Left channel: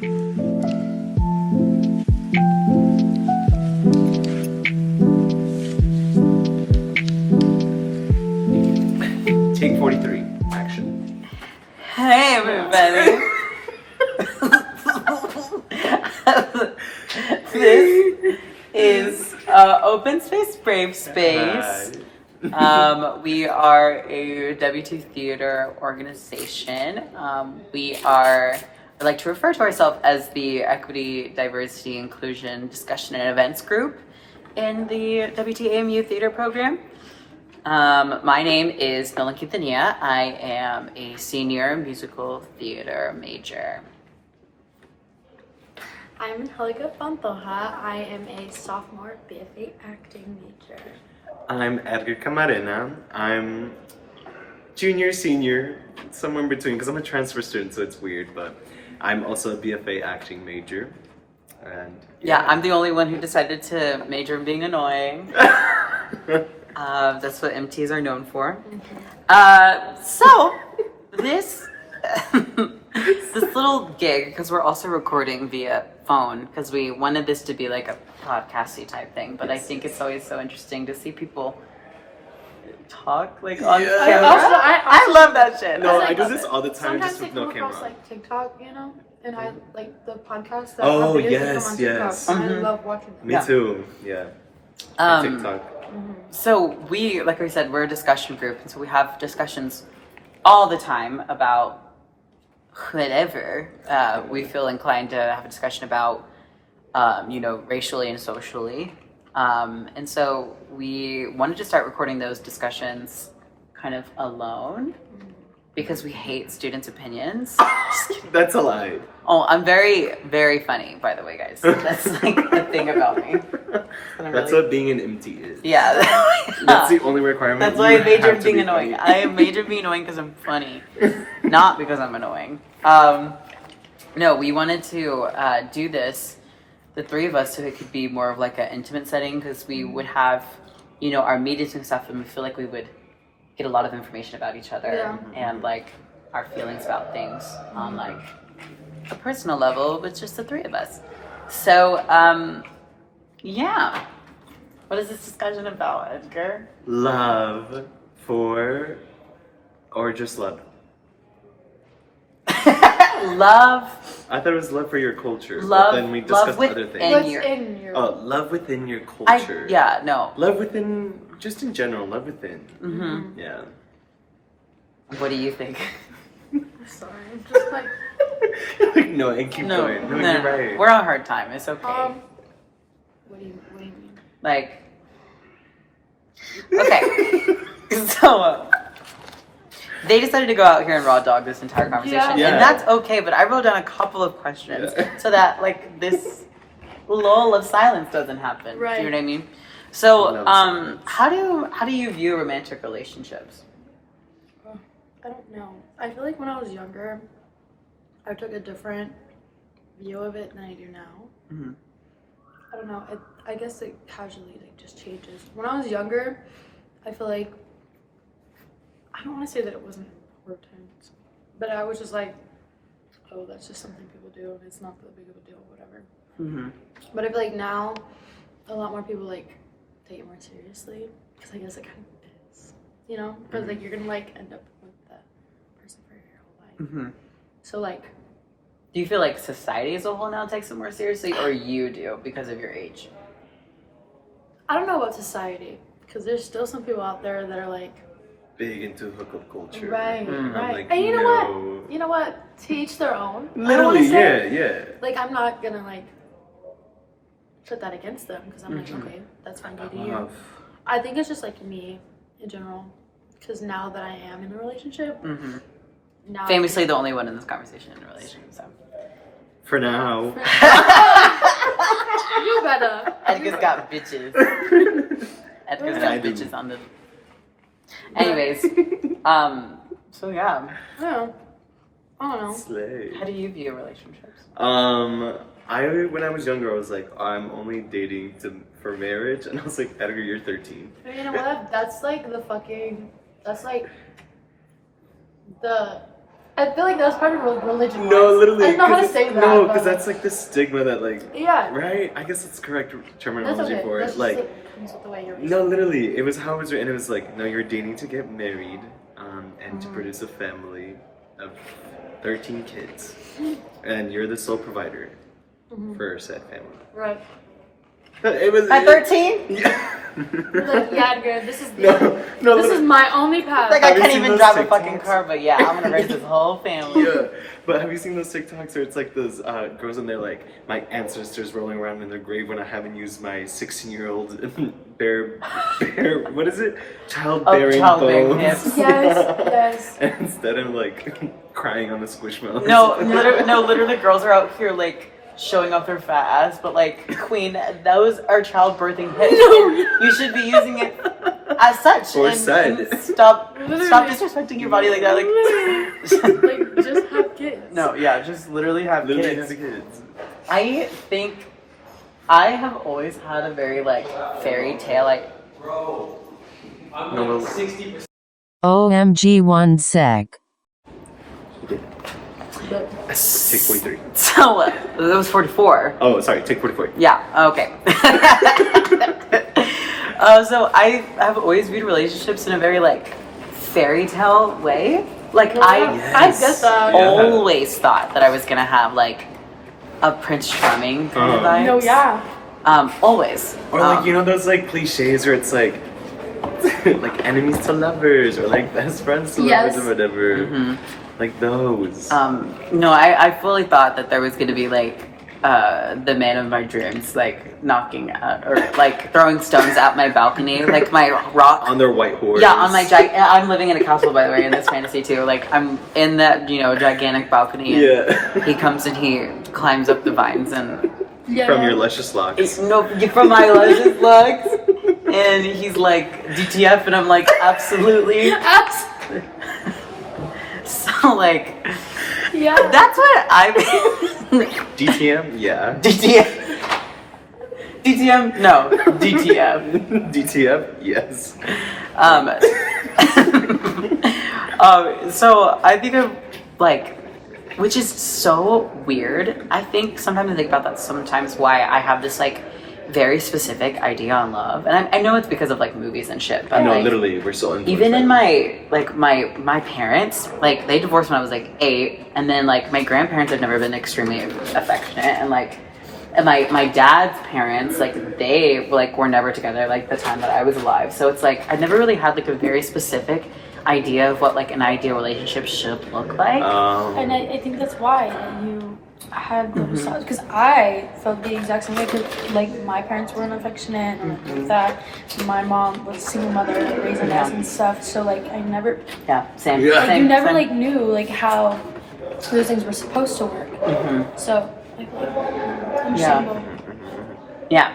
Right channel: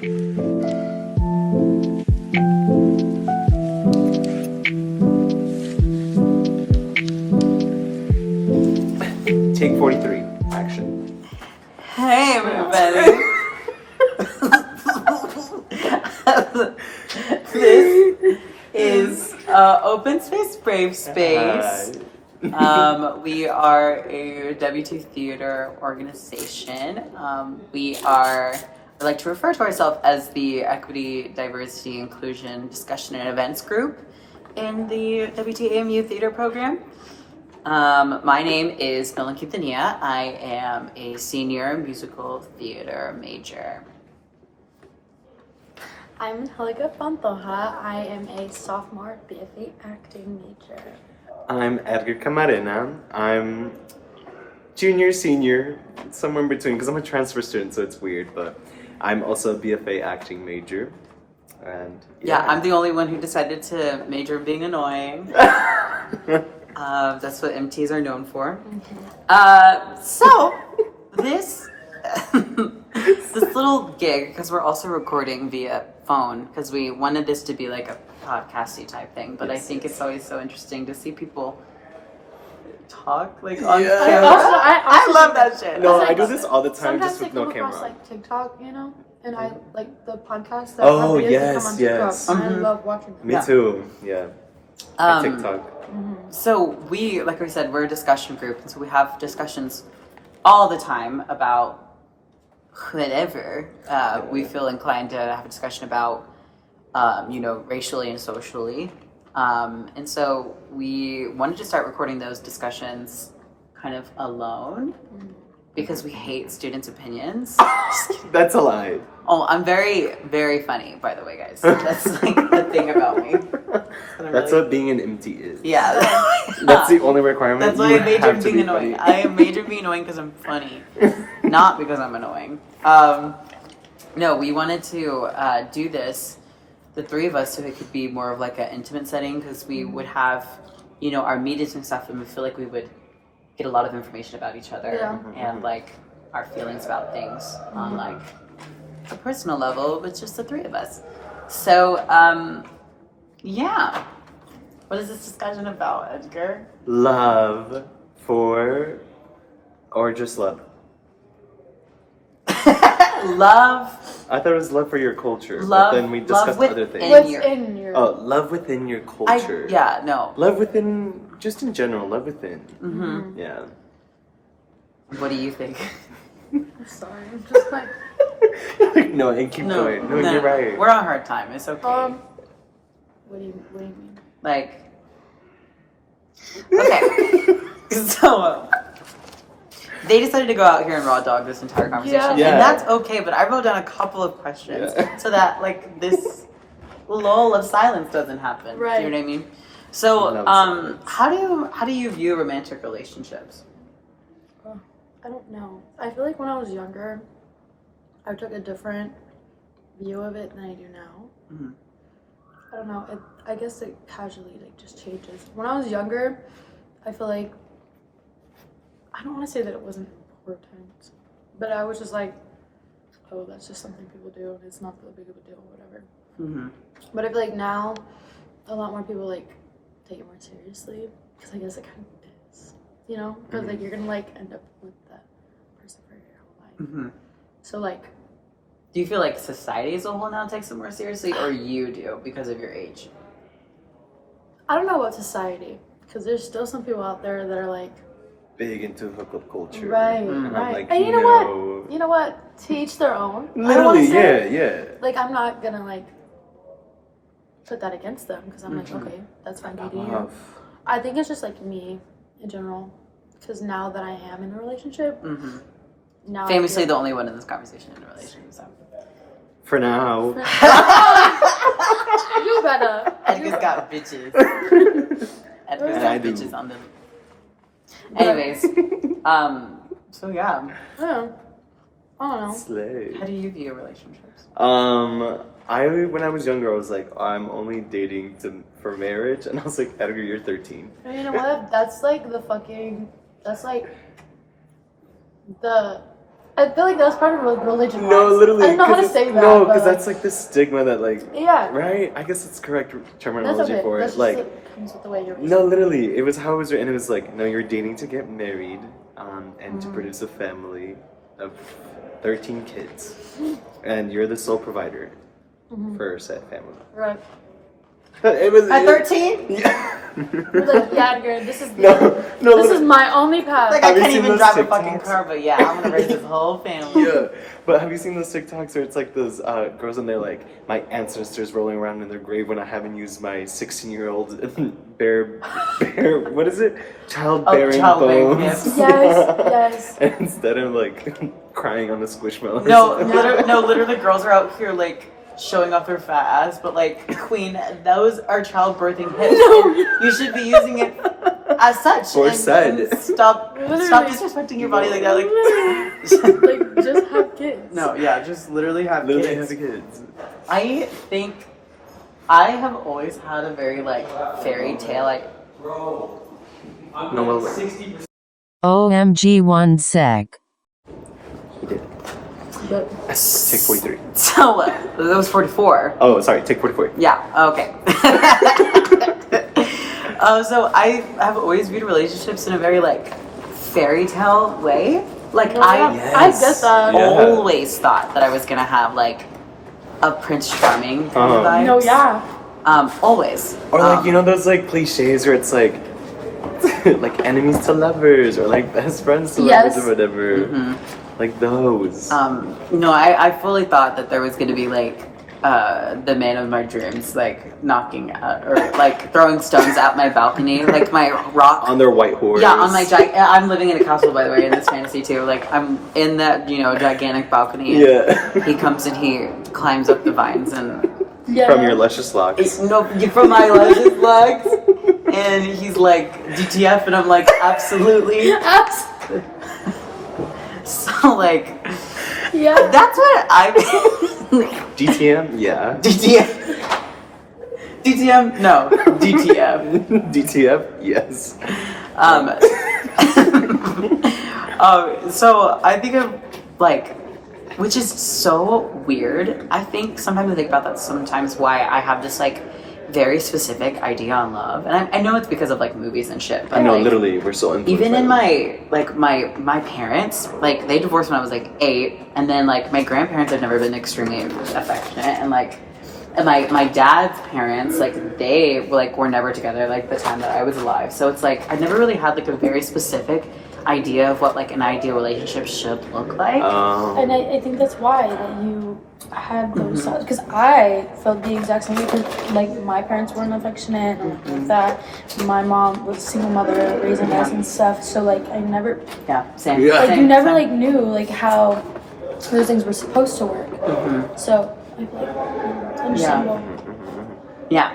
Take 43. Action. Hey everybody. This is Open Space Brave Space. We are a W2 theater organization. I like to refer to ourselves as the Equity, Diversity, Inclusion, Discussion, and Events group in the WTAMU theater program. My name is Nolan Quintanilla. I am a senior musical theater major. I'm Angelica Pantoja. I am a sophomore BFA acting major. I'm Edgar Camarena. I'm junior, senior, somewhere in between, because I'm a transfer student, so it's weird, but I'm also a BFA acting major. And Yeah, I'm the only one who decided to major in being annoying. That's what MTs are known for. So this this little gig, because we're also recording via phone, because we wanted this to be like a podcasty type thing, but I think it's always so interesting to see people talk like on camera. I love that shit. No, Like, I do this all the time, sometimes just they with come no across camera. like TikTok, you know, and I like the podcasts that Oh, have videos that yes, come on yes. TikTok. And I love watching them. Me too, yeah. TikTok. So we, like I said, we're a discussion group, and so we have discussions all the time about whatever we feel inclined to have a discussion about, racially and socially. And so we wanted to start recording those discussions kind of alone because we hate students' opinions. That's a lie. Oh, I'm very, very funny, by the way, guys. That's like the thing about me. That's what being an MT is. Yeah. That's the only requirement. That's why I You major have in to being be annoying. funny. I major in being annoying because I'm funny, not because I'm annoying. No, we wanted to do this, the three of us, so it could be more of like an intimate setting, because we would have, our meetings and stuff, and we feel like we would get a lot of information about each other and like our feelings about things on like a personal level with just the three of us. So, yeah. What is this discussion about, Edgar? Love for, or just love? Love. I thought it was love for your culture. Love. But then we Love discussed other within things. What's your. in your? Oh, love within your culture. No. Love within, just in general, love within. Mm-hmm. Yeah. What do you think? I'm sorry, I'm just like. No, and keep going. No, you're right. We're on a hard time. It's okay. What do you mean? Like. Okay. So. They decided to go out here and raw dog this entire conversation, Yeah. and that's okay. But I wrote down a couple of questions so that like this lull of silence doesn't happen. Right. Do you know what I mean? So, Love silence. how do you view romantic relationships? I don't know. I feel like when I was younger, I took a different view of it than I do now. Mm-hmm. I don't know. I guess it casually like just changes. When I was younger, I feel like I don't want to say that it wasn't important, but I was just like, oh, that's just something people do, and it's not that big of a deal, whatever. Mm-hmm. But I feel like now, a lot more people like take it more seriously, because I guess it kind of is, you know, because like you're gonna like end up with that person for your whole life. Mm-hmm. So like, Do you feel like society as a whole now takes it more seriously, or you do because of your age? I don't know about society, because there's still some people out there that are like, Big into hookup culture. right, I'm right, like, and you know no. what? You know what? To each their own. I Literally, want to say, yeah. like, I'm not gonna like put that against them, because I'm Mhm. like, okay, that's fine, do you. Love. I think it's just like me in general, because now that I am in a relationship, Mm-hmm. now Famously, the only one in this conversation in a relationship. So. For now. you better. Edgar's got bitches. Edgar's I got do. bitches on the. Anyways, so yeah, Yeah. I don't know. Slay. how do you view relationships? When I was younger, I was like, I'm only dating for marriage, and I was like, Edgar, you're 13. And you know what? That's like the fucking. That's like the I feel like that's part of religion. No, literally. I don't know how to say that. No, but, because that's like this stigma that like. Yeah. Right? I guess it's correct That's terminology okay. for That's it. just Like, what comes with the way you're raised. no, literally, it was how it was written. It was like, no, you're dating to get married, and to Mm-hmm. produce a family of 13 kids, and you're the sole provider for said family. Right. But it was At 13? Yeah. You're like, yeah, Edgar, this is no, this is my only path. Like, I Have you can't seen even those drive a TikToks? fucking car, but yeah, I'm gonna raise this whole family. Yeah, but have you seen those TikToks where it's like those girls and they're like, my ancestors rolling around in their grave when I haven't used my 16-year-old what is it? Childbearing childbearing bones. hips. Yes. And instead of like crying on the squishmallows. No, literally, girls are out here like showing off their fat ass, but like, queen, those are childbirthing hips. No. You should be using it as such. Or and said. stop Literally. disrespecting your body like that. Like, Literally. Like, just have kids. no, yeah, just literally have Literally kids. have kids. I think I have always had a very like fairy tale like. No, well, wait. OMG 1 sec. But Take 43. So that was 44. Oh, sorry, take 44. Yeah. Okay. So I have always viewed relationships in a very like fairy tale way. Like I I get that. Yeah. always thought that I was gonna have like a Prince Charming kind of vibes. No, yeah. Always. Or like, you know those like cliches where it's like like enemies to lovers or like best friends to Yes. lovers or whatever. Like those. No, I fully thought that there was gonna be like the man of my dreams like knocking at or like throwing stones at my balcony, like my rock. On their white horse. Yeah, on my I'm living in a castle, by the way, in this fantasy too. Like I'm in that gigantic balcony. And Yeah. he comes and he climbs up the vines and Yeah. From your luscious locks. from my luscious legs, and he's like DTF, and I'm like absolutely. So like, Yeah. that's what I. DTM? Yeah. DTF. DTM? No. DTF. DTF? Yes. So I think of like, which is so weird. I think sometimes I think about that sometimes why I have this like very specific idea on love, and I know it's because of like movies and shit. But No, like, literally, we're so influenced even by in them. my parents, like they divorced when I was like 8, and then like my grandparents have never been extremely affectionate, and like and my dad's parents, like they were never together like the time that I was alive. So it's like I never really had like a very specific idea of what like an ideal relationship should look like. And I think that's why that you had those thoughts, because I felt the exact same way, because like my parents weren't affectionate and like that. My mom was a single mother raising us and stuff, so like I never Yeah, same. Yeah. like same, you never same. like knew like how those things were supposed to work. So I feel like it's understandable. Yeah.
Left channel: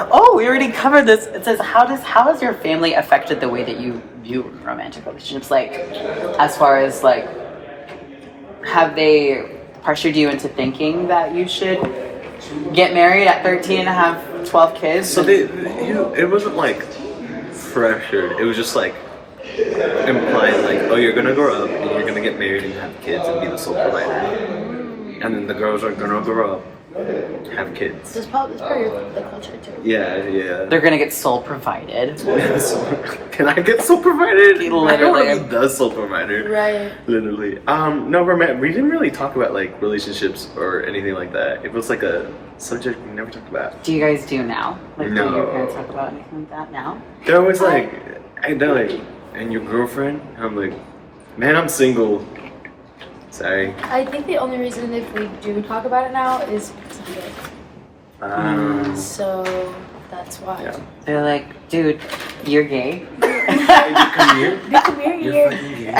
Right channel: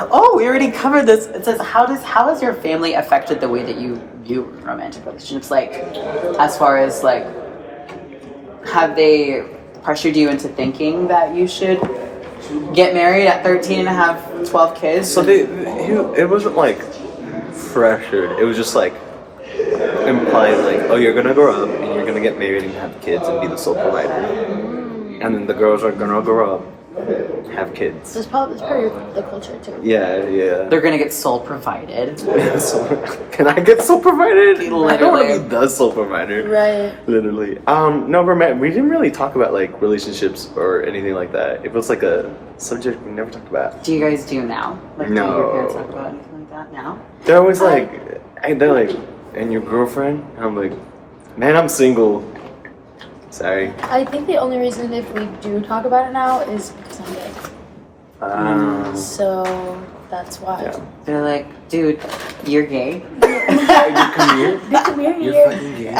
Oh, we already covered this. It says, how has your family affected the way that you view romantic relationships? Like, as far as like, have they pressured you into thinking that you should get married at 13 and have 12 kids? So it wasn't like pressured. It was just like implying like, oh, you're gonna grow up and you're gonna get married and have kids and be the sole provider. And then the girls are gonna grow up, have kids. It's part of the culture too. Yeah. They're gonna get soul provided. So, can I get sole provided? I don't want to Literally. be the sole provider. Right. Literally. No, we didn't really talk about like relationships or anything like that. It was like a subject we never talked about. Do you guys do now? Like, do No. your parents talk about anything like that now? They're always like, they're like, and your girlfriend? I'm like, man, I'm single. Sorry. I think the only reason if we do talk about it now is because I'm gay. So that's why. Yeah. They're like, dude, you're gay. You come here. Dude, come here, You're here. fucking gay.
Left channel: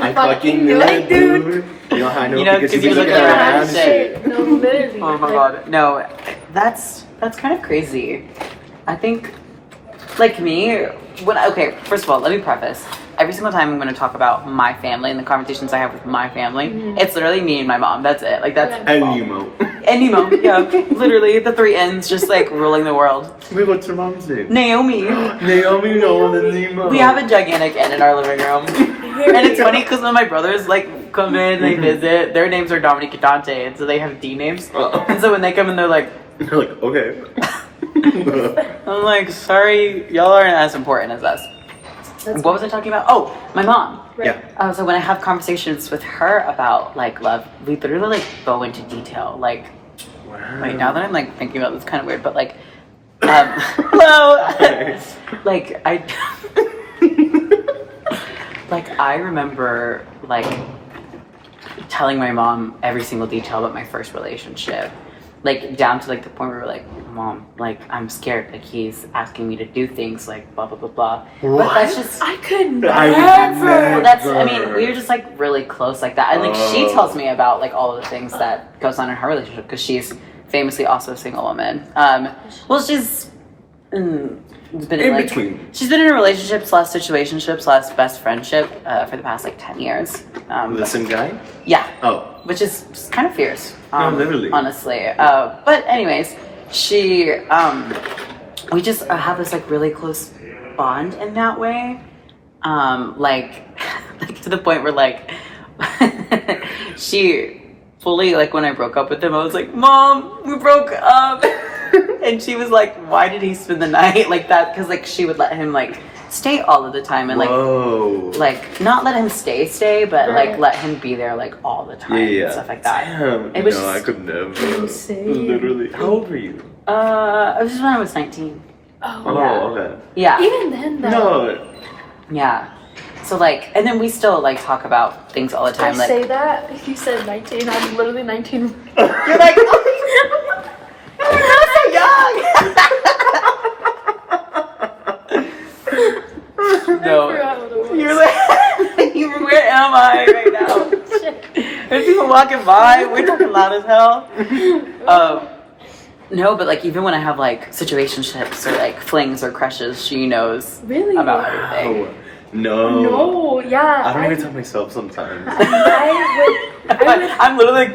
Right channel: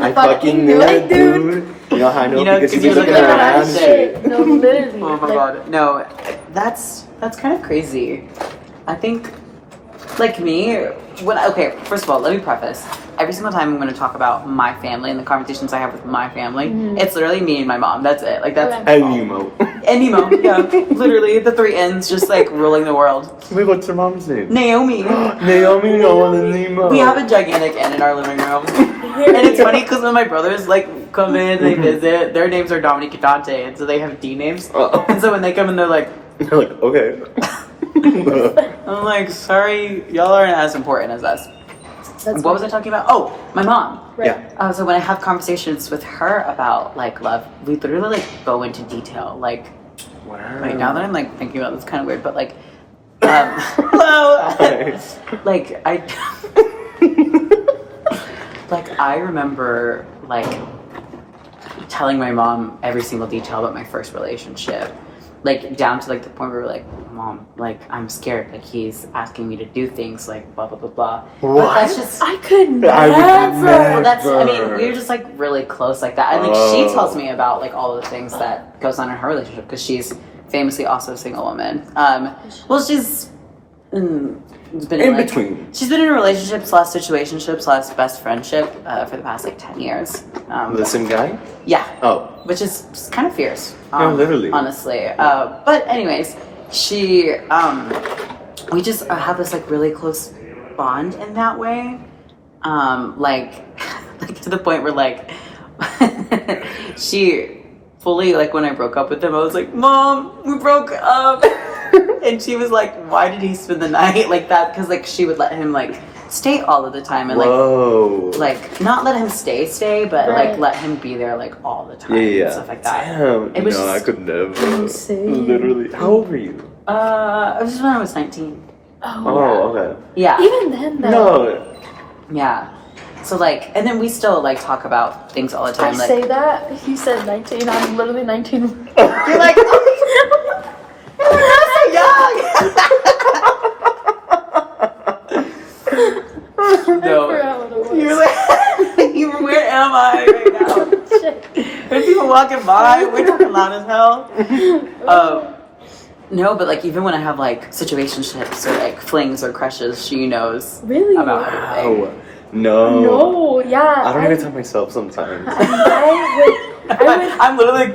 I fucking knew it, dude. You know how I know? You know, because 'cause you you're look looking around. around shit. No, literally. Oh my like, god. No, that's kind of crazy. I think, like me, first of all, let me preface. Every single time I'm going to talk about my family and the conversations I have with my family, it's literally me and my mom. That's it. Like, that's Okay. And Nemo. And Nemo, yeah. Literally, the three N's just like ruling the world. Wait, what's your mom's name? Naomi. Naomi, Nolan, and Nemo. We have a gigantic N in our living room. And it's funny because when my brothers like come in, they visit, their names are Dominic and Dante, and so they have D names. And so when they come in, they're like, okay. I'm like, sorry, y'all aren't as important as us. What was I talking about? Oh, my mom. Right. Yeah. So when I have conversations with her about like love, we literally like go into detail. Like, Wow. right now that I'm like thinking about this, kind of weird, but like, hello. Like I remember like telling my mom every single detail about my first relationship. Like down to like the point where we're like, Mom, like I'm scared. Like he's asking me to do things like blah blah blah blah. What? But that's just I could I would never. well, that's I never. mean, we were just like really close like that. And like she tells me about like all of the things that goes on in her relationship because she's famously also a single woman. Well, she's been in like between. she's been in a relationship / situationship / best friendship for the past like 10 years. Listen, guy? Yeah. Oh. Which is just kind of fierce. No, literally. Honestly. But anyways, she, we just have this like really close bond in that way. Like to the point where like, she fully, like when I broke up with him, I was like, Mom, we broke up. And she was like, why did he spend the night like that? Because like she would let him like stay all of the time and like not let him stay, but Right. like let him be there like all the time Yeah. and stuff like that. Damn. It was no, I just- could never. Insane. Literally. How old were you? It was just when I was 19. Oh, okay. Yeah, Even then, though. No. yeah. So like, and then we still like talk about things all the I time. Like, say that. You said 19. I'm literally 19. you're like, you're so young. No, I forgot what it was. you're like, where am I right now? Shit. There's people walking by. We're talking loud as hell. No, but like even when I have like situationships or like flings or crushes, she knows Really? about everything. Oh. No. No, yeah. I don't even tell myself sometimes. I would. I'm literally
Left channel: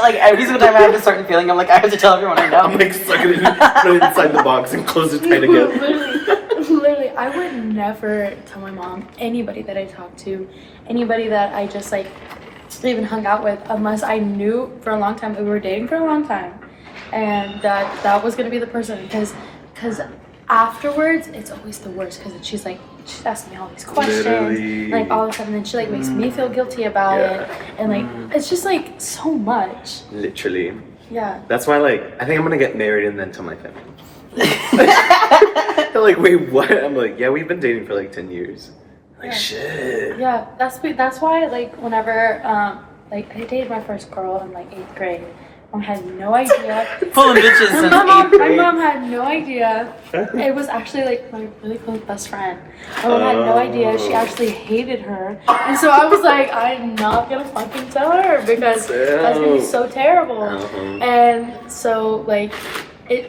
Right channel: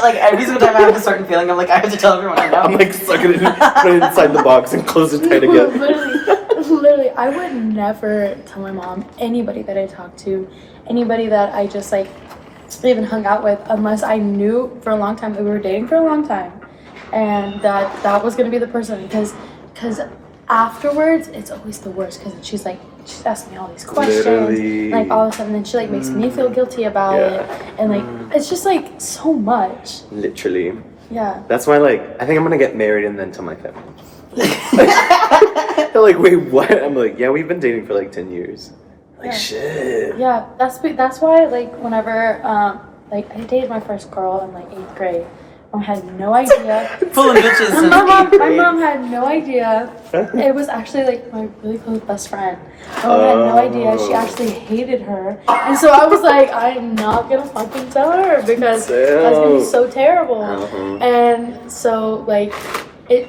like every single time I have a certain feeling, I'm like I have to tell everyone I know. I'm like stuck in, put it inside the box and close it tight again. Literally, I would never tell my mom anybody that I talked to, anybody that I just like even hung out with, unless I knew for a long time that we were dating for a long time, and that was gonna be the person. Because afterwards, it's always the worst. Because she's asking me all these questions, Literally. like all of a sudden, then she like makes me feel guilty about it, and like it's just like so much. Literally. Yeah. That's why, like, I think I'm gonna get married and then tell my family. They're like, wait, what? I'm like, yeah, we've been dating for like 10 years. Like, Yeah. shit. Yeah, that's why like whenever like I dated my first girl in like 8th grade. Mom had no idea. Full of bitches since my eighth grade. mom had no idea. It was actually like my really close best friend. My mom had no idea. She actually hated her, and so I was like, I'm not gonna fucking tell her because that's gonna be so terrible. And so like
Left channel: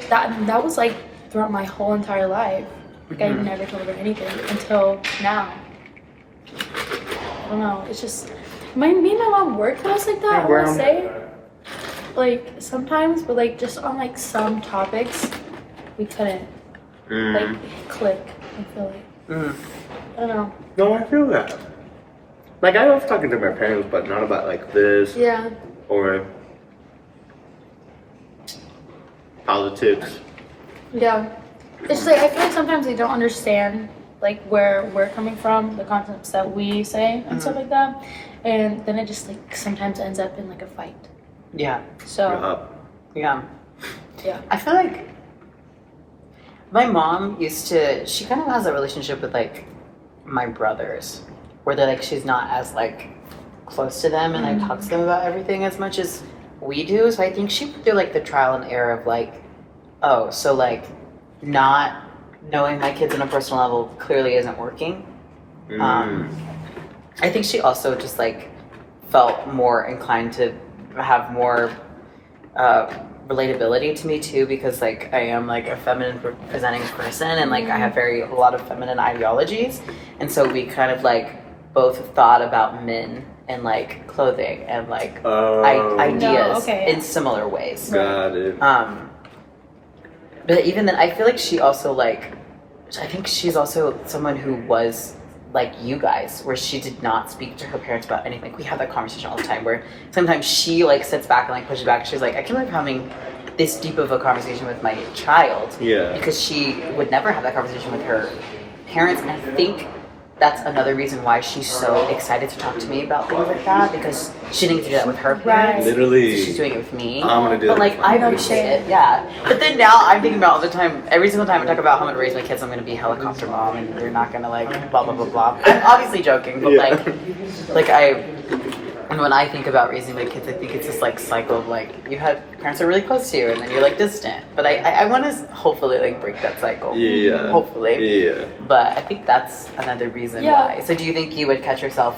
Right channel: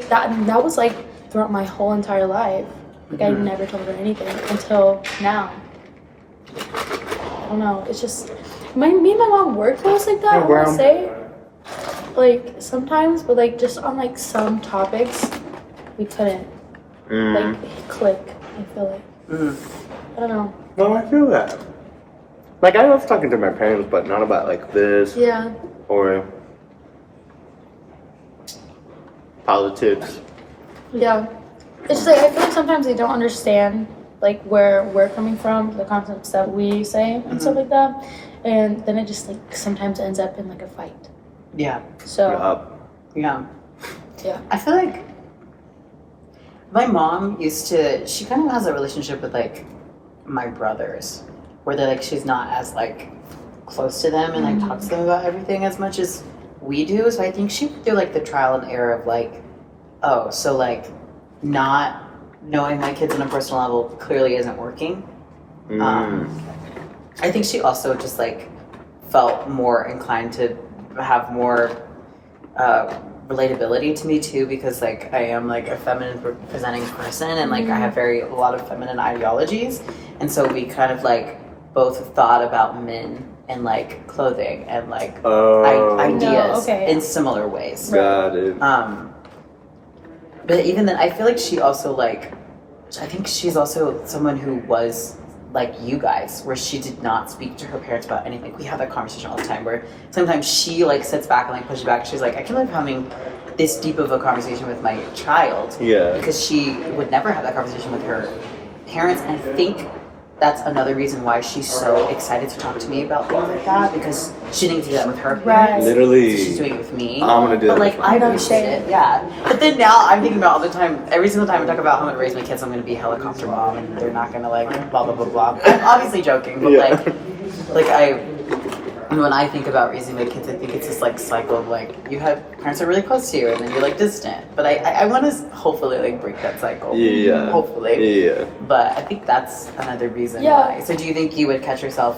that was like throughout my whole entire life. Like I never told her anything until now. I don't know. It's just me and my mom were close like that. I want to say, like sometimes, but like just on like some topics, we couldn't like click. I feel like I don't know. No, I feel that. Like, I love talking to my parents, but not about like this Yeah. or politics. Yeah. It's just like I feel like sometimes they don't understand like where we're coming from, the concepts that we say and stuff like that, and then it just like sometimes ends up in like a fight. Yeah. So Yeah. yeah. I feel like my mom she kind of has a relationship with like my brothers where they're like she's not as like close to them and like talks to them about everything as much as we do. So I think she went through like the trial and error of like, oh, so like not knowing my kids on a personal level clearly isn't working. I think she also just like felt more inclined to have more relatability to me too, because like I am like a feminine presenting person and like I have a lot of feminine ideologies, and so we kind of like both thought about men and like clothing and like Oh, ideas No, okay, in similar ways. got it. But even then, I feel like she also like, I think she's also someone who was like you guys, where she did not speak to her parents about anything. We have that conversation all the time where sometimes she like sits back and like pushes back. She's like, I can't believe having this deep of a conversation with my child. Yeah. Because she would never have that conversation with her parents. And I think that's another reason why she's so excited to talk to me about things like that, because she didn't do that with her parents. Literally. So she's doing it with me. I'm gonna do But that like, with I my appreciate it, yeah. But then now I'm thinking about all the time, every single time I talk about how I'm gonna raise my kids, I'm gonna be a helicopter mom, and they're not gonna like blah blah blah blah. I'm obviously joking, but Yeah. when I think about raising my kids, I think it's this like cycle of like you have parents are really close to you, and then you're like distant. But I want to hopefully like break that cycle. Yeah. Hopefully. Yeah. But I think that's another reason Yeah. why. So do you think you would catch yourself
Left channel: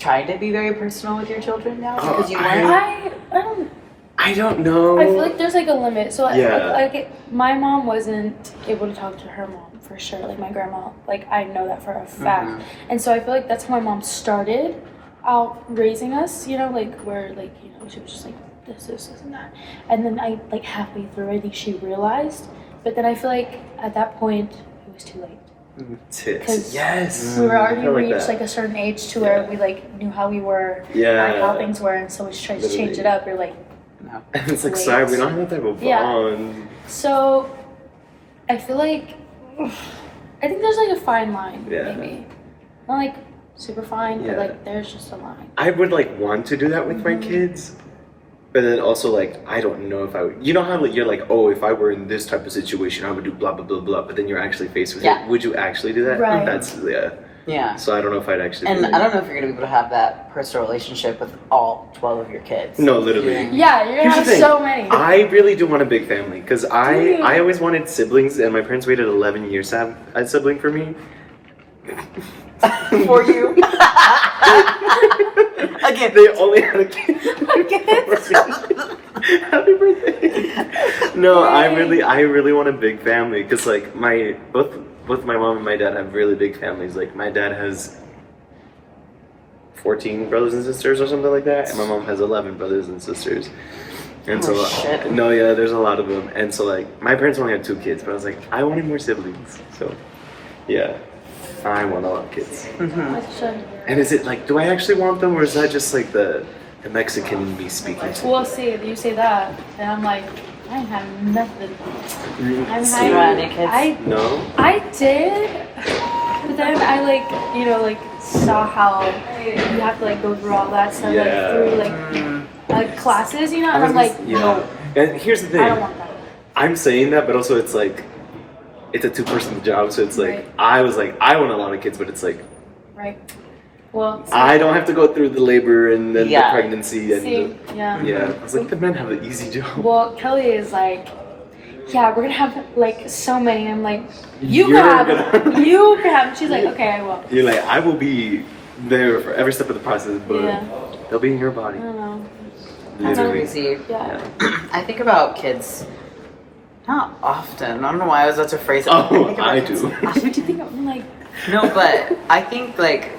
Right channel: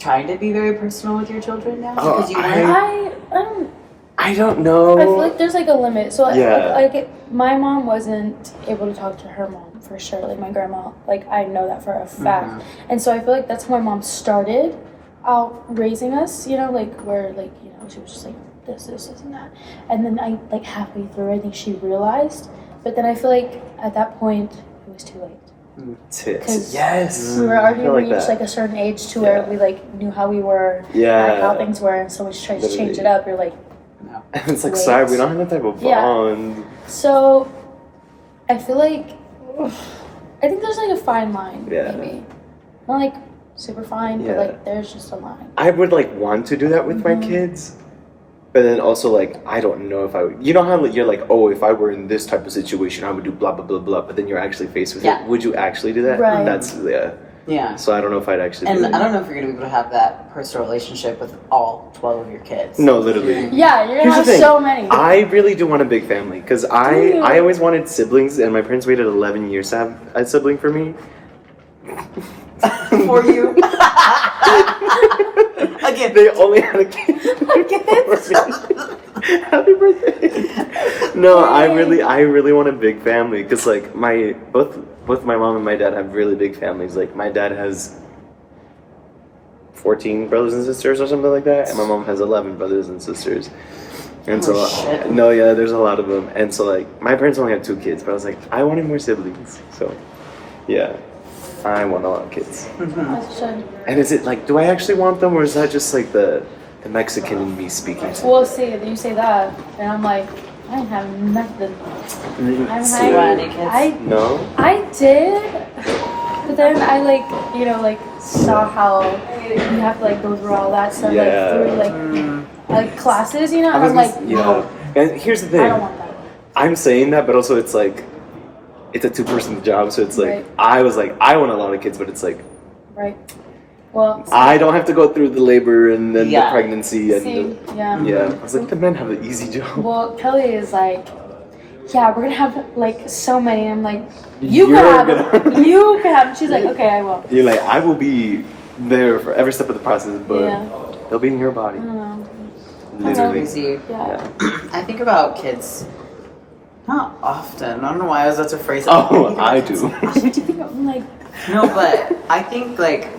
trying to be very personal with your children now? Oh, Because you I- weren't. I don't know. I feel like there's like a limit. So Yeah. my mom wasn't able to talk to her mom for sure. Like my grandma, like I know that for a fact. Mhm. And so I feel like that's how my mom started out raising us, you know, like where like, you know, she was just like this and that. And then I like halfway through I think she realized. But then I feel like at that point it was too late. Tits. 'Cause Yes. We were already I like reached that. like a certain age to where Yeah. we like knew how we were, Yeah. like how things were, and so we tried to change it Literally. up. You're like, No. And it's like, Wait. sorry, we don't have that type of Yeah. bond. so I feel like I think there's like a fine line, Yeah. maybe not like super fine, Yeah. but like there's just a line. I would like want to do that with my kids, but then also like I don't know if I would. You know how like, you're like, oh, if I were in this type of situation, I would do blah blah blah blah. But then you're actually faced with Yeah. it. Would you actually do that? Right. That's yeah. Yeah. So I don't know if I'd actually. And do I it. don't know if you're gonna be able to have that personal relationship with all 12 of your kids. No, literally. Yeah, you're Here's gonna the have thing. so many. I really do want a big family because Do I you? always wanted siblings, and my parents waited 11 years to have a sibling for me. For you. Again. They only had a kid. Happy birthday. No, I really want a big family because like both my mom and my dad have really big families. Like my dad has 14 brothers and sisters or something like that, and my mom has 11 brothers and sisters. And Oh, so shit. no, yeah, there's a lot of them. And so like my parents only had 2 kids, but I was like, I wanted more siblings. So yeah, I want a lot of kids. As you should. And is it like, do I actually want them, or is that just like the Mexican in me speaking? To Well, see, you say that, and I'm like, I have nothing. I'm So- high. You want any kids? No. I did, but then I like, you know, like saw how you have to like go through all that stuff, Yeah. like through like classes, you know, and I'm like, no, And here's the thing. I don't want that. I'm saying that, but also it's like, it's a 2-person job, so it's like, Right. I was like, I want a lot of kids, but it's like, Right. Well, see, I don't have to go through the labor and then Yeah. the pregnancy and see, yeah. yeah. I was like, the men have the easy job. Well, Kelly is like, yeah, we're gonna have like so many. And I'm like, You're you can have gonna- them. You can have them. She's like, okay, I will. You're like, I will be there for every step of the process, but Yeah. they'll be in your body. I don't know. That's Literally. crazy. Yeah. I think about kids not often. I don't know why I was about to phrase it. Oh, think about I kids. do. What do you think? I'm like, No, but I think like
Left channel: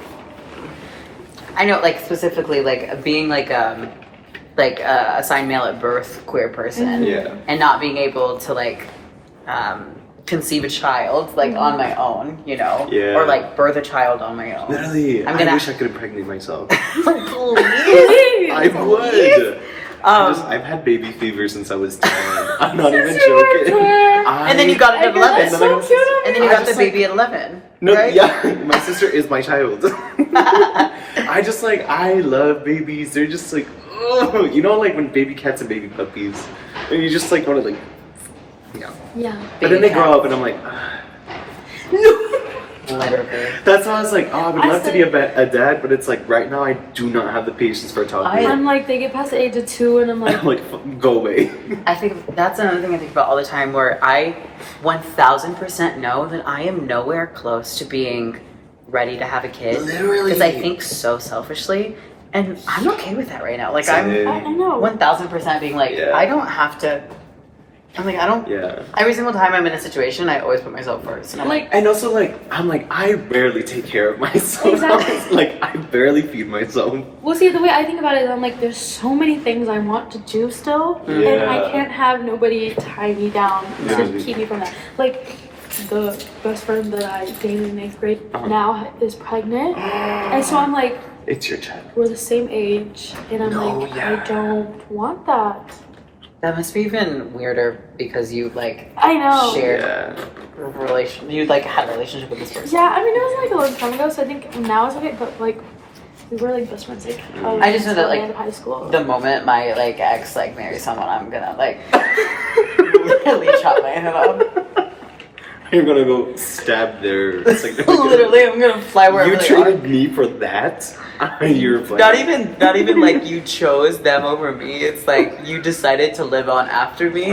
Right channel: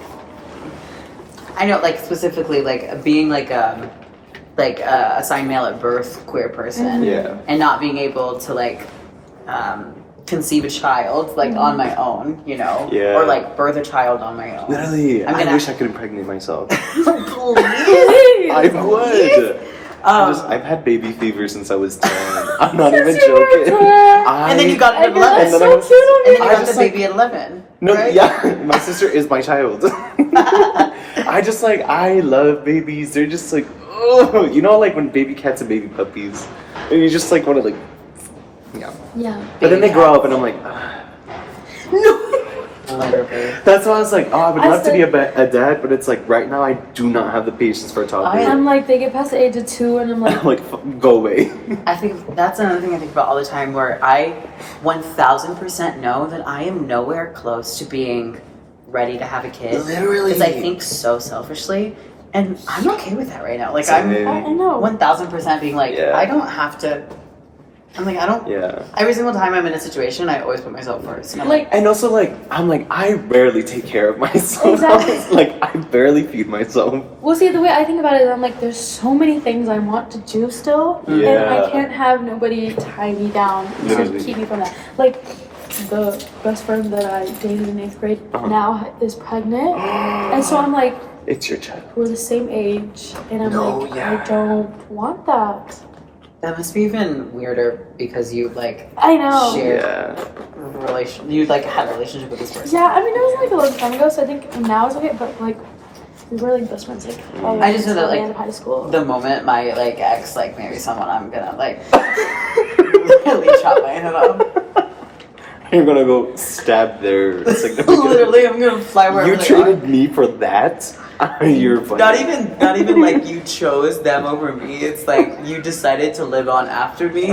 I know like specifically like being like a assigned male at birth queer person Yeah. and not being able to like conceive a child like on my own, you know, Yeah. or like birth a child on my own. Literally, I'm I gonna- wish I could impregnate myself. Please. I would. Um, I've had baby fever since I was 10. I'm not even Since you were joking. 10. I- and then you got it at I know, that's 11. then so I was- cute of And then you I got the just, like- baby at 11. No, right? yeah, my sister is my child. I just like, I love babies. They're just like, oh, you know, like when baby cats and baby puppies, and you just like want to like, yeah. Yeah. But then they Baby grow cats. up, and I'm like, ah. Literally. That's why I was like, oh, I would I love to said- be a dad, but it's like right now I do not have the patience for talking. I'm like, they get past the age of 2, and I'm like, I'm like, go away. I think that's another thing I think about all the time where I 1000% know that I am nowhere close to being ready to have a kid. Literally. Because I think so selfishly. And I'm okay with that right now. Like, Same. I'm I know. 1000% being like, Yeah. I don't have to I'm like, I don't. Yeah. Every single time I'm in a situation, I always put myself first. And I'm like, And also, like, I'm like, I rarely take care of myself. Exactly. Like, I barely feed myself. Well, see, the way I think about it, I'm like, there's so many things I want to do still, and I Yeah. can't have nobody tie me down to Literally. keep me from that. Like, the best friend that I dated in 8th grade now is pregnant, and so I'm like, It's your child. we're the same age, and I'm like, I don't want that. that must be even weirder because you like I know. shared Yeah. you like had a relationship with this person. Yeah, I mean, it was like a long time ago, so I think now it's okay, but like, we were like best friends, like, I just know that, until the like, end of high school. The moment my like ex like marries someone, I'm gonna like literally chop my head off. You're gonna go stab their significant. Literally, I'm gonna fly wherever You they are. treated me for that? You're fucking... Not even like you chose them over me. It's like you decided to live on after me.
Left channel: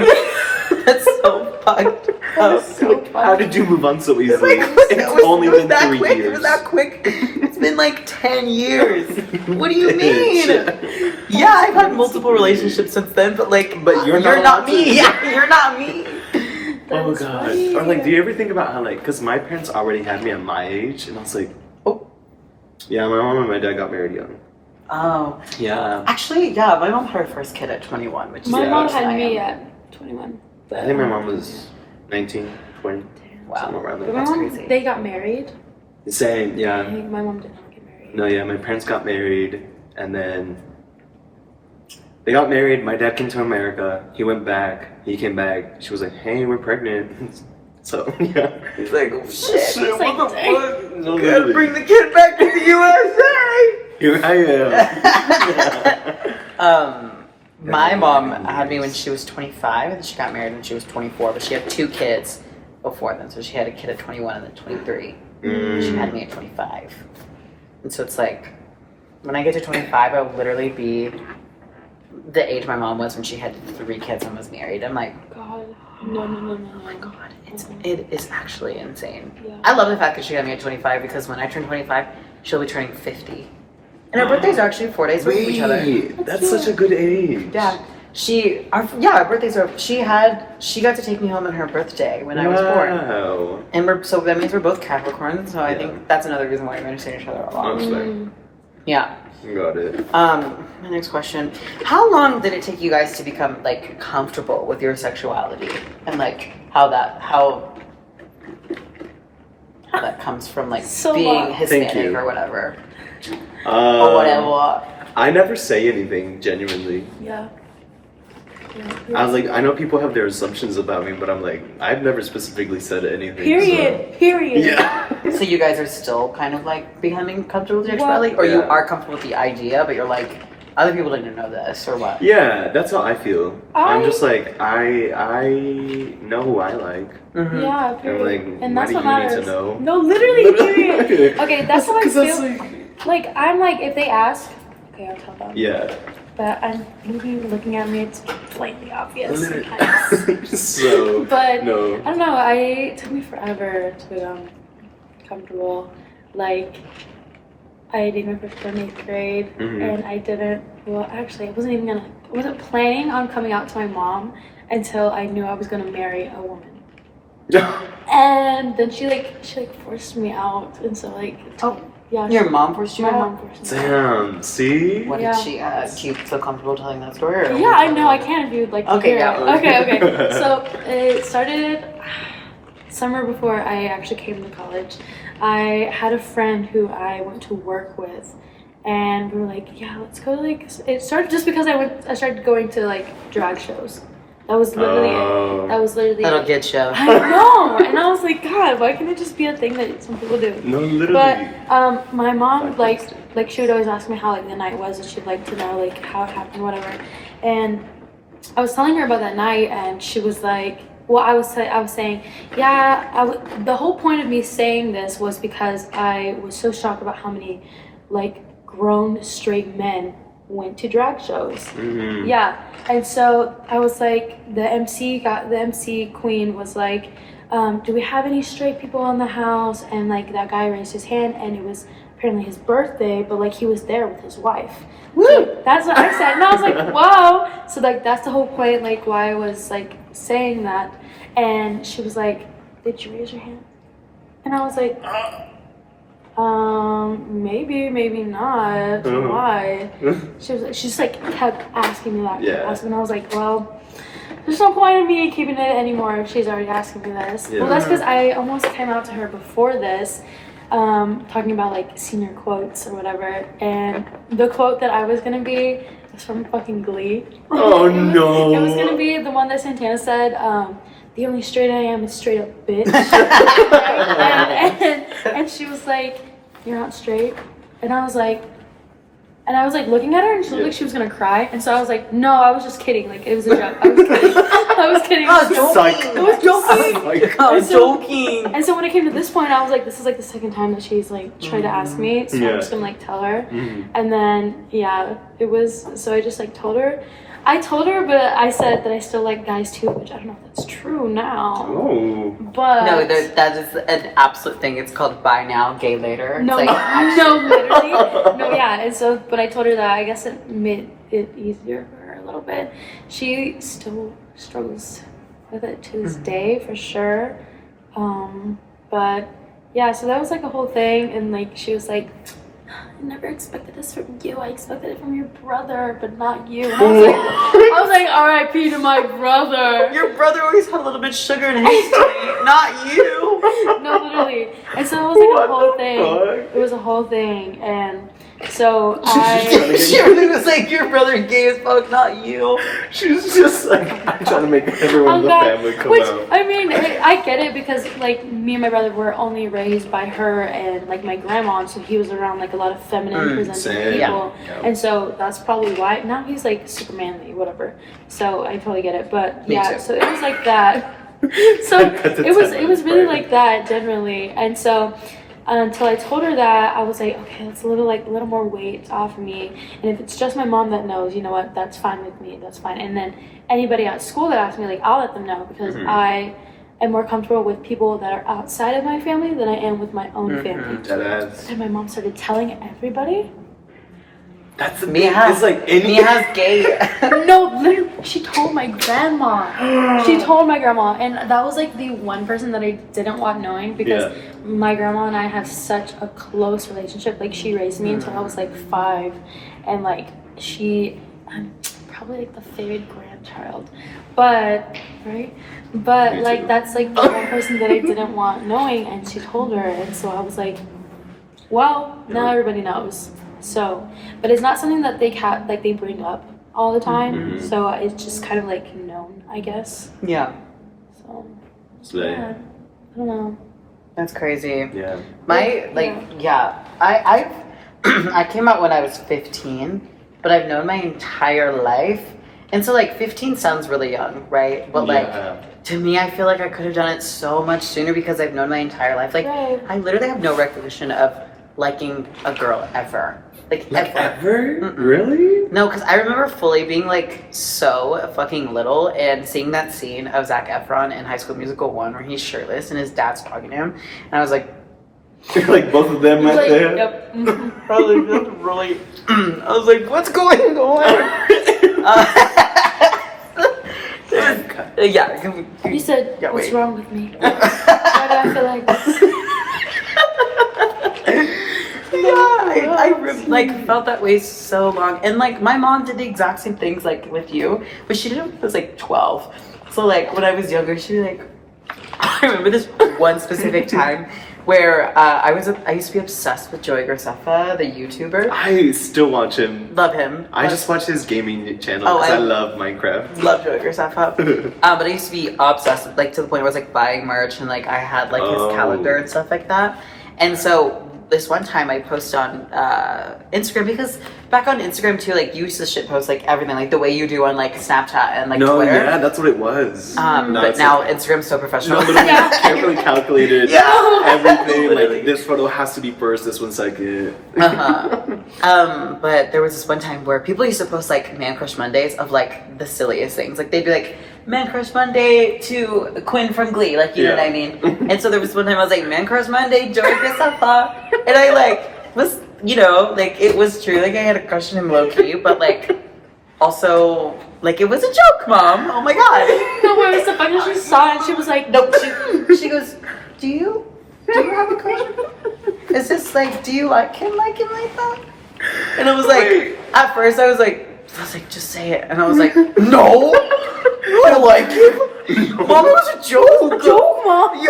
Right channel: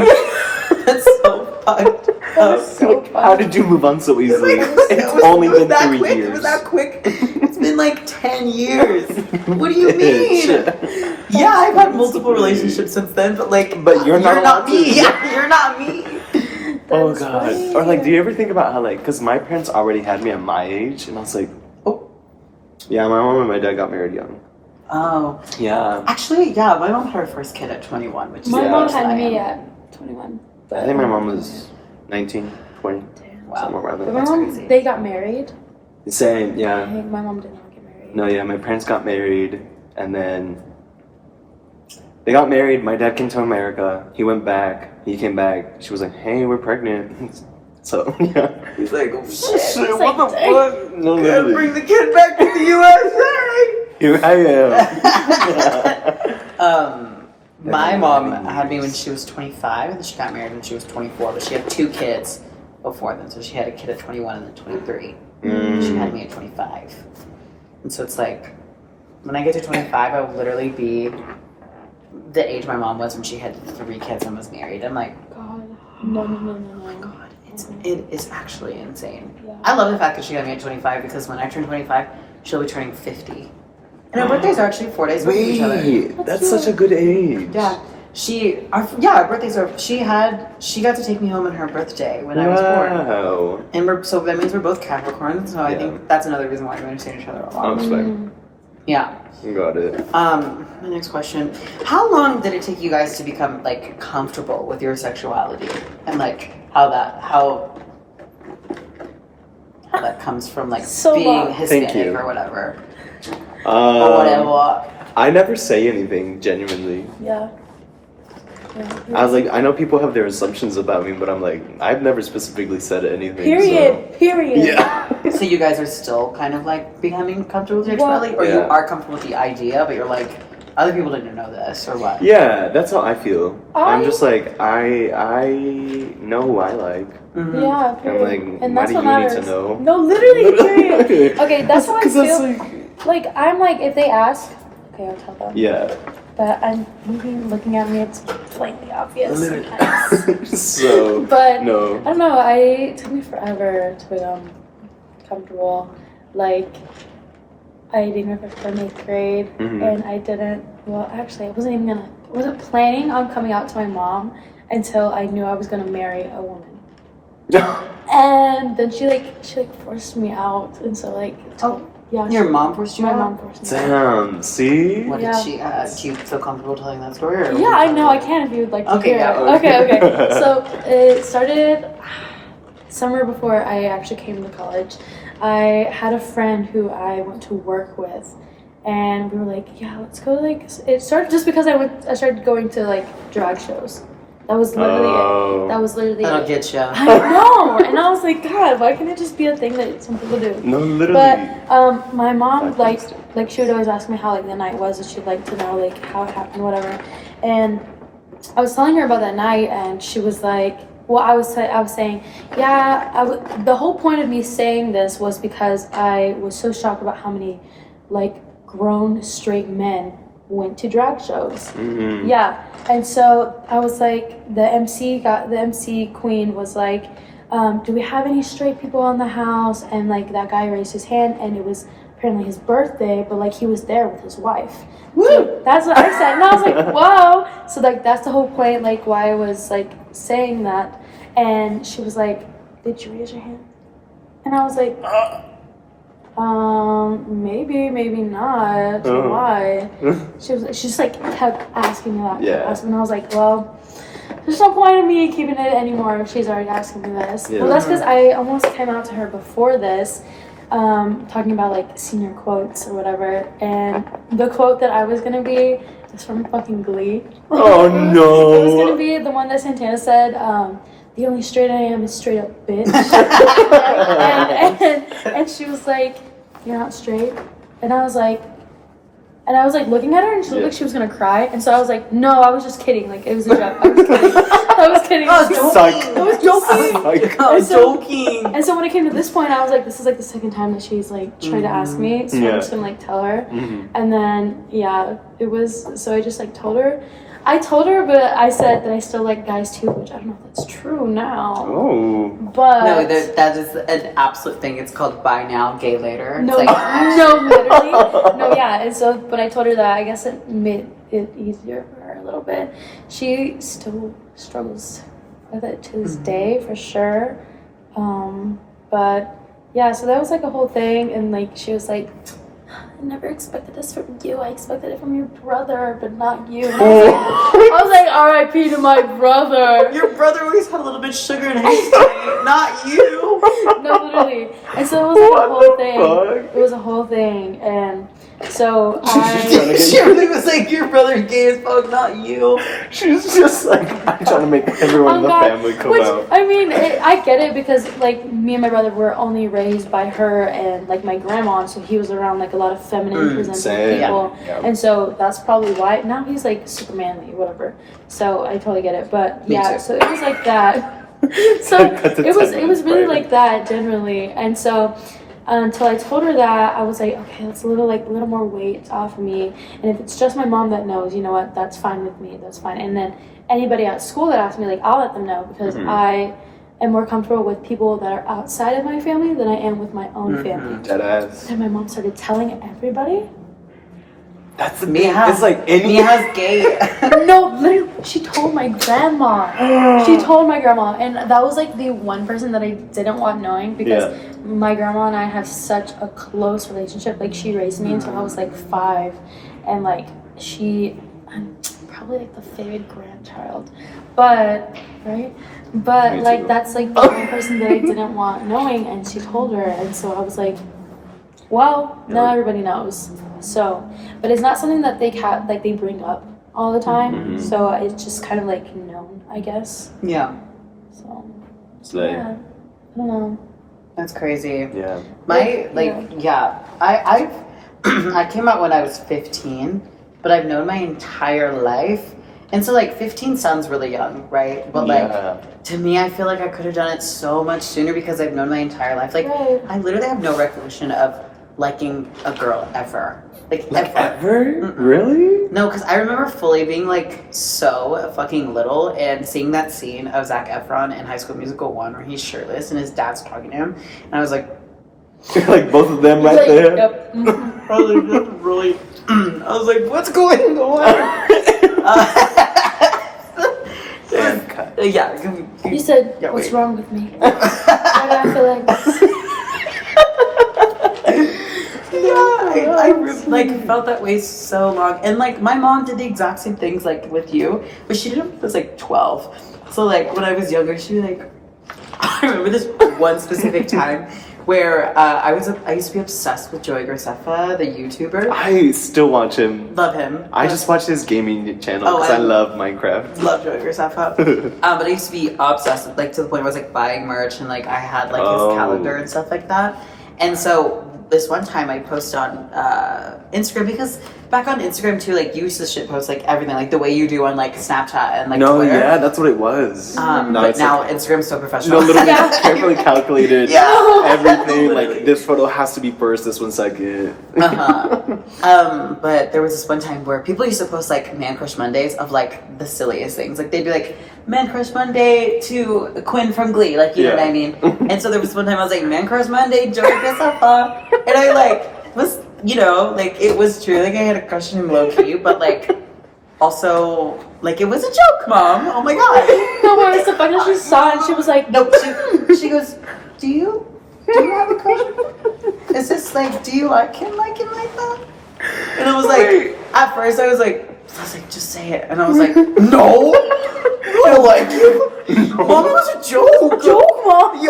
That's so fucked up. So fun. How did you move on so easily? It was only been that 3 quick. years. It was that quick. It's been like 10 years. What do you mean? Yeah, I've had multiple relationships since then, but like, But you're not allowed to. me. Yeah, you're not me. Oh That's god. funny. Or like, do you ever think about how like, because my parents already had me at my age, and I was like, oh, yeah, my mom and my dad got married young. Oh, Yeah. actually, yeah, my mom had her first kid at 21, which is My Yeah. mom older than had I me am. at 21. But I think my mom was 19, 20, Wow. somewhere around But there. my That's mom, crazy. they got married. Same, I yeah. think my mom did not get married. No, yeah, my parents got married, and then they got married. My dad came to America. He went back. He came back. She was like, "Hey, we're pregnant." So yeah, He's like, oh shit. He's like, what the "Dang." fuck? No, Gotta literally. bring the kid back to the USA. Here I am. My mom had me when she was 25, and she got married when she was 24, but she had 2 kids before then. So she had a kid at 21 and then 23. She had me at 25. And so it's like, when I get to 25, I'll literally be the age my mom was when she had 3 kids and was married. I'm like, God, no. oh my god, it is actually insane. Yeah. I love the fact that she got me at 25 because when I turn 25, she'll be turning 50. And our birthdays are actually 4 days away from each other. Wait, that's such a good age. Yeah. Our birthdays are, she got to take me home on her birthday when I was born. Wow. And so that means we're both Capricorn, so I Yeah. think that's another reason why we understand each other a lot. Honestly, Yeah. got it. My next question. How long did it take you guys to become like comfortable with your sexuality? And like how that comes from like So being long. Hispanic Thank you. or whatever. Or whatever. I never say anything genuinely. Yeah. I was like, I know people have their assumptions about me, but I'm like, I've never specifically said anything. Period. So. Period. Yeah. So you guys are still kind of like becoming comfortable with your Well- sexuality? Or you Yeah. are comfortable with the idea, but you're like, other people didn't know this, or what? Yeah, that's how I feel. I'm I- just like, I know who I like. Mhm. Yeah, period. like, and why that's do what you need matters. to know? No, literally, period. Okay, that's how I 'Cause that's feel. Like, I'm like, if they ask, okay, I'll tell them. Yeah. But I'm looking at me, it's blatantly obvious. So, But no. I don't know. It took me forever to become comfortable. Like, I dated my first girl in 8th grade, Mhm. and I didn't. Well, actually, I wasn't planning on coming out to my mom until I knew I was gonna marry a woman. And then she forced me out, and so like, yeah. Your mom forced you My out? mom forced me out. Damn, see? What Yeah. did she, do you feel comfortable telling that story? Or Yeah, I know. I can if you would like to Okay, hear yeah. it. Okay. So it started summer before I actually came to college. I had a friend who I went to work with, and we were like, yeah, let's go. Like, it started just because I started going to like drag shows. That was literally it. That was literally That'll it. get you. I know, and I was like, God, why can't it just be a thing that some people do? No, literally. But my mom like she would always ask me how like the night was, and she'd like to know like how it happened, whatever. And I was telling her about that night, and she was like, well, I was saying, yeah, the whole point of me saying this was because I was so shocked about how many like grown straight men went to drag shows. Mhm. Yeah. And so I was like, the MC queen was like, do we have any straight people in the house? And like that guy raised his hand, and it was apparently his birthday, but like he was there with his wife. So that's what I said, and I was like, whoa. So like that's the whole point, like why I was like saying that. And she was like, did you raise your hand? And I was like, maybe not. Why? She just like kept asking me that. And I was like, well, there's no point in me keeping it anymore if she's already asking me this. Well, that's because I almost came out to her before this, talking about like senior quotes or whatever. And the quote that I was gonna be was from fucking Glee. Oh no! It was gonna be the one that Santana said. The only straight I am is straight up bitch. and she was like, you're not straight. And I was like looking at her, and she looked like she was gonna cry. And so I was like, no, I was just kidding. Like, it was a joke. I was kidding. I was kidding. I was joking. And so when it came to this point, I was like, this is like the second time that she's like tried to ask me. So I'm just gonna like tell her. And then it was. So I just like told her. I told her, but I said that I still like guys too, which I don't know if that's true now. Oh. But no, that is an absolute thing. It's called "Buy Now, Gay Later." No, like, no, literally, no, yeah. And so when I told her that, I guess it made it easier for her a little bit. She still struggles with it to this day, for sure. But yeah, so that was like a whole thing, and like she was like, I never expected this from you. I expected it from your brother, but not you. And I was like, R.I.P. to my brother. Your brother always had a little bit of sugar in his tea, not you. No, literally. And so it was like a whole thing. It was a whole thing, and so She really was like, your brother gay as fuck, not you. She was just like, I'm trying to make everyone in the family come out. I mean, I get it, because like me and my brother were only raised by her and like my grandma, and so he was around like a lot of feminine presenting people, and so that's probably why. Now he's like super manly, whatever. So I totally get it, but yeah, so it was like that. So it was really like that generally, and so. Until I told her that, I was like, okay, that's a little more weight off of me. And if it's just my mom that knows, you know what, that's fine with me. That's fine. And then anybody at school that asks me, like, I'll let them know, because I am more comfortable with people that are outside of my family than I am with my own family. And my mom started telling everybody. That's the thing. It's like Mia's gay. No, literally, she told my grandma. She told my grandma, and that was like the one person that I didn't want knowing, because my grandma and I have such a close relationship. Like, she raised me until I was like 5, and like I'm probably like the favorite grandchild, but like that's like the one person that I didn't want knowing, and she told her, and so I was like, well, now everybody knows. So, but it's not something that they they bring up all the time. So it's just kind of like known, I guess. Yeah. So. Yeah. I don't know. That's crazy. Yeah. I I came out when I was 15, but I've known my entire life. And so like 15 sounds really young, right? But like to me, I feel like I could have done it so much sooner, because I've known my entire life. Like I literally have no recollection of liking a girl ever. Like ever? Really? No, because I remember fully being like so fucking little and seeing that scene of Zac Efron in High School Musical 1 where he's shirtless and his dad's talking to him, and I was like, like both of them right there. Yep. I was like, that's really. I was like, what's going on? Yeah. You said, what's wrong with me? Why do I feel like this? I felt that way so long, and like my mom did the exact same things like with you, but she did it when I was like 12. So like when I was younger, she like I remember this one specific time where I used to be obsessed with Joey Graceffa, the YouTuber. I still watch him. Love him. I just watch his gaming channel because I love Minecraft. Love Joey Graceffa. But I used to be obsessed with, like, to the point where I was like buying merch, and like I had like his calendar and stuff like that. And so this one time I posted on Instagram, because back on Instagram too, like you used to shit post like everything, like the way you do on like Snapchat and like Twitter. Yeah, that's what it was. But now Instagram's so professional. No, literally carefully calculated. Everything. Literally. Like this photo has to be first, this one's second. But there was this one time where people used to post like Man Crush Mondays of like the silliest things. Like they'd be like, Man Crush Monday to Quinn from Glee, like you know what I mean. And so there was one time I was like, Man Crush Monday, Joey Graceffa, and I like was, like, it was true. Like, I had a crush on him low key, but, like, also, like, it was a joke, Mom. Oh my God. No, where was the fuck? She saw it and she was like, No, she goes, do you have a crush on him? It's just like, do you like him like that? And I was like, at first I was like, just say it. And I was like, no, I don't like him. Mom, it was a joke. Mom.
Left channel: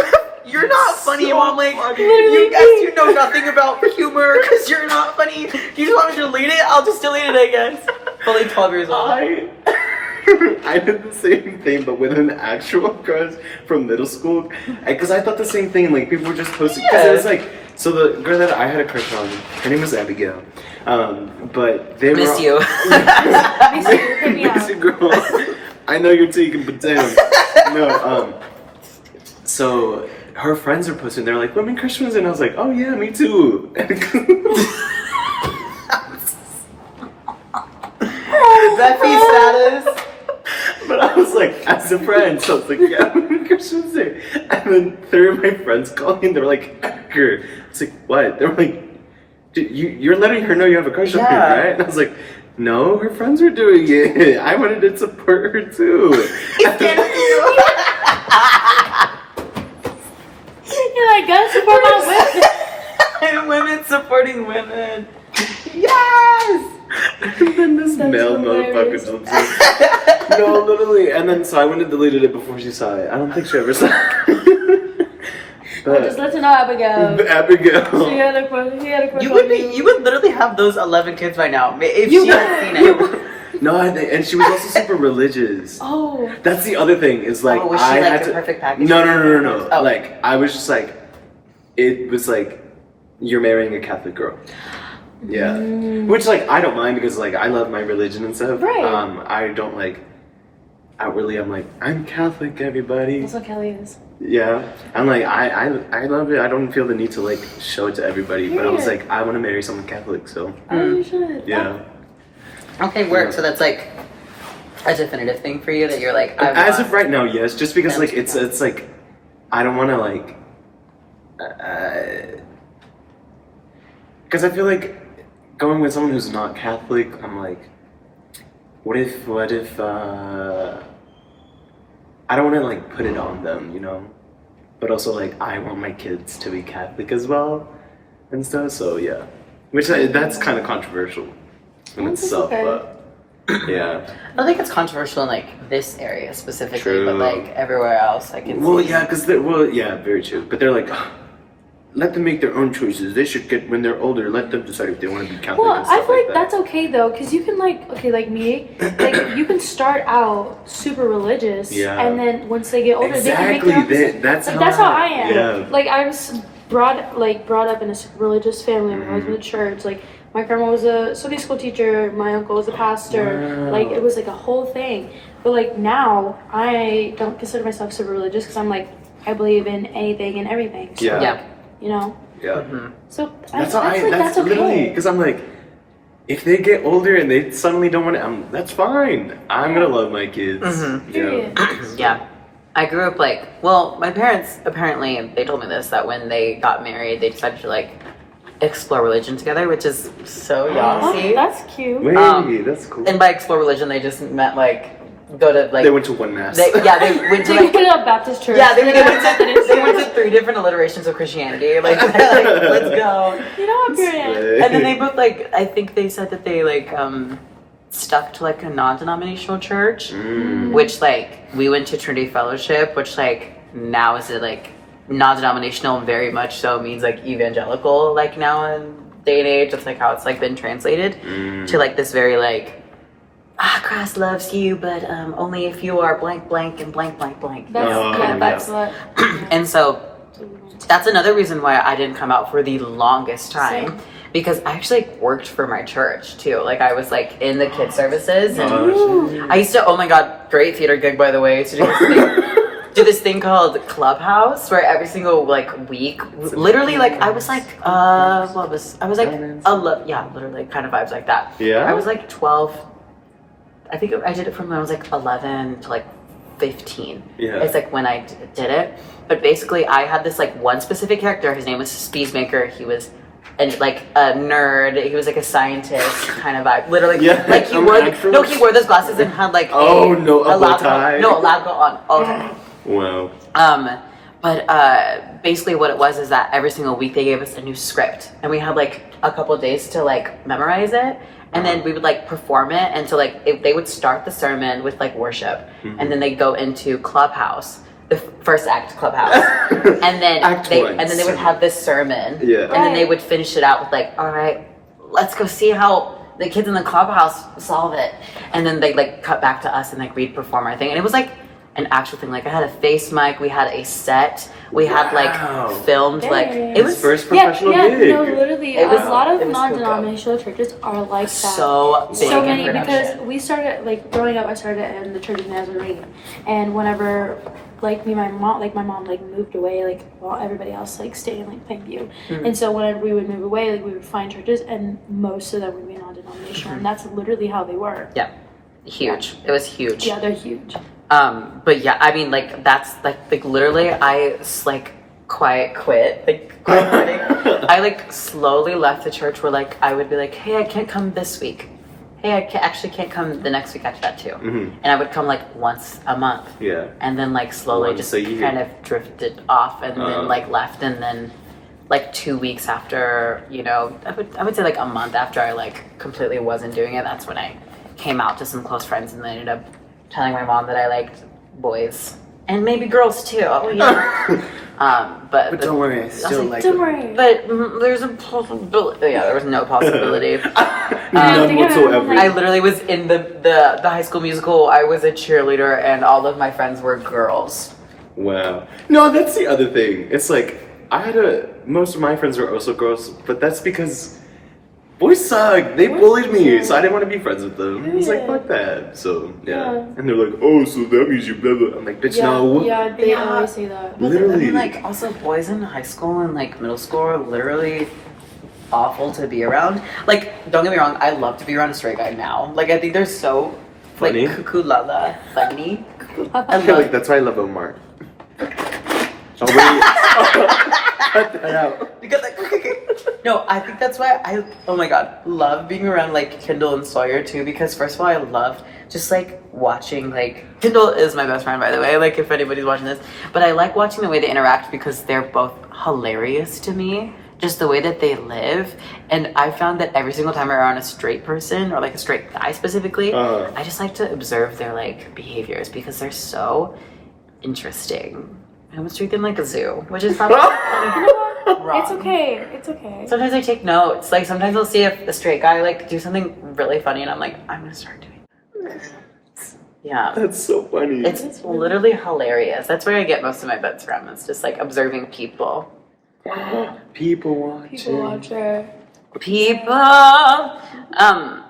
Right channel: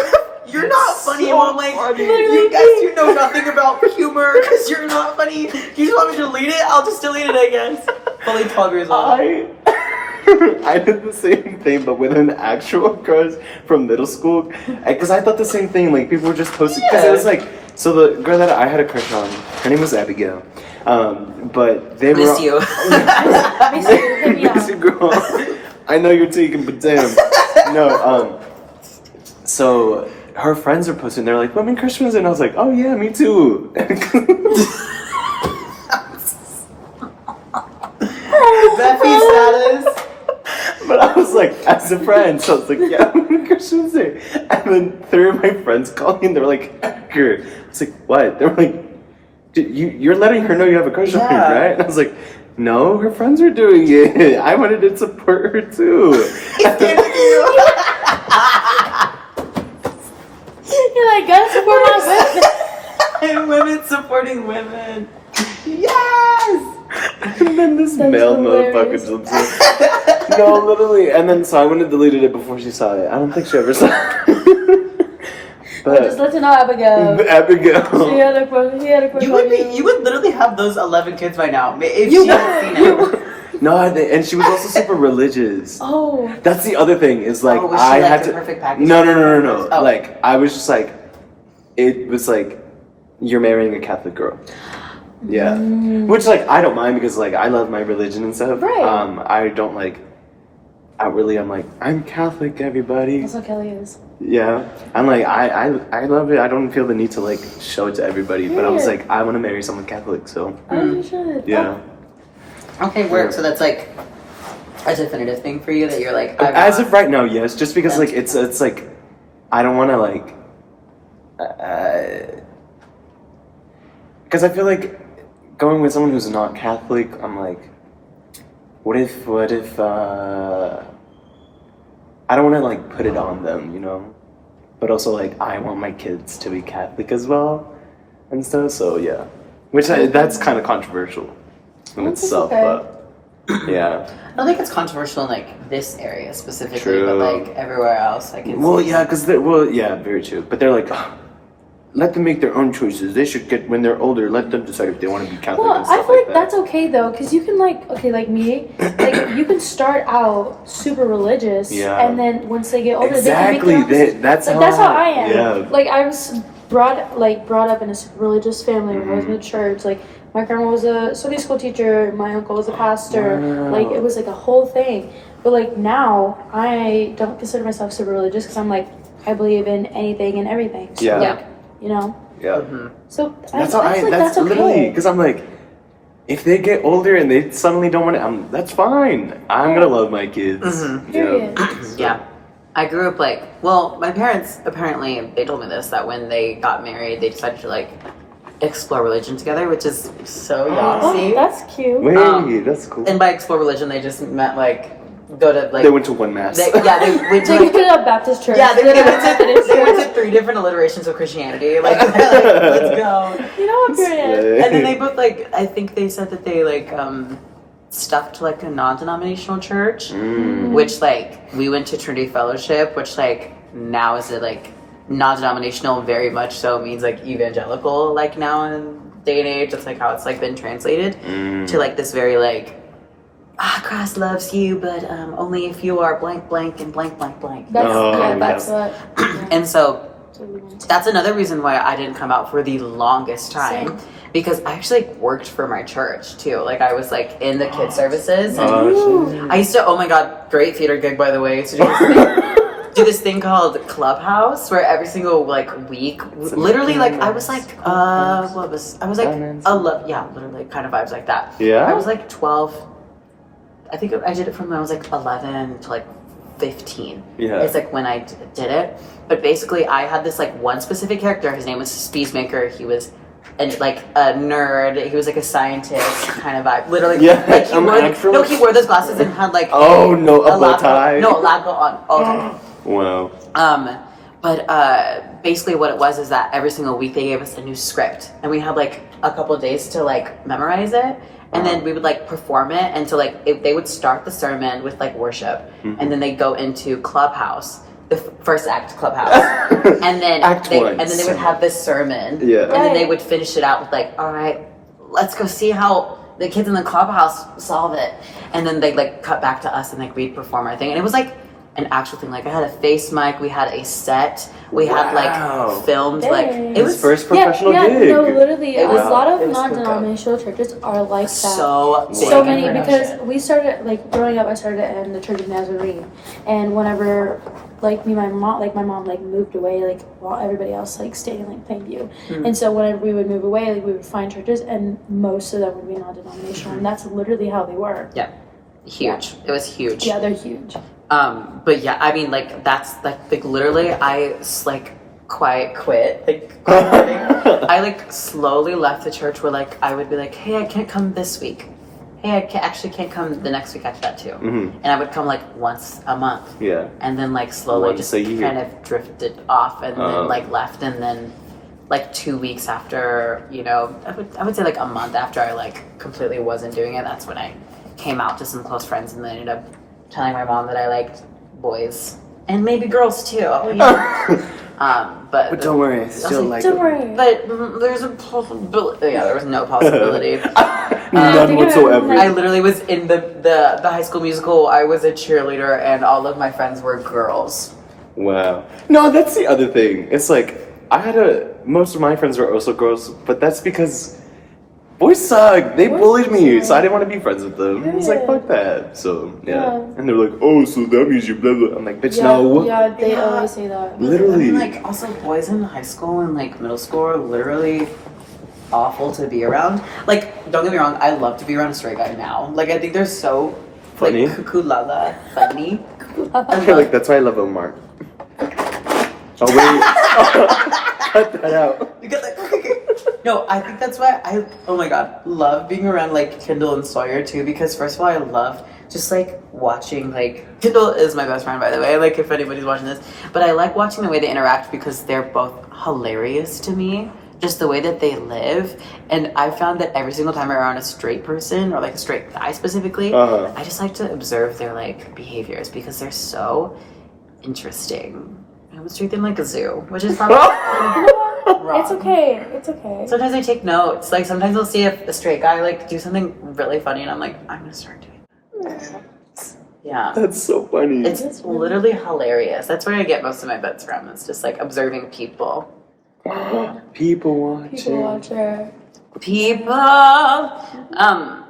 You're not funny, So Mom. Like, funny. you guys, you know nothing about humor because you're not funny. You just want me to delete it? I'll just delete it, I guess. Only 12 years old. I did the same thing, but with an actual crush from middle school. Because I thought the same thing. Like, people were just posting. Because it was like, so the girl that I had a crush on, her name was Abigail. But they Miss were. you. Miss you, hit me Miss up. you, girl. I know you're taking, but damn. No, so her friends are posting, they're like, Women Christmas, and I was like, oh yeah, me too. Beffy status. But I was like, as a friend, so I was like, yeah, Women Christmas Day. And then 3 of my friends called me and they were like, Edgar. I was like, what? They were like, you're letting her know you have a crush on me, right? And I was like, no, her friends were doing it. I wanted to support her too. You're like, gotta support my women. And women supporting women. Yes! And then this That's male motherfucker hilarious. jumps in. No, literally. And then so I went and deleted it before she saw it. I don't think she ever saw it. But Just let you know, Abigail. Abigail. He had a crush on You would literally have those 11 kids by now if You she had would. seen it. No, and she was also super religious. Oh. That's the other thing is like Was she I like had the to. perfect package? No. Oh. Like I was just like, it was like, you're marrying a Catholic girl. Yeah, which like I don't mind because like I love my religion and stuff. Right. I don't like. Outwardly, I'm like I'm Catholic, everybody. That's what Kelly is. Yeah, I'm like I love it. I don't feel the need to like show it to everybody. But I was Period. like I want to marry someone Catholic, so Oh, you should. yeah. Okay, work. So that's like a definitive thing for you that you're like. I As want- of right now, yes. Just because them like to it's know. like I don't want to like because I feel like going with someone who's not Catholic, I'm like, what if I don't want to like put it on them, you know, but also like I want my kids to be Catholic as well and stuff. So yeah, that's kind of controversial in That's itself, okay. but yeah. I don't think it's controversial in like this area specifically, True. but like everywhere else, I can. Well, see. yeah, because yeah, very true. But they're like, "Ugh, let them make their own choices. They should get when they're older. Let them decide if they want to be Catholic. Well, and I stuff feel like that. that's okay though, because you can like me, like you can start out super religious, Yeah. and then once they get older, they can make exactly. their own decisions. That's Like how that's how I am. Yeah. Like I was brought up in a super religious family. We always went to church. Like my grandma was a Sunday school teacher. My uncle was a pastor. Wow. Like it was like a whole thing. But like now, I don't consider myself super religious because I'm like I believe in anything and everything. So Yeah. like you know. Yeah. Mhm. So That's I feel like that's literally okay. because I'm like, if they get older and they suddenly don't want to, that's fine. I'm gonna love my kids. Mhm. Period. Yeah. I grew up like, well, my parents apparently, they told me this, that when they got married, they decided to like explore religion together, which is so Oh, yahtzee. that's cute. Wait, Um, that's cool. And by explore religion, they just meant like go to like. They went to one mass. They went to They like. could a Baptist church. Yeah, they did went a Methodist they went to church. 3 different alliterations of Christianity. Like, let's go. You know what, period. And then they both like, I think they said that they like stuck to like a non-denominational church, Mm. which like we went to Trinity Fellowship, which like now is it like non-denominational, very much so means like evangelical, like now in day and age. That's like how it's like been translated to like this very like Christ loves you, but only if you are blank blank and blank blank blank. That's Oh, yeah, that's yeah. what. And so that's what we went to. that's another reason why I didn't come out for the longest time. Same. Because I actually like, worked for my church too. Like I was like in the kids services, and Ooh. I used to. Oh my god, great theater gig by the way. To do this thing called Clubhouse, where every single like week, literally like I was like, what was I was like, yeah, literally kind of vibes like that. Yeah? I was like 12. I think I did it from when I was like 11 to like 15. Yeah. It's like when I did it. But basically, I had this like one specific character. His name was Speedmaker. He was and like a nerd. He was like a scientist kind of vibe. Literally, Yeah, like he wore those glasses and had like a lab coat. No, a lab coat on all the time. Wow. But basically what it was is that every single week they gave us a new script, and we had like a couple of days to like memorize it, and then we would like perform it. And so like they would start the sermon with like worship, and then they go into Clubhouse, the first act Clubhouse, and then they would have this sermon, and then they would finish it out with like, all right, let's go see how the kids in the Clubhouse solve it, and then they like cut back to us and like we'd perform our thing, and it was like an actual thing. Like I had a face mic, we had a set, we had like filmed, like it was first professional gig. No, literally, It was- a lot of it was non-denominational churches are like that. so big So in many, production. because we started like growing up. I started in the Church of Nazarene, and whenever like my mom like moved away, like while everybody else like stayed in like Plainview, and so whenever we would move away, like we would find churches, and most of them would be non-denominational, and that's literally how they were. Yeah, huge. It was huge. Yeah, they're huge. But yeah, I mean, like that's like literally, I like quiet quitting. I like slowly left the church where like I would be like, hey, I can't come this week. Hey, I can't come the next week after that too. And I would come like once a month. Yeah. And then like slowly Once just a year. kind of drifted off, and then like left, and then like 2 weeks after, you know, I would say like a month after I like completely wasn't doing it, that's when I came out to some close friends, and then ended up telling my mom that I liked boys and maybe girls too. Oh yeah. But don't worry, I still like Don't it. worry. But there's a possibility. Yeah, there was no possibility. None whatsoever. I literally was in the High School Musical. I was a cheerleader, and all of my friends were girls. Wow. No, that's the other thing. It's like most of my friends were also girls, but that's because boys suck. They bullied me, so I didn't want to be friends with them. I was like, Yeah. fuck that. So Yeah. and they're like, oh, so that means you blah blah. I'm like, bitch, no. Yeah, they Yeah. always say that. Literally. I mean, like, also boys in high school and like middle school are literally awful to be around. Like, don't get me wrong, I love to be around a straight guy now. Like, I think they're so Funny. like cuckoo lala funny. I feel like that's why I love Omar. Oh wait. Cut that out. Because no, I think that's why I, oh my god, love being around like Kendall and Sawyer too, because first of all I love just like watching, like Kendall is my best friend by the way, like if anybody's watching this, but I like watching the way they interact because they're both hilarious to me, just the way that they live. And I found that every single time I'm around a straight person, or like a straight guy specifically, I just like to observe their like behaviors because they're so interesting. I almost treat them like a zoo, which is probably You know what? wrong. It's okay. It's okay. Sometimes I take notes. Like sometimes I'll see a straight guy like do something really funny, and I'm like, I'm gonna start doing that. Yeah, That's so funny. it's literally hilarious. That's where I get most of my bits from. It's just like observing people. People watching. People watcher. People.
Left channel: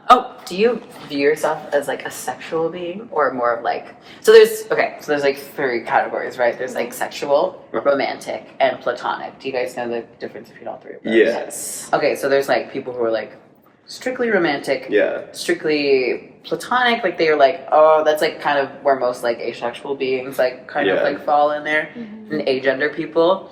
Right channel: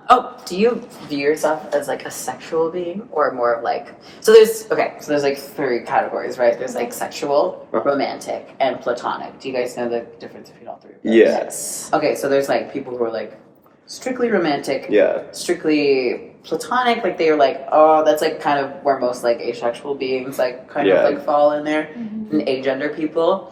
Oh, do you view yourself as like a sexual being, or more of like? So there's like 3 categories, right? There's like sexual, romantic, and platonic. Do you guys know the difference between all 3 of those? Yes. Okay, so there's like people who are like strictly romantic, Yeah. strictly platonic, like they are like, oh, that's like kind of where most like asexual beings like kind of Yeah. like fall in there, and agender people.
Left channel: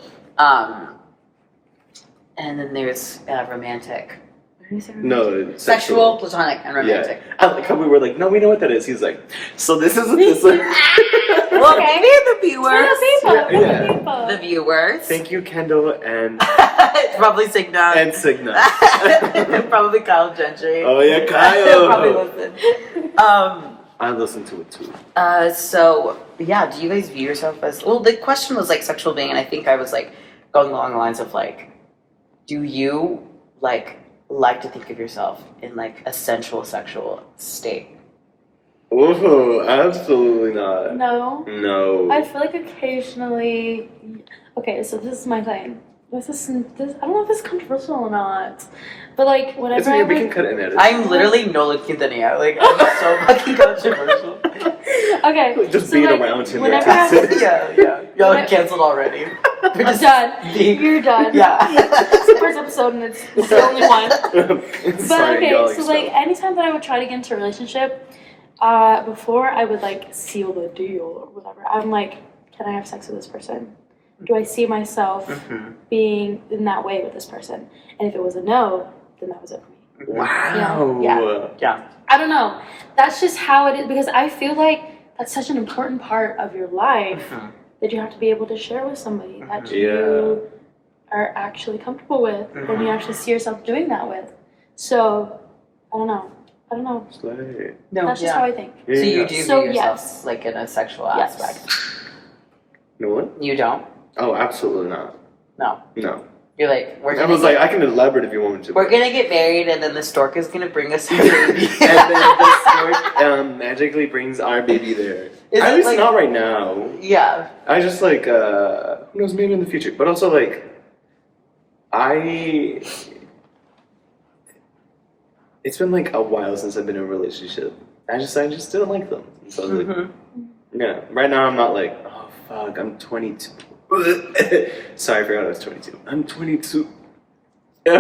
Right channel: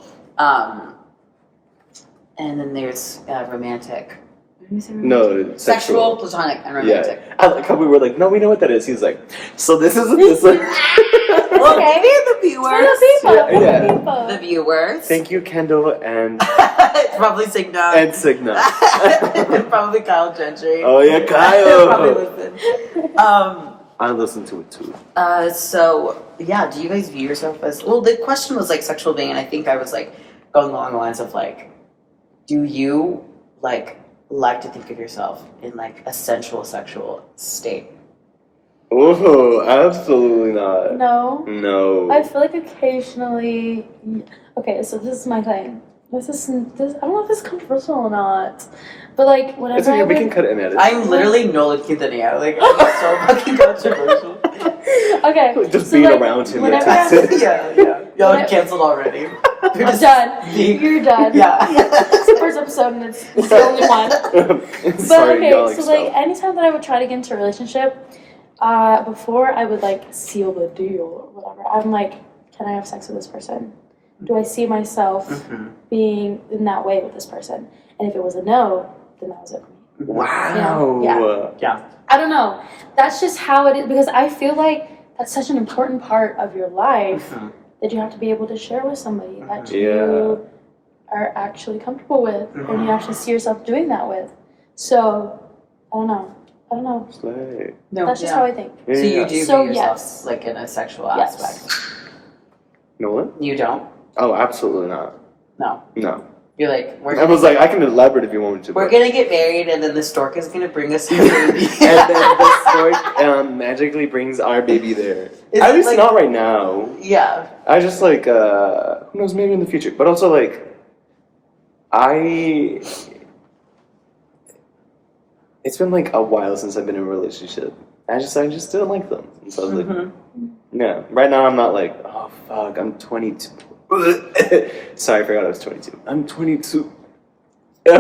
And then there's romantic. What did you say? Romantic? No, Sexual, platonic, and romantic. Yeah. I like how we were like, no, we know what that is. He's like, so this isn't this. Well, okay. the viewers. Yeah. The viewers. Thank you, Kendall and Probably Signa. and Signa. And probably Kyle Gentry. Oh yeah, He'll probably Kyle. listen. I listen to it too. So yeah, do you guys view yourself as, well, the question was like sexual being, and I think I was like going along the lines of like, do you like to think of yourself in like a sensual sexual state? Oh, absolutely not. No. No. I feel like occasionally. Okay, so this is my thing. This. I don't know if this is controversial or not, but like whenever It's okay, I we can would. cut it and edit. I'm literally Nolan Quintanilla. Like, I'm so fucking controversial. Okay. Just so being like, around him. whenever That's I- it. Yeah. Y'all like canceled already. You're just Done. You're done. Yeah. It's the first episode and it's the only one. But Sorry, okay, y'all so like expelled. anytime that I would try to get into a relationship, before I would like seal the deal or whatever, I'm like, can I have sex with this person? Do I see myself being in that way with this person? And if it was a no, then that was it for me. Wow. Yeah. I don't know. That's just how it is, because I feel like that's such an important part of your life that you have to be able to share with somebody that you are actually comfortable with and you actually see yourself doing that with. So, I don't know. No, That's just how I think. So you do So, view yourself yes. like in a sexual Yes. aspect? No what? You don't? Oh, absolutely not. No. You're like, I was like, I can elaborate if you want me to. we're gonna get married, and then the stork is gonna bring us our baby. And then the stork magically brings our baby there. It's At least like- not right now. Yeah. I just like, who knows, maybe in the future. But also like, it's been like a while since I've been in a relationship. I just didn't like them. So I was like, yeah. Right now I'm not like, oh fuck, I'm 22. Sorry, I forgot I was 22. I'm 22. you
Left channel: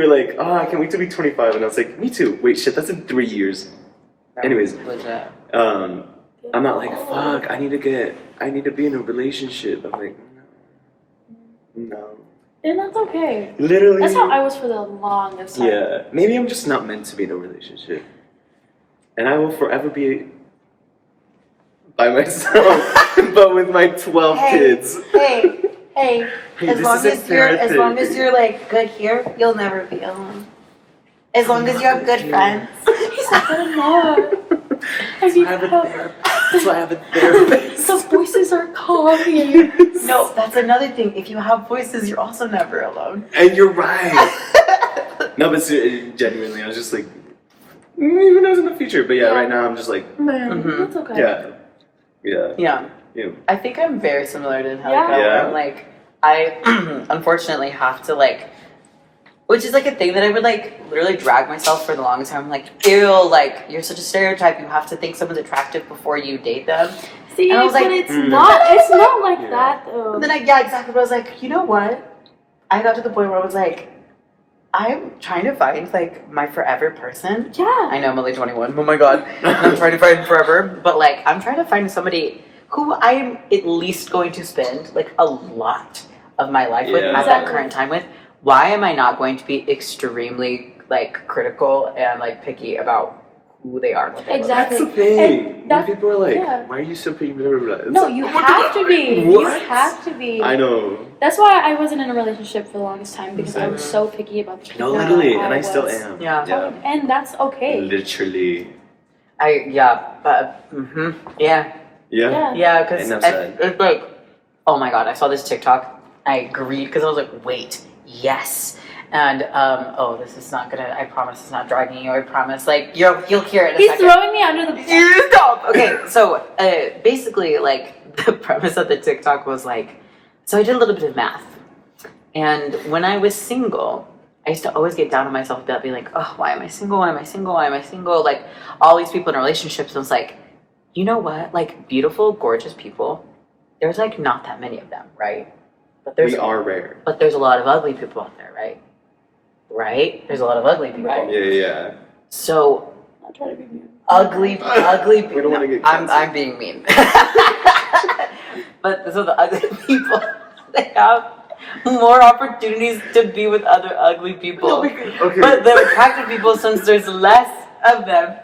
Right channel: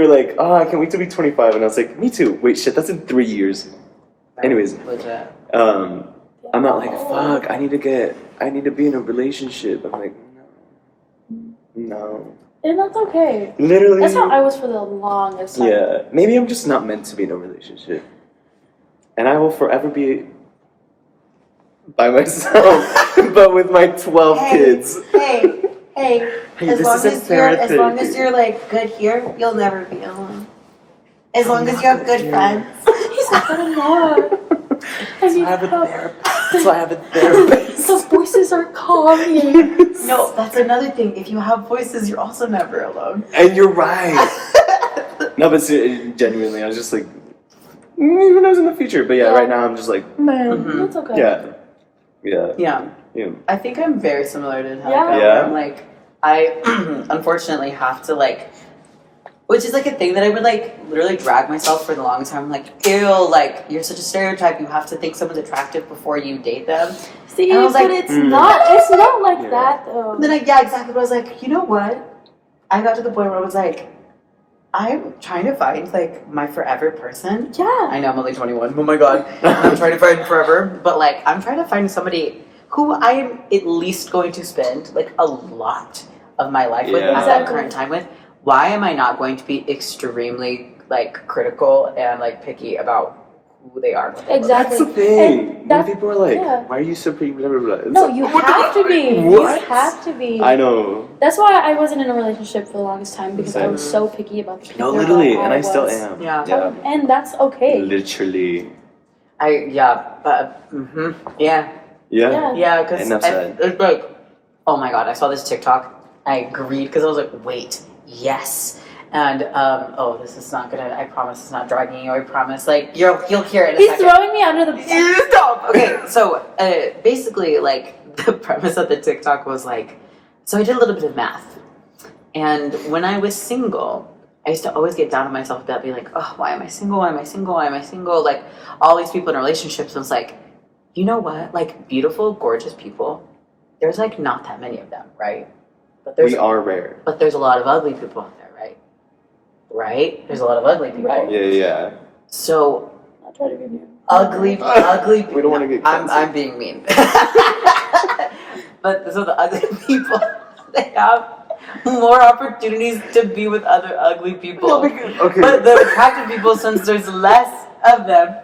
were like, oh, I can't wait to be 25. And I was like, me too. Wait, shit, that's in 3 years. Anyways, Legit. I'm not like, fuck, I need to be in a relationship. I'm like, no. And that's okay. Literally. That's how I was for the longest time. Yeah, maybe I'm just not meant to be in a relationship. And I will forever be by myself, but with my 12 kids. Hey, Hey, as this long isn't as long as therapy. you're like good here, you'll never be alone. As long as you have good friends. He's not good enough. I need help. That's why I have a therapist. The voices are calming. No, that's another thing. If you have voices, you're also never alone. And you're right. No, but genuinely, I was just like, who knows in the future? But yeah, right now I'm just like, Man, that's okay. yeah. I think I'm very similar to Angelica. Yeah. I'm like, I unfortunately have to like, which is like a thing that I would like literally drag myself for the longest time. I'm like, ew, like you're such a stereotype. You have to think someone's attractive before you date them. See, And I was but like, it's not like Yeah. that though. And then exactly. But I was like, you know what? I got to the point where I was like, I'm trying to find like my forever person. Yeah. I know I'm only 21. Oh my god. I'm trying to find forever. But like I'm trying to find somebody who I am at least going to spend like a lot of my life with Yeah. at that Exactly. current time with. Why am I not going to be extremely like critical and like picky about who they are and what they look like? Exactly. That's the thing. And that- People are like, yeah. why are you so pretty? Blah, blah, blah. It's No, like, you what have the- to be. What? You have to be. I know. That's why I wasn't in a relationship for the longest time, because I was so picky about the people No, literally, that and I was. still am. Yeah. And that's okay. Literally. Yeah. Yeah. Yeah, because Enough said. it's like, oh my god, I saw this TikTok. I agreed because I was like, wait, yes. And oh, this is not gonna. I promise it's not dragging you. I promise. Like you'll hear it in a He's second. throwing me under the bus. You stop. Okay, so basically, like the premise of the TikTok was like, so I did a little bit of math, and when I was single, I used to always get down on myself about being like, oh, why am I single? Why am I single? Why am I single? Like all these people in relationships, and it's like, you know what? Like beautiful, gorgeous people. There's like not that many of them, right? But We are rare. but there's a lot of ugly people out there, right? Right? There's a lot of ugly people. Right. Yeah. So I'll try to be mean. ugly people. We don't wanna get I'm canceled. being mean. But so the ugly people, they have more opportunities to be with other ugly people. Okay. But the attractive people, since there's less of them,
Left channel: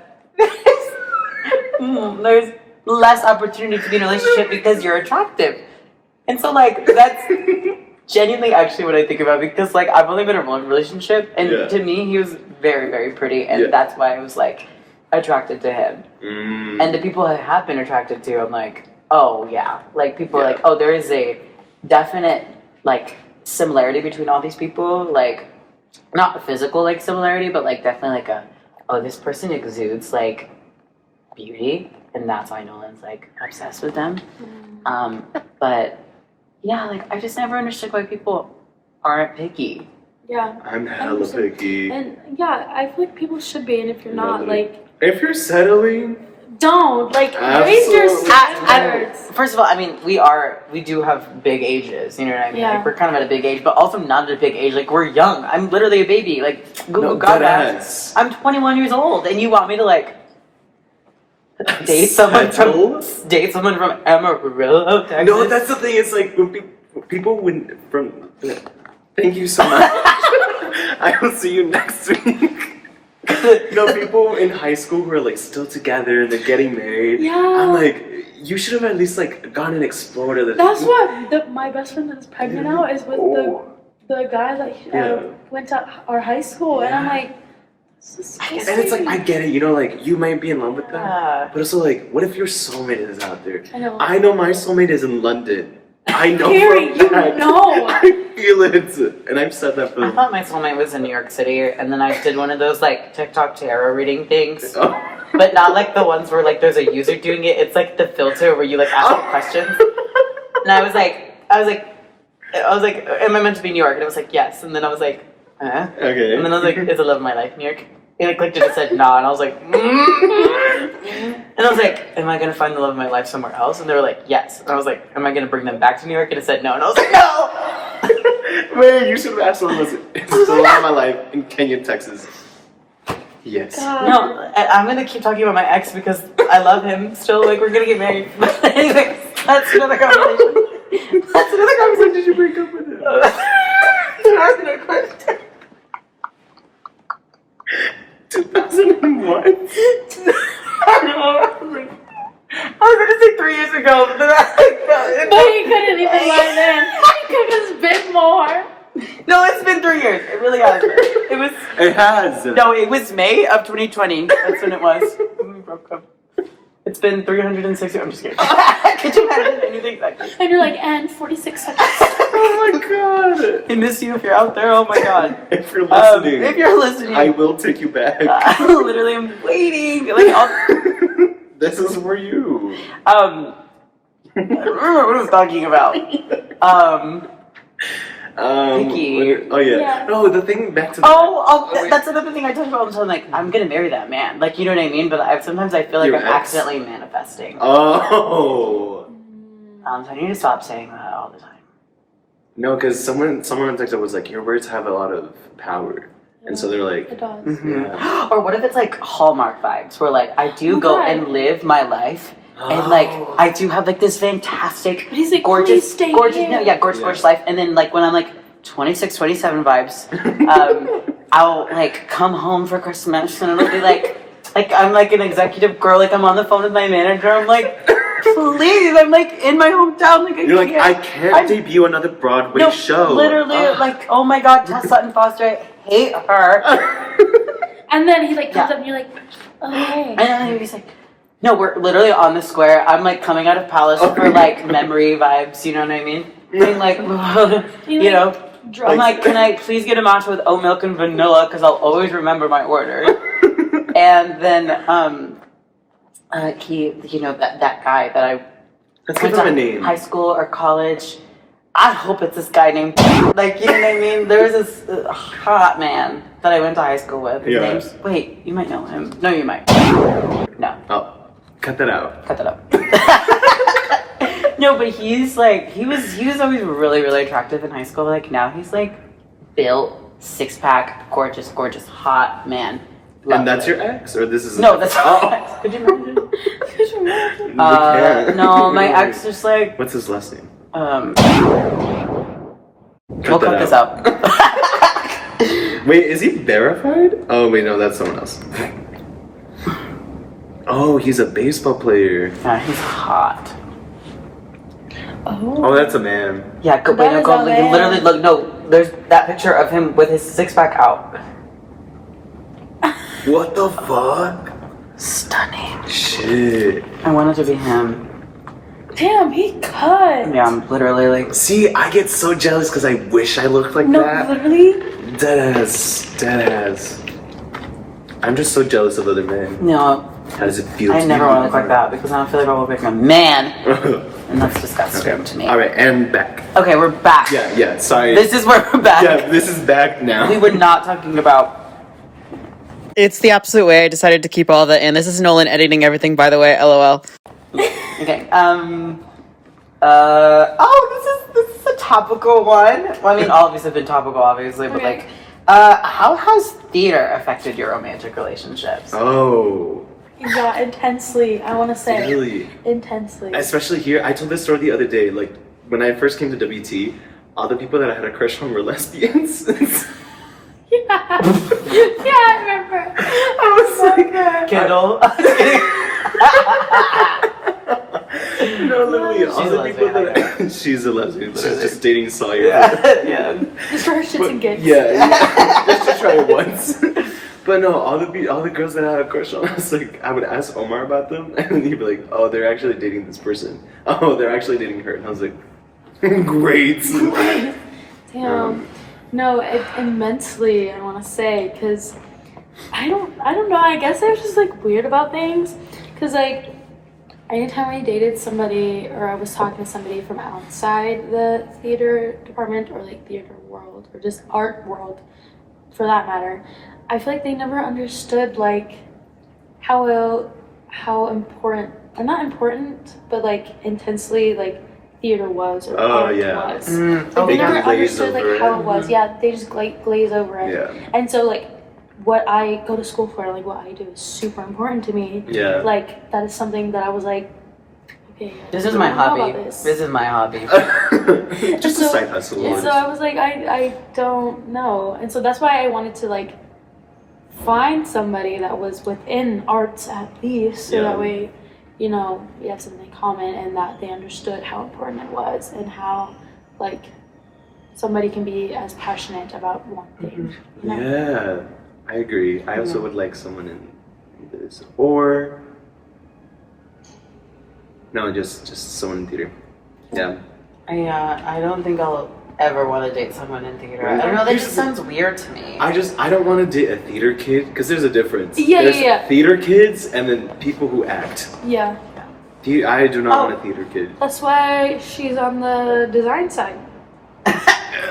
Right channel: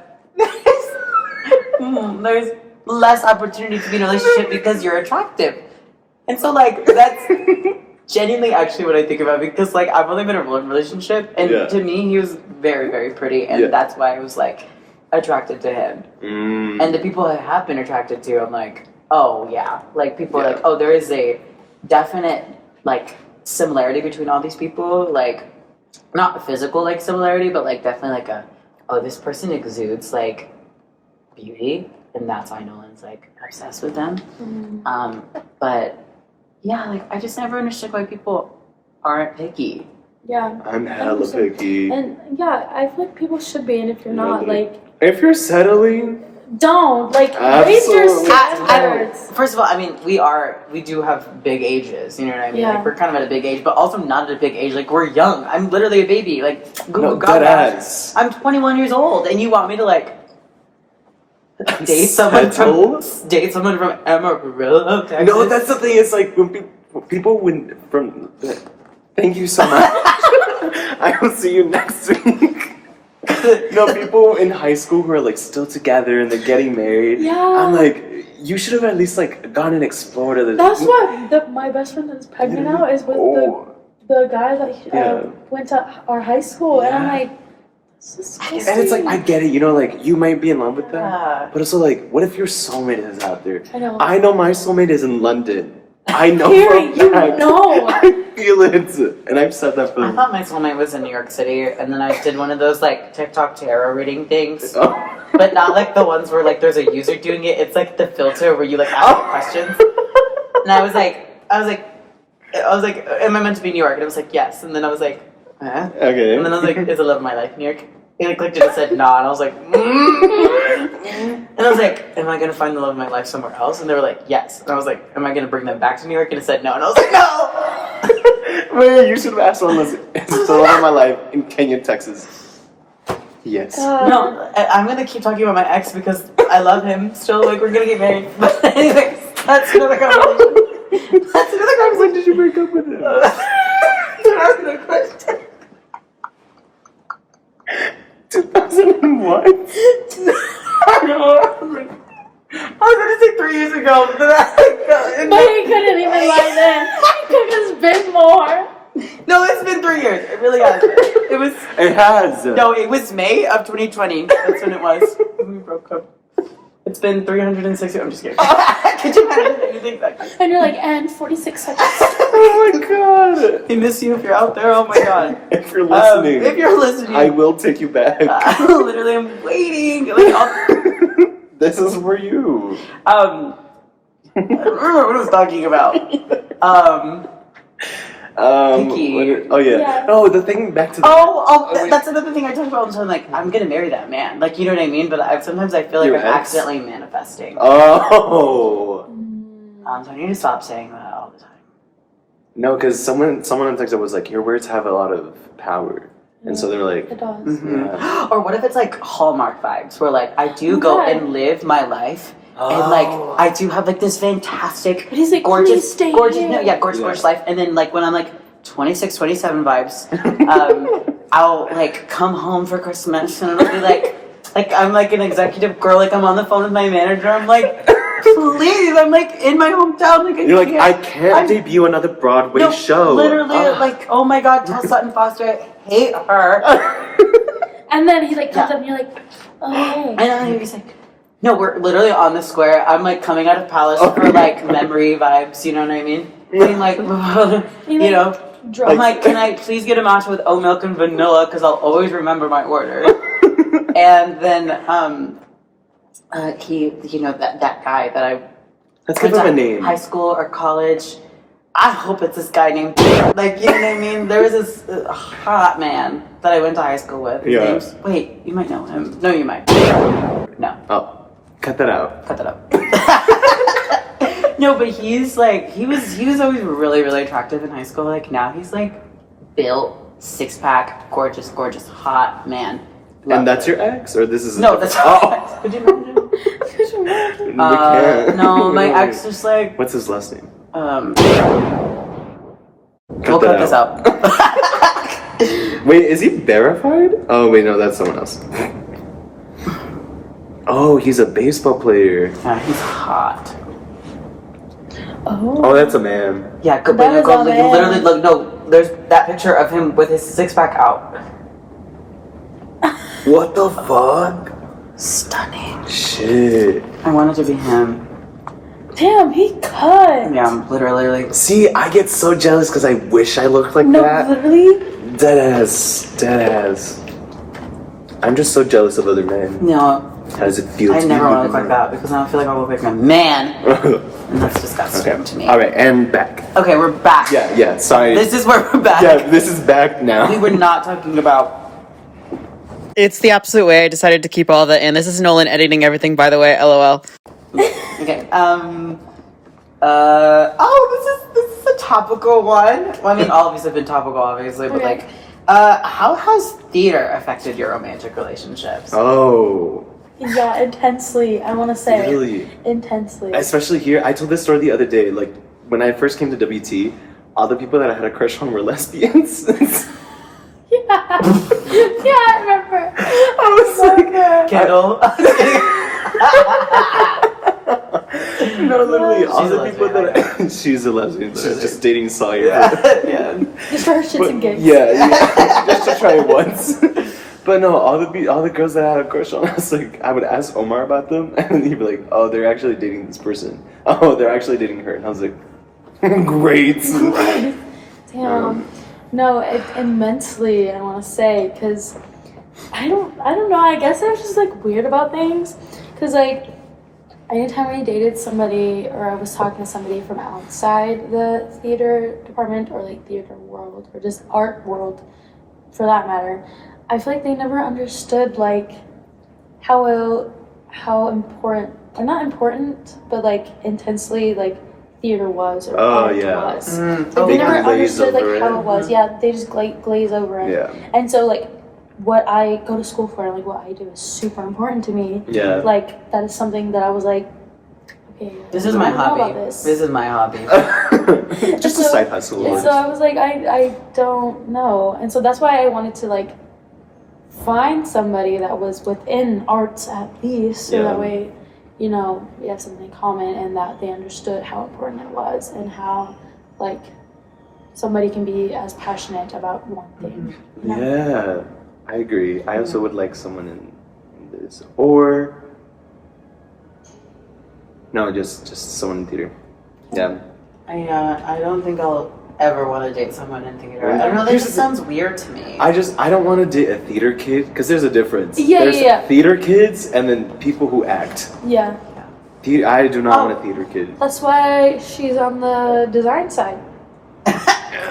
there's less opportunity to be in a relationship because you're attractive. And so like that's genuinely actually what I think about, because like I've only been in one relationship, and Yeah. to me he was very, very pretty, and Yeah. that's why I was like attracted to him. And the people I have been attracted to, I'm like, oh yeah. Like people are Yeah. like, oh, there is a definite like similarity between all these people, like not physical like similarity, but like definitely like oh, this person exudes like beauty, and that's why Nolan's like obsessed with them. But yeah, like I just never understood why people aren't picky. Yeah. I'm hella 100%. picky. And yeah, I feel like people should be, and if you're not, Really? like, If you're settling, don't. Like, raise your Absolutely. standards. First of all, I mean, we do have big ages, you know what I mean? Yeah. Like we're kind of at a big age, but also not at a big age. Like we're young. I'm literally a baby. Like Google no, God, deadass. I'm 21 years old, and you want me to like date someone from Amarillo, Texas. No, that's the thing. It's like when people win from. Thank you so much. I will see you next week. No, people in high school who are like still together and they're getting married. Yeah. I'm like, you should have at least like gone and explored other. That's what my best friend that's pregnant now is with the guy that went to our high school, and I'm like, this is so And it's like, I get it, you know, like you might be in love with them, Yeah. but also like, what if your soulmate is out there? I know. My soulmate is in London. I know. Carrie, for a you fact. know. I feel it, and I've said that for. I thought my soulmate was in New York City, and then I did one of those like TikTok tarot reading things, but not like the ones where like there's a user doing it. It's like the filter where you like ask questions, and I was like, am I meant to be New York? And it was like, yes, and then I was like, Okay. and then I was like, is the love of my life New York? He like clicked it and said nah, and I was like, and I was like, am I gonna find the love of my life somewhere else? And they were like, yes. And I was like, am I gonna bring them back to New York? And it said no, and I was like, no. Man, you should have asked someone this. It's the love of my life in Kenya, Texas. Yes. No, I'm gonna keep talking about my ex because I love him still. Like we're gonna get married. But anyways, that's another conversation. That's another conversation. Did you break up with him? You're asking a question. 2001. I don't know. I was gonna say 3 years ago, but then I felt But he couldn't even lie then. It could have been more. No, it's been 3 years. It really has. It was. It has. No, it was May of 2020. That's when it was. When we broke up. It's been 360. I'm just kidding. Could you imagine anything like that? And you're like, and 46 seconds. Oh my god. I miss you if you're out there. Oh my god. If you're listening, If you're listening, I will take you back. literally, I'm waiting. Like, This is for you. I don't remember what I was talking about. Picky. Oh yeah. Yeah. No, the thing back to. The, wait. That's another thing I talk about all the time. Like, I'm gonna marry that man. Like, you know what I mean? But sometimes I feel like Your I'm ex? accidentally manifesting. Oh. So I need to stop saying that all the time. No, because someone on TikTok was like, your words have a lot of power, and so they're like, It does. yeah. Or what if it's like Hallmark vibes, where like I do go Okay. and live my life, and like I do have like this fantastic, But he's like, gorgeous, please stay gorgeous, here. no, yeah, gorgeous, Yeah. gorgeous life, and then like when I'm like 26, 27 vibes, I'll like come home for Christmas, and it'll be like I'm like an executive girl, like I'm on the phone with my manager, I'm like, please, I'm like in my hometown, like You're like, I can't debut another Broadway show. Literally, like, oh my god, tell Sutton Foster I hate her. And then he like comes Yeah. up and you're like, oh hey. And then he's like, no, we're literally on the square. I'm like coming out of Palace for like memory vibes, you know what I mean? Being like, you know, I'm like, can I please get a matcha with oat milk and vanilla? Because I'll always remember my order. And then, you know, that guy that I Let's give him a name. high school or college. I hope it's this guy named, like, you know what I mean? There was this hot man that I went to high school with. His Yeah. name's, wait, you might know him. No, you might. No, Oh, cut that out. cut that up. No, but he's like, he was always really, really attractive in high school. Like, now he's like built, 6-pack, gorgeous, gorgeous, hot man. Love And that's it. your ex, or this is No, that's oh. not. Could you imagine? Could you imagine? We can't. No, my ex just like, What's his last name? we'll cut this out. Wait, is he verified? Oh wait, no, that's someone else. Oh, he's a baseball player. Yeah, he's hot. Oh. Oh, that's a man. Yeah, go, That wait, no, is go, a like, man. literally, look, no, there's that picture of him with his 6-pack out. What the fuck? Stunning. Shit. I wanted to be him. Damn, he cut. Yeah, I'm literally like, See, I get so jealous because I wish I looked like No, that. literally. Deadass. I'm just so jealous of other men. no, How does it feel? I to never be want to look like that because I don't feel like I look like a man. that. And that's disgusting to me. All right, and back. Okay, we're back. Yeah. Sorry. This is where we're back. Yeah, this is back now. We were not talking about. It's the absolute way. I decided to keep all of that in. This is Nolan editing everything, by the way. LOL. Okay. This is a topical one. Well, I mean, all of these have been topical, obviously, but Okay. like, how has theater affected your romantic relationships? Oh. Yeah, intensely. I want to say Really. intensely. Especially here, I told this story the other day. Like when I first came to WT, all the people that I had a crush on were lesbians. Yeah, yeah, I remember. I was like, Kendall. no, literally, all She's the a people lesbian, that she's a lesbian. She's just dating Sawyer. Yeah. Just for her shits and gigs. Yeah, just to try it once. But no, all the girls that I had a crush on, I was like, I would ask Omar about them, and he'd be like, "Oh, they're actually dating this person. Oh, they're actually dating her." And I was like, "Great." Damn. No, immensely. I want to say because I don't know. I guess I was just like weird about things because like anytime I dated somebody or I was talking to somebody from outside the theater department or like theater world or just art world, for that matter, I feel like they never understood like how important or not important but like intensely like theater was or art was. Like they never understood like how it was. Yeah, they just glaze over it. Yeah. And so like what I go to school for, like what I do is super important to me. Yeah. Like that is something that I was like, okay, This is I my don't know hobby. about this. This is my hobby. Just a side hustle. And so I was like, I don't know. And so that's why I wanted to like find somebody that was within arts at least, so that way, you know, we have something in common and that they understood how important it was and how like somebody can be as passionate about one thing. You know? Yeah, I agree. I also would like someone in this, or no, just someone in theater. Yeah. I don't think I'll ever want to date someone in theater. I don't know, that just sounds weird to me. I don't want to date a theater kid because there's a difference. Yeah, there's yeah. theater kids and then people who act. Yeah. I do not want a theater kid. That's why she's on the design side.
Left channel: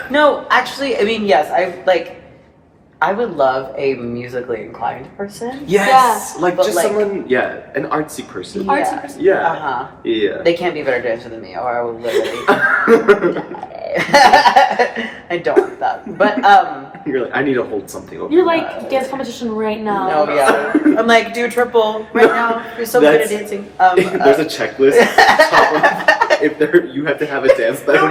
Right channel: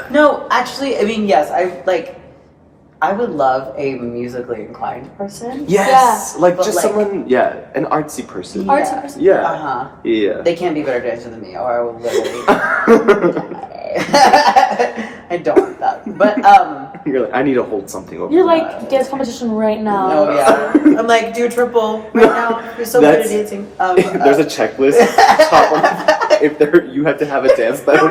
No, actually, I mean, yes, I would love a musically inclined person. Yes, like But just like- someone, an artsy person. Artsy person. Yeah. Uh-huh. Yeah. They can't be better dancer than me, or I would literally I don't want that. But You're like, I need to hold something over. You're like dance competition right now. no, yeah. I'm like, do a triple right now. You're so good at dancing. There's a checklist. If you have to have a dance battle.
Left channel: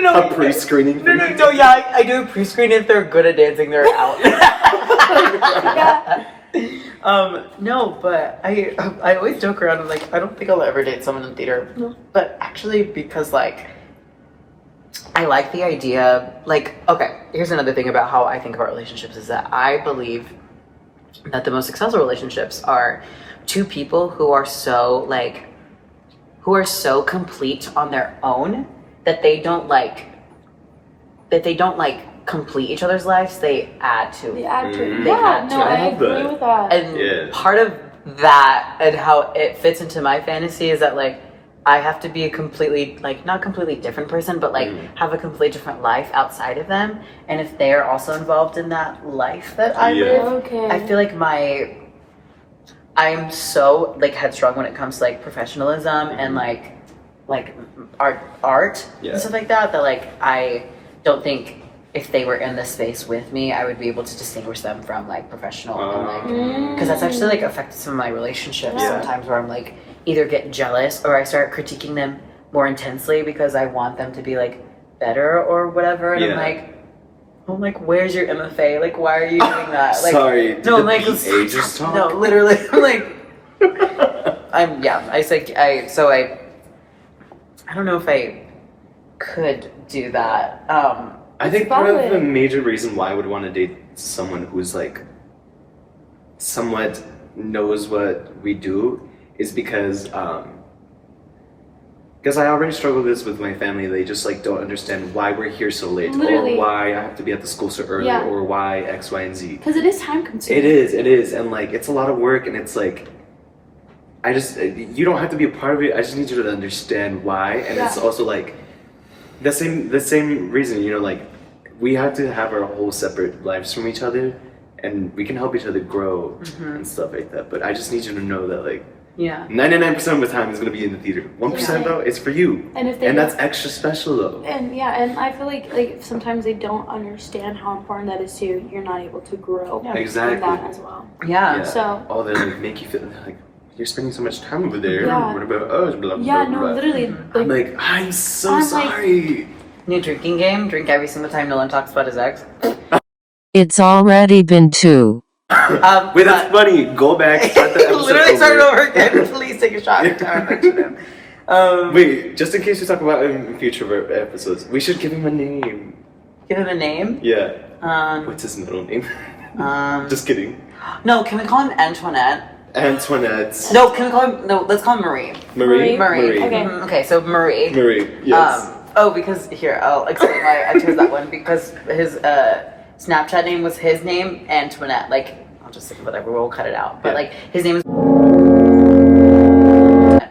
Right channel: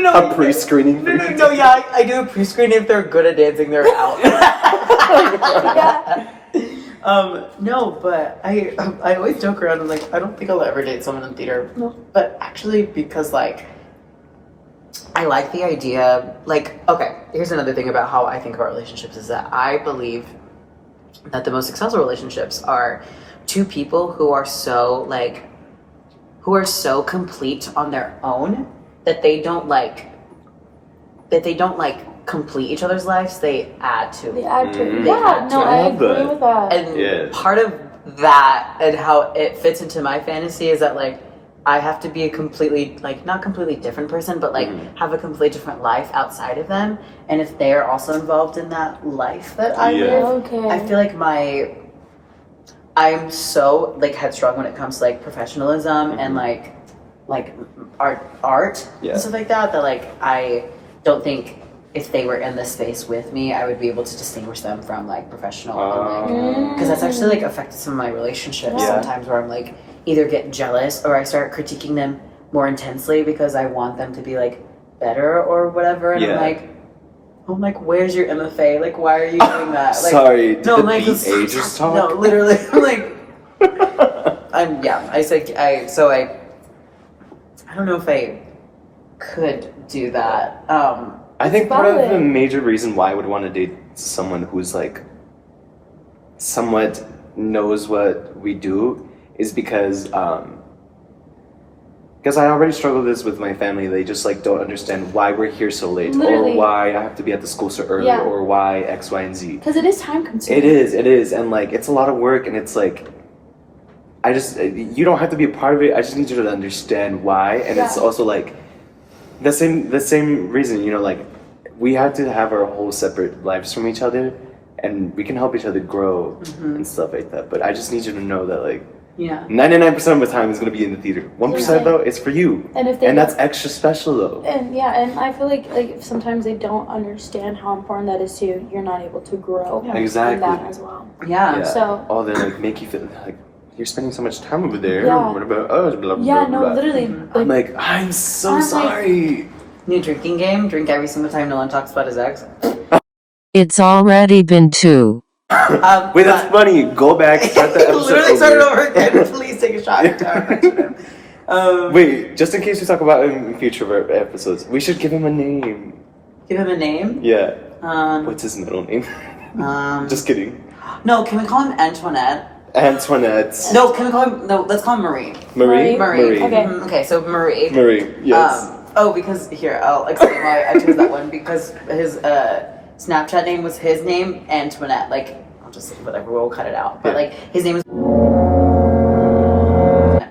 No, A pre-screening. No, yeah, I do a pre-screen. If they're good at dancing, they're out. Yeah. No, but I always joke around. I'm like, I don't think I'll ever date someone in theater. No. But actually, because like, I like the idea. Like, okay, here's another thing about how I think about relationships is that I believe that the most successful relationships are two people who are so complete on their own that they don't complete each other's lives, they add to They it. add to it. Mhm. Yeah, no, I I love agree that. with that. And part of that and how it fits into my fantasy is that like I have to be a completely not completely different person, but like have a completely different life outside of them. And if they're also involved in that life that I live, Okay. I feel like I am so like headstrong when it comes to like professionalism and like art Yeah. and stuff like that. That like I don't think if they were in this space with me, I would be able to distinguish them from like professional and like because that's actually like affected some of my relationships Yeah. sometimes where I'm like either get jealous or I start critiquing them more intensely because I want them to be like better or whatever, and I'm like, where's your MFA? Like, why are you doing that? Like, sorry, did no, the like, BA just talk? no, literally, I'm like, I don't know if I could do that. I think part of the valid. major reason why I would want to date someone who's like somewhat knows what we do is because I already struggle with this with my family. They just like don't understand why we're here so late, Literally. or why I have to be at the school so early, Yeah. or why X, Y, and Z. Because it is time consuming. It is, and like it's a lot of work, and it's like you don't have to be a part of it. I just need you to understand why, and it's Yeah. also like the same reason. You know, like we have to have our whole separate lives from each other, and we can help each other grow and stuff like that. But I just need you to know that like Yeah. 99% of the time is going to be in the theater. 1% though, it's for you. And if they and don't- that's extra special though. And yeah, and I feel like if sometimes they don't understand how important that is to you, you're not able to grow Exactly. in that as well. Yeah. So oh, they like make you feel like you're spending so much time over there. Yeah. What about us? Blah, blah, yeah, blah, no, blah. literally, I'm like, I'm so I'm like- sorry. New drinking game. Drink every single time Nolan talks about his ex. It's already been 2. Wait, that's funny. Go back, start the episode Literally start over. over again. Please take a shot every time I mention him. Wait, just in case we talk about him in future episodes, we should give him a name. Give him a name. Yeah. Um, What's his middle name? um, Just kidding. no, can we call him Antoinette? Antoinette. No, can we call him? No, let's call him Marie. Marie. Marie. Okay. Okay, so Marie. Marie. Yes. Because here I'll explain why I chose that one because his Snapchat name was his name Antoinette. Like I'll just whatever we'll cut it out. But like his name is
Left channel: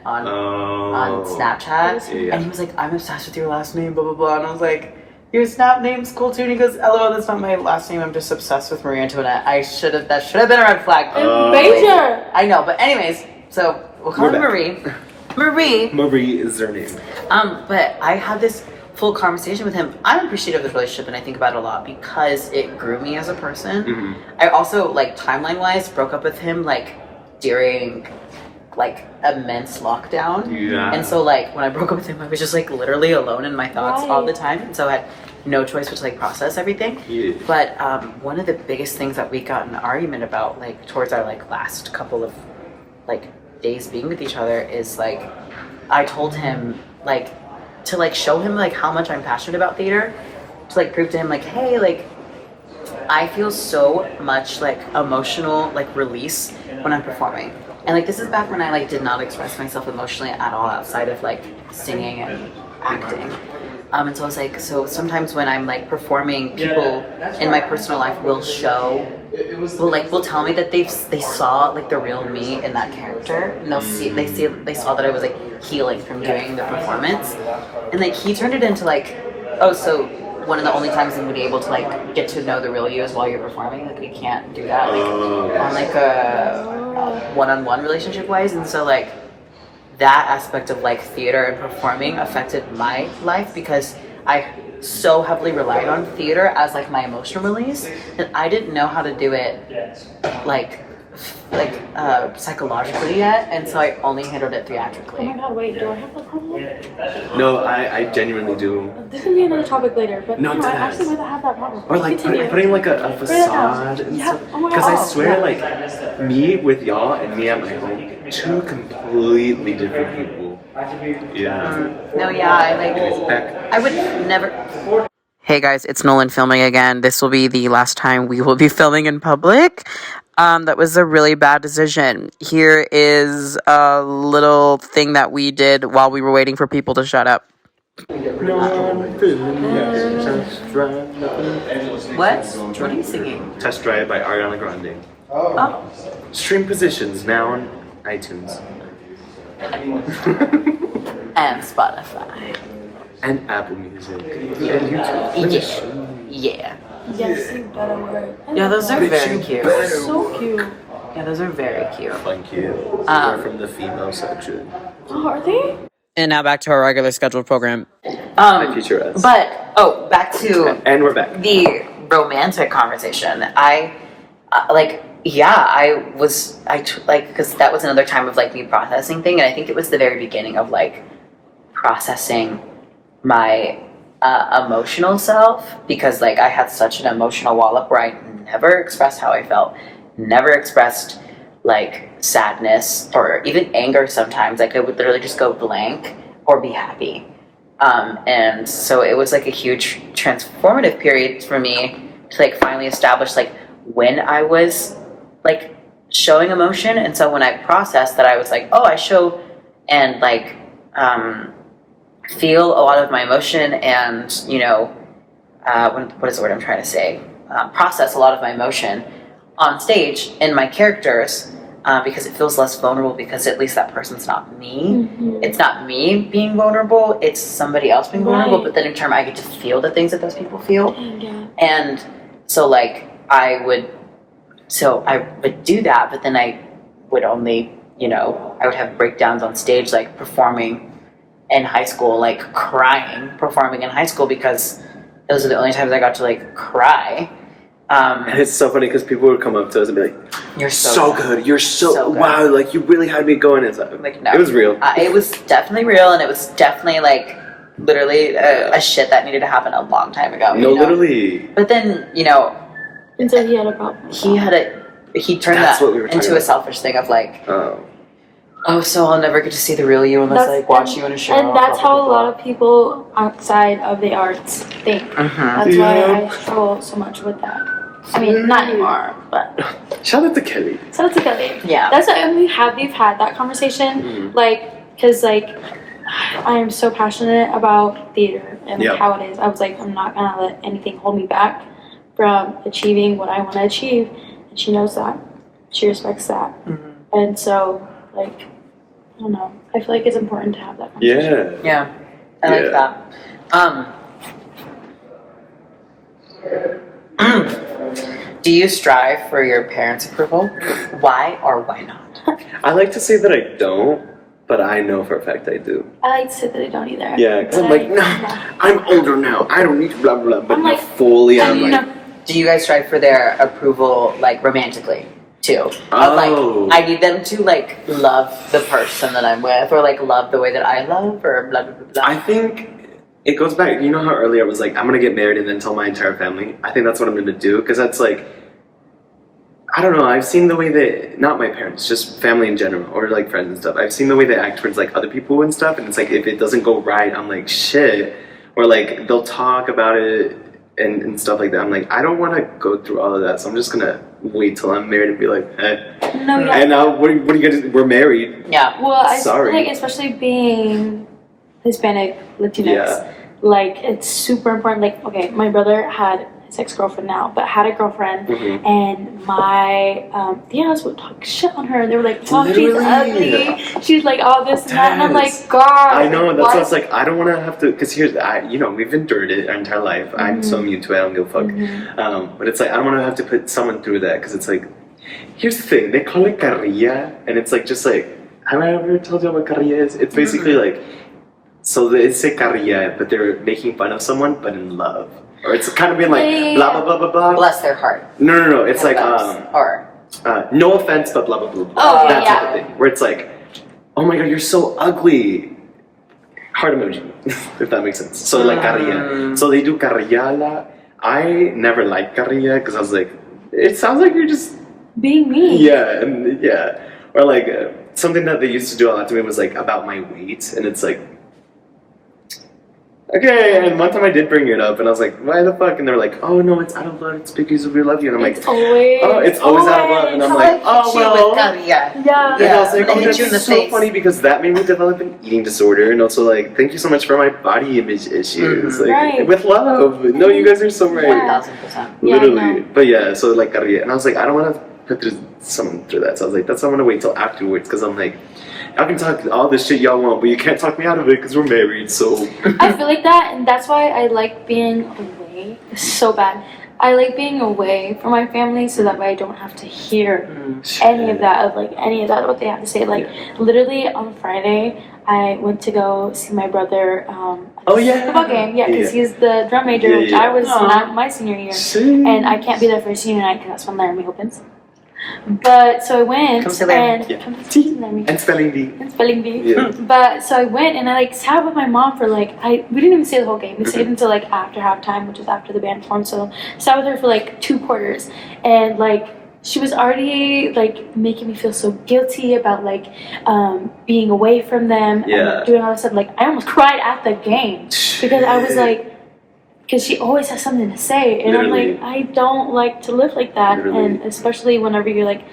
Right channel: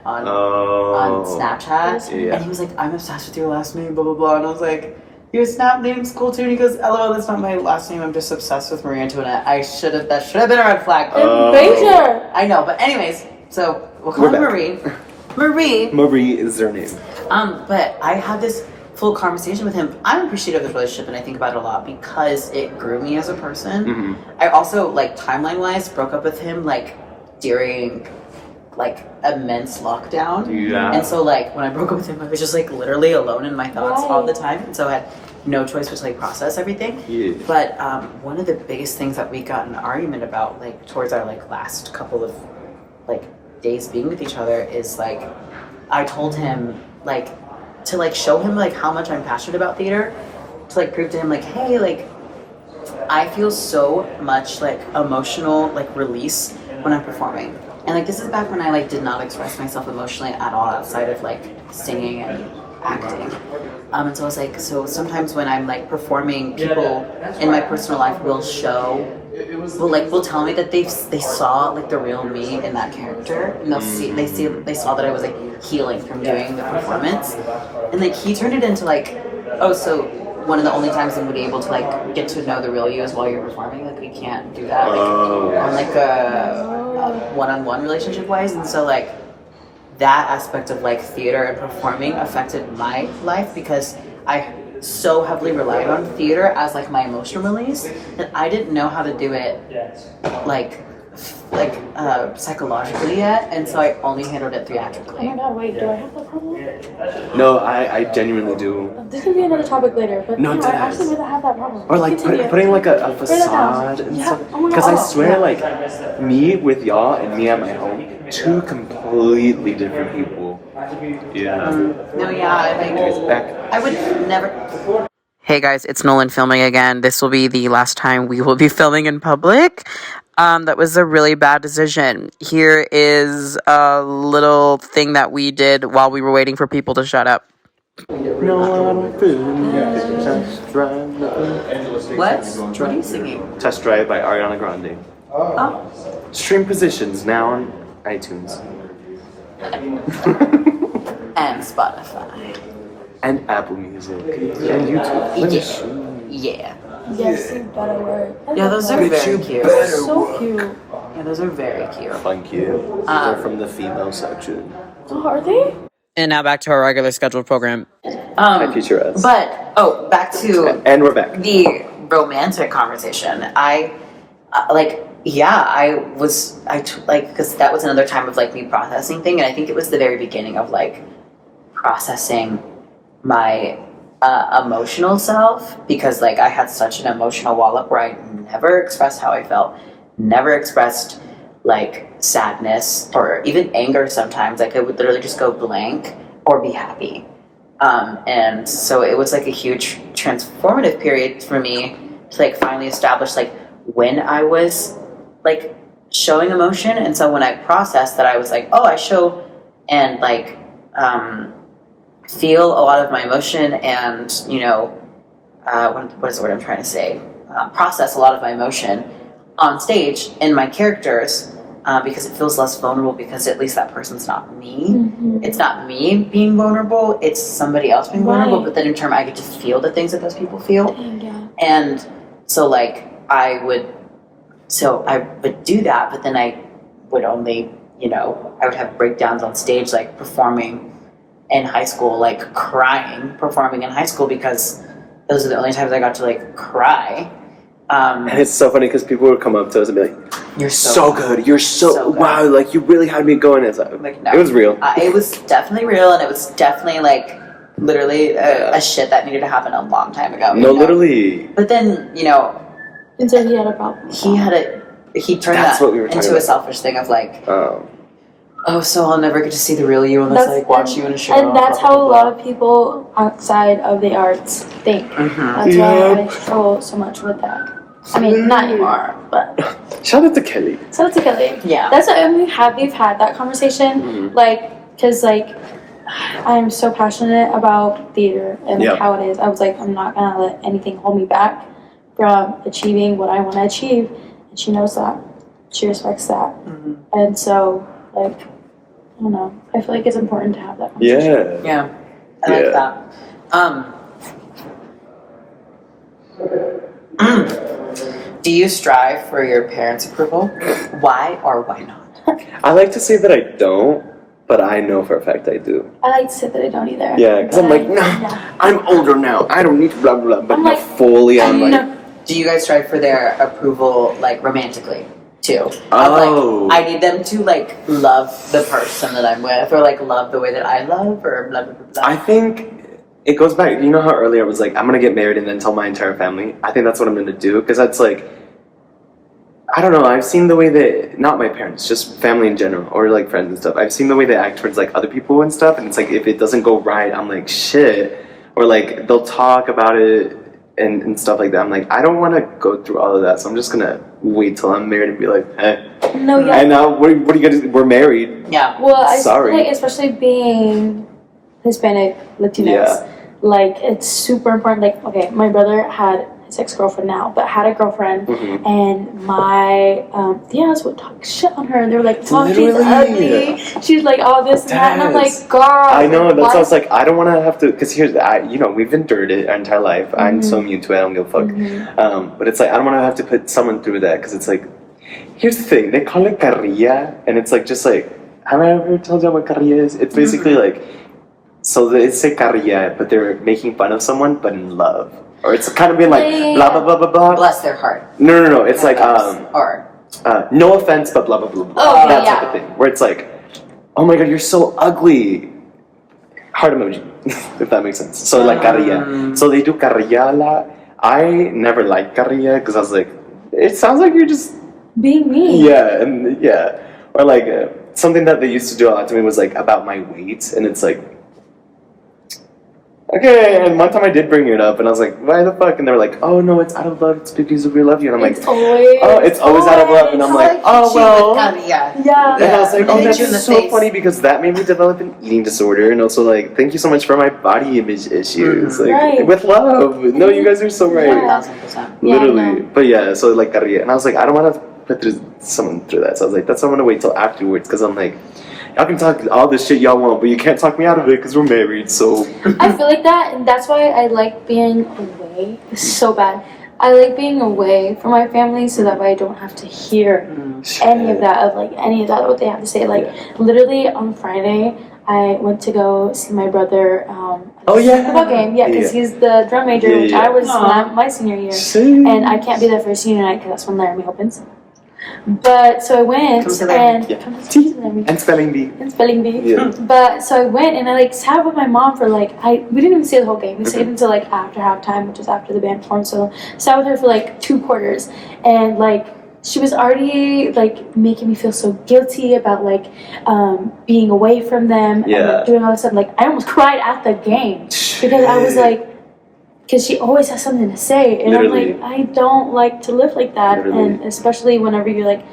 on Snapchat, Yeah. and he was like, "I'm obsessed with your last name," blah blah blah, and I was like, "Your Snap name's cool too." And he goes, "LOL, that's not my last name. I'm just obsessed with Marie Antoinette." That should have been a red flag. major. I know, but anyways, so we'll call her We're Marie. Marie. Marie is their name. But I had this full conversation with him. I'm appreciative of this relationship and I think about it a lot because it grew me as a person. Mm-hmm. I also, like, timeline wise, broke up with him, like, during, like, immense lockdown. Yeah. And so, like, when I broke up with him, I was just, like, literally alone in my thoughts all the Right. time. And so I had no choice but to, like, process everything. Yeah. But one of the biggest things that we got in an argument about, like, towards our, like, last couple of, like, days being with each other is, like, I told him, like, to, like, show him, like, how much I'm passionate about theater, to, like, prove to him, like, hey, like, I feel so much, like, emotional, like, release when I'm performing. And, like, this is back when I, like, did not express myself emotionally at all outside of, like, singing and acting. And so I was like, so sometimes when I'm, like, performing, people in my personal life will will tell me that they saw, like, the real me in that character, and they saw that I was, like, healing from doing the performance, and, like, he turned it into, like, oh, so one of the only times I'm gonna be able to, like, get to know the real you is while you're performing. Like, we can't do that, like, on, like, a one-on-one relationship wise. And so, like, that aspect of, like, theater and performing affected my life because I so heavily relied on theater as, like, my emotional release that I didn't know how to do it, like psychologically yet, and so I only handled it Oh theatrically. my god, wait, do I have that problem? No, I genuinely do. This can be another topic later, but No, no, I it actually does. might have that problem. Or like Continue. putting like a that down. facade and Yeah. stuff. Oh my God. Because I Oh, swear, yeah. like me with y'all and me at my home, two completely different people. Yeah. No, yeah, It's back. I would never. Hey guys, it's Nolan filming again. This will be the last time we will be filming in public. That was a really bad decision. Here is a little thing that we did while we were waiting for people to shut up. What? What are you singing? Test Drive by Ariana Grande. Oh. Stream positions now on iTunes. And Spotify. And Apple Music. And YouTube. Yeah. Yes, you better word. I Yeah, love those that. are very cute. So cute. Yeah, those are very cute. Thank you. They're from the female section. Oh, are they? And now back to our regular scheduled program. My future us. But back to And we're back. the romantic conversation. I because that was another time of, like, me processing thing, and I think it was the very beginning of, like, processing my emotional self, because, like, I had such an emotional wall up where I never expressed how I felt, never expressed, like, sadness or even anger sometimes. Like, I would literally just go blank or be happy. And so it was, like, a huge transformative period for me to, like, finally establish, like, when I was, like, showing emotion. And so when I processed that, I was like, oh, I show and, like, feel a lot of my emotion and, you know, what is the word I'm trying to say? Process a lot of my emotion on stage in my characters, because it feels less vulnerable, because at least that person's not me. Mm-hmm. It's not me being vulnerable, it's somebody else being vulnerable, Right. but then in turn I get to feel the things that those people feel. Dang, yeah. And so, like, I would do that, but then I would only I would have breakdowns on stage, like performing in high school, like crying, performing in high school because those are the only times I got to like cry. It's so funny because people would come up to us and be like, You're so good. You're so good. wow. Like you really had me going. It's like, no. It was real. It was definitely real, and it was definitely like literally a shit that needed to happen a long time ago. No, literally. But then And so he had a problem. He turned That's that what we were talking into a about. selfish thing of like, Oh. so I'll never get to see the real you unless I like watch you in a show. And that's how a lot of people outside of the arts think. That's why I struggle so much with that. I mean, not anymore, but Shout out to Kelly. shout out to Kelly. Yeah. That's why we've had that conversation, because I am so passionate about theater and how it is. I was like, I'm not gonna let anything hold me back from achieving what I want to achieve, and she knows that. She respects that, and so I don't know. I feel like it's important to have that conversation. Yeah, I like that. Do you strive for your parents' approval? Why or why not? I like to say that I don't, but I know for a fact I do. I like to say that I don't either. Yeah, because I'm like, no, I'm older now. I don't need to blah blah. But I'm like, fully, I'm like, do you guys strive for their approval, like romantically, too? Oh. Of, like, I need them to like love the person that I'm with, or like love the way that I love, or blah blah blah. blah. I think it goes back. You know how earlier I was like, I'm gonna get married and then tell my entire family. I think that's what I'm gonna do because that's like, I don't know. I've seen the way that not my parents, just family in general, or like friends and stuff. I've seen the way they act towards like other people and stuff, and it's like if it doesn't go right, I'm like shit, or like they'll talk about it and stuff like that. I'm like, I don't want to go through all of that, so I'm just gonna wait till I'm married and be like, No, yeah. And now what are you gonna do? We're married. Yeah. Well, I Sorry. feel like, especially being Hispanic, Latinx, like it's super important. Like, okay, my brother had his ex-girlfriend now, but had a girlfriend, and my aunts would talk shit on her. They were like, "Oh, she's ugly. She's like all this and that," and I'm like, "God." I know. That's why? why I was like, I don't want to have to, because here's, we've endured it our entire life. I'm so immune to it. I don't give a fuck. But it's like I don't want to have to put someone through that because it's like, here's the thing. They call it carrilla, and it's like just like, have I ever told you what carrilla is? It's basically like, so they say carrilla, but they're making fun of someone, but in love. Or it's kind of been like blah blah blah blah blah. Bless their heart. No. It's like or no offense, but blah blah blah. blah. Oh, that yeah. type of thing. Where it's like, oh my god, you're so ugly. Heart emoji, if that makes sense. So like carrilla. So they do carrilla. I never liked carrilla because I was like, it sounds like you're just being mean. Yeah. Or like something that they used to do a lot to me was like about my weight, and it's like. Okay, and one time I did bring it up, and I was like, why the fuck? And they're like, oh no, it's out of love, it's because we love you. And I'm like, It's always out of love. And I'm like, oh well. Yeah. And I was like, They oh, hit that's you in the so face. funny because that made me develop an eating disorder, and also like, thank you so much for my body image issues. Like, Right. with love. No, you guys are so right. Yeah. 1,000%. Yeah, I Literally. know. But yeah, so like carrilla. And I was like, I don't want to put someone through that. So I was like, that's why I'm going to wait till afterwards, because I'm like, y'all can talk all this shit y'all want, but you can't talk me out of it because we're married, so. I feel like that, and that's why I like being away. It's so bad. I like being away from my family so that way I don't have to hear any of that, what they have to say. Like, literally on Friday, I went to go see my brother at a football game. Yeah, because he's the drum major, which I was not my senior year. And I can't be there for senior night because that's when Laramie opens. But so I went Come to Laramie. and come to Laramie. And spelling bee. And spelling bee. Yeah. But so I went and I like sat with my mom for like we didn't even stay the whole game. We stayed until like after halftime, which was after the band formed. So sat with her for like 2 quarters, and like she was already like making me feel so guilty about like being away from them and like, doing all this stuff. Like I almost cried at the game because I was like. Because she always has something to say, and Literally. I'm like, I don't like to live like that, Literally. and especially whenever you're like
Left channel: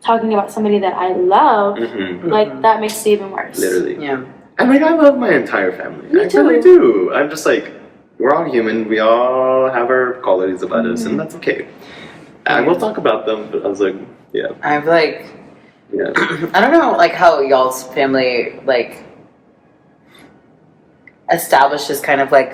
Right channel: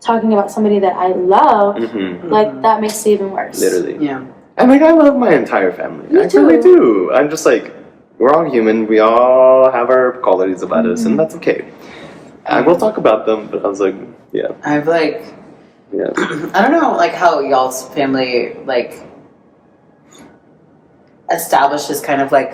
talking about somebody that I love, like that makes it even worse. Literally. Yeah. And like I love my entire family. Me I too. really do. I'm just like, we're all human. We all have our qualities about us, and that's okay. And we'll talk about them. But I was like, yeah. I've like, Yeah. I don't know, like how y'all's family like establishes kind of like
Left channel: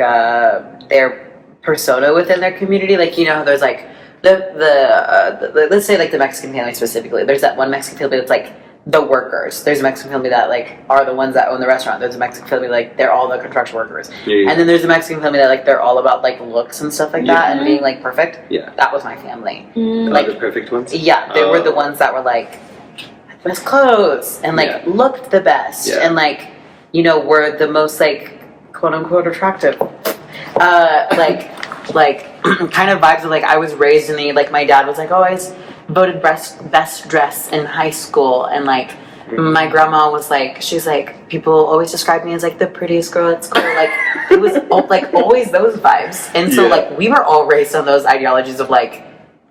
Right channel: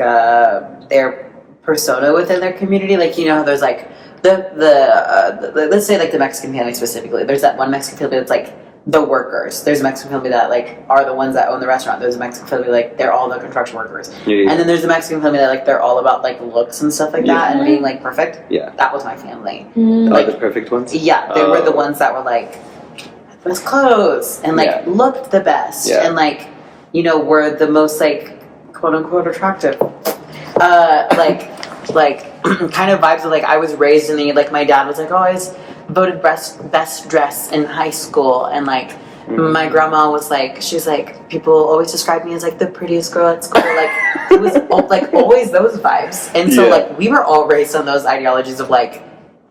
their persona within their community. Like, you know, there's like the let's say like the Mexican family specifically. There's that one Mexican family that's like the workers. There's a Mexican family that like are the ones that own the restaurant. There's a Mexican family like they're all the construction workers. Yeah. And then there's a Mexican family that like they're all about like looks and stuff like that and being like perfect. Yeah. That was my family. Like the perfect ones? Yeah, they were the ones that were like best clothes and like looked the best and like, you know, were the most like quote unquote attractive. Like kind of vibes of like I was raised in the like my dad was like always voted best dress in high school, and like my grandma was like, she's like, people always describe me as like the prettiest girl at school. Like it was like always those vibes, and so like we were all raised on those ideologies of like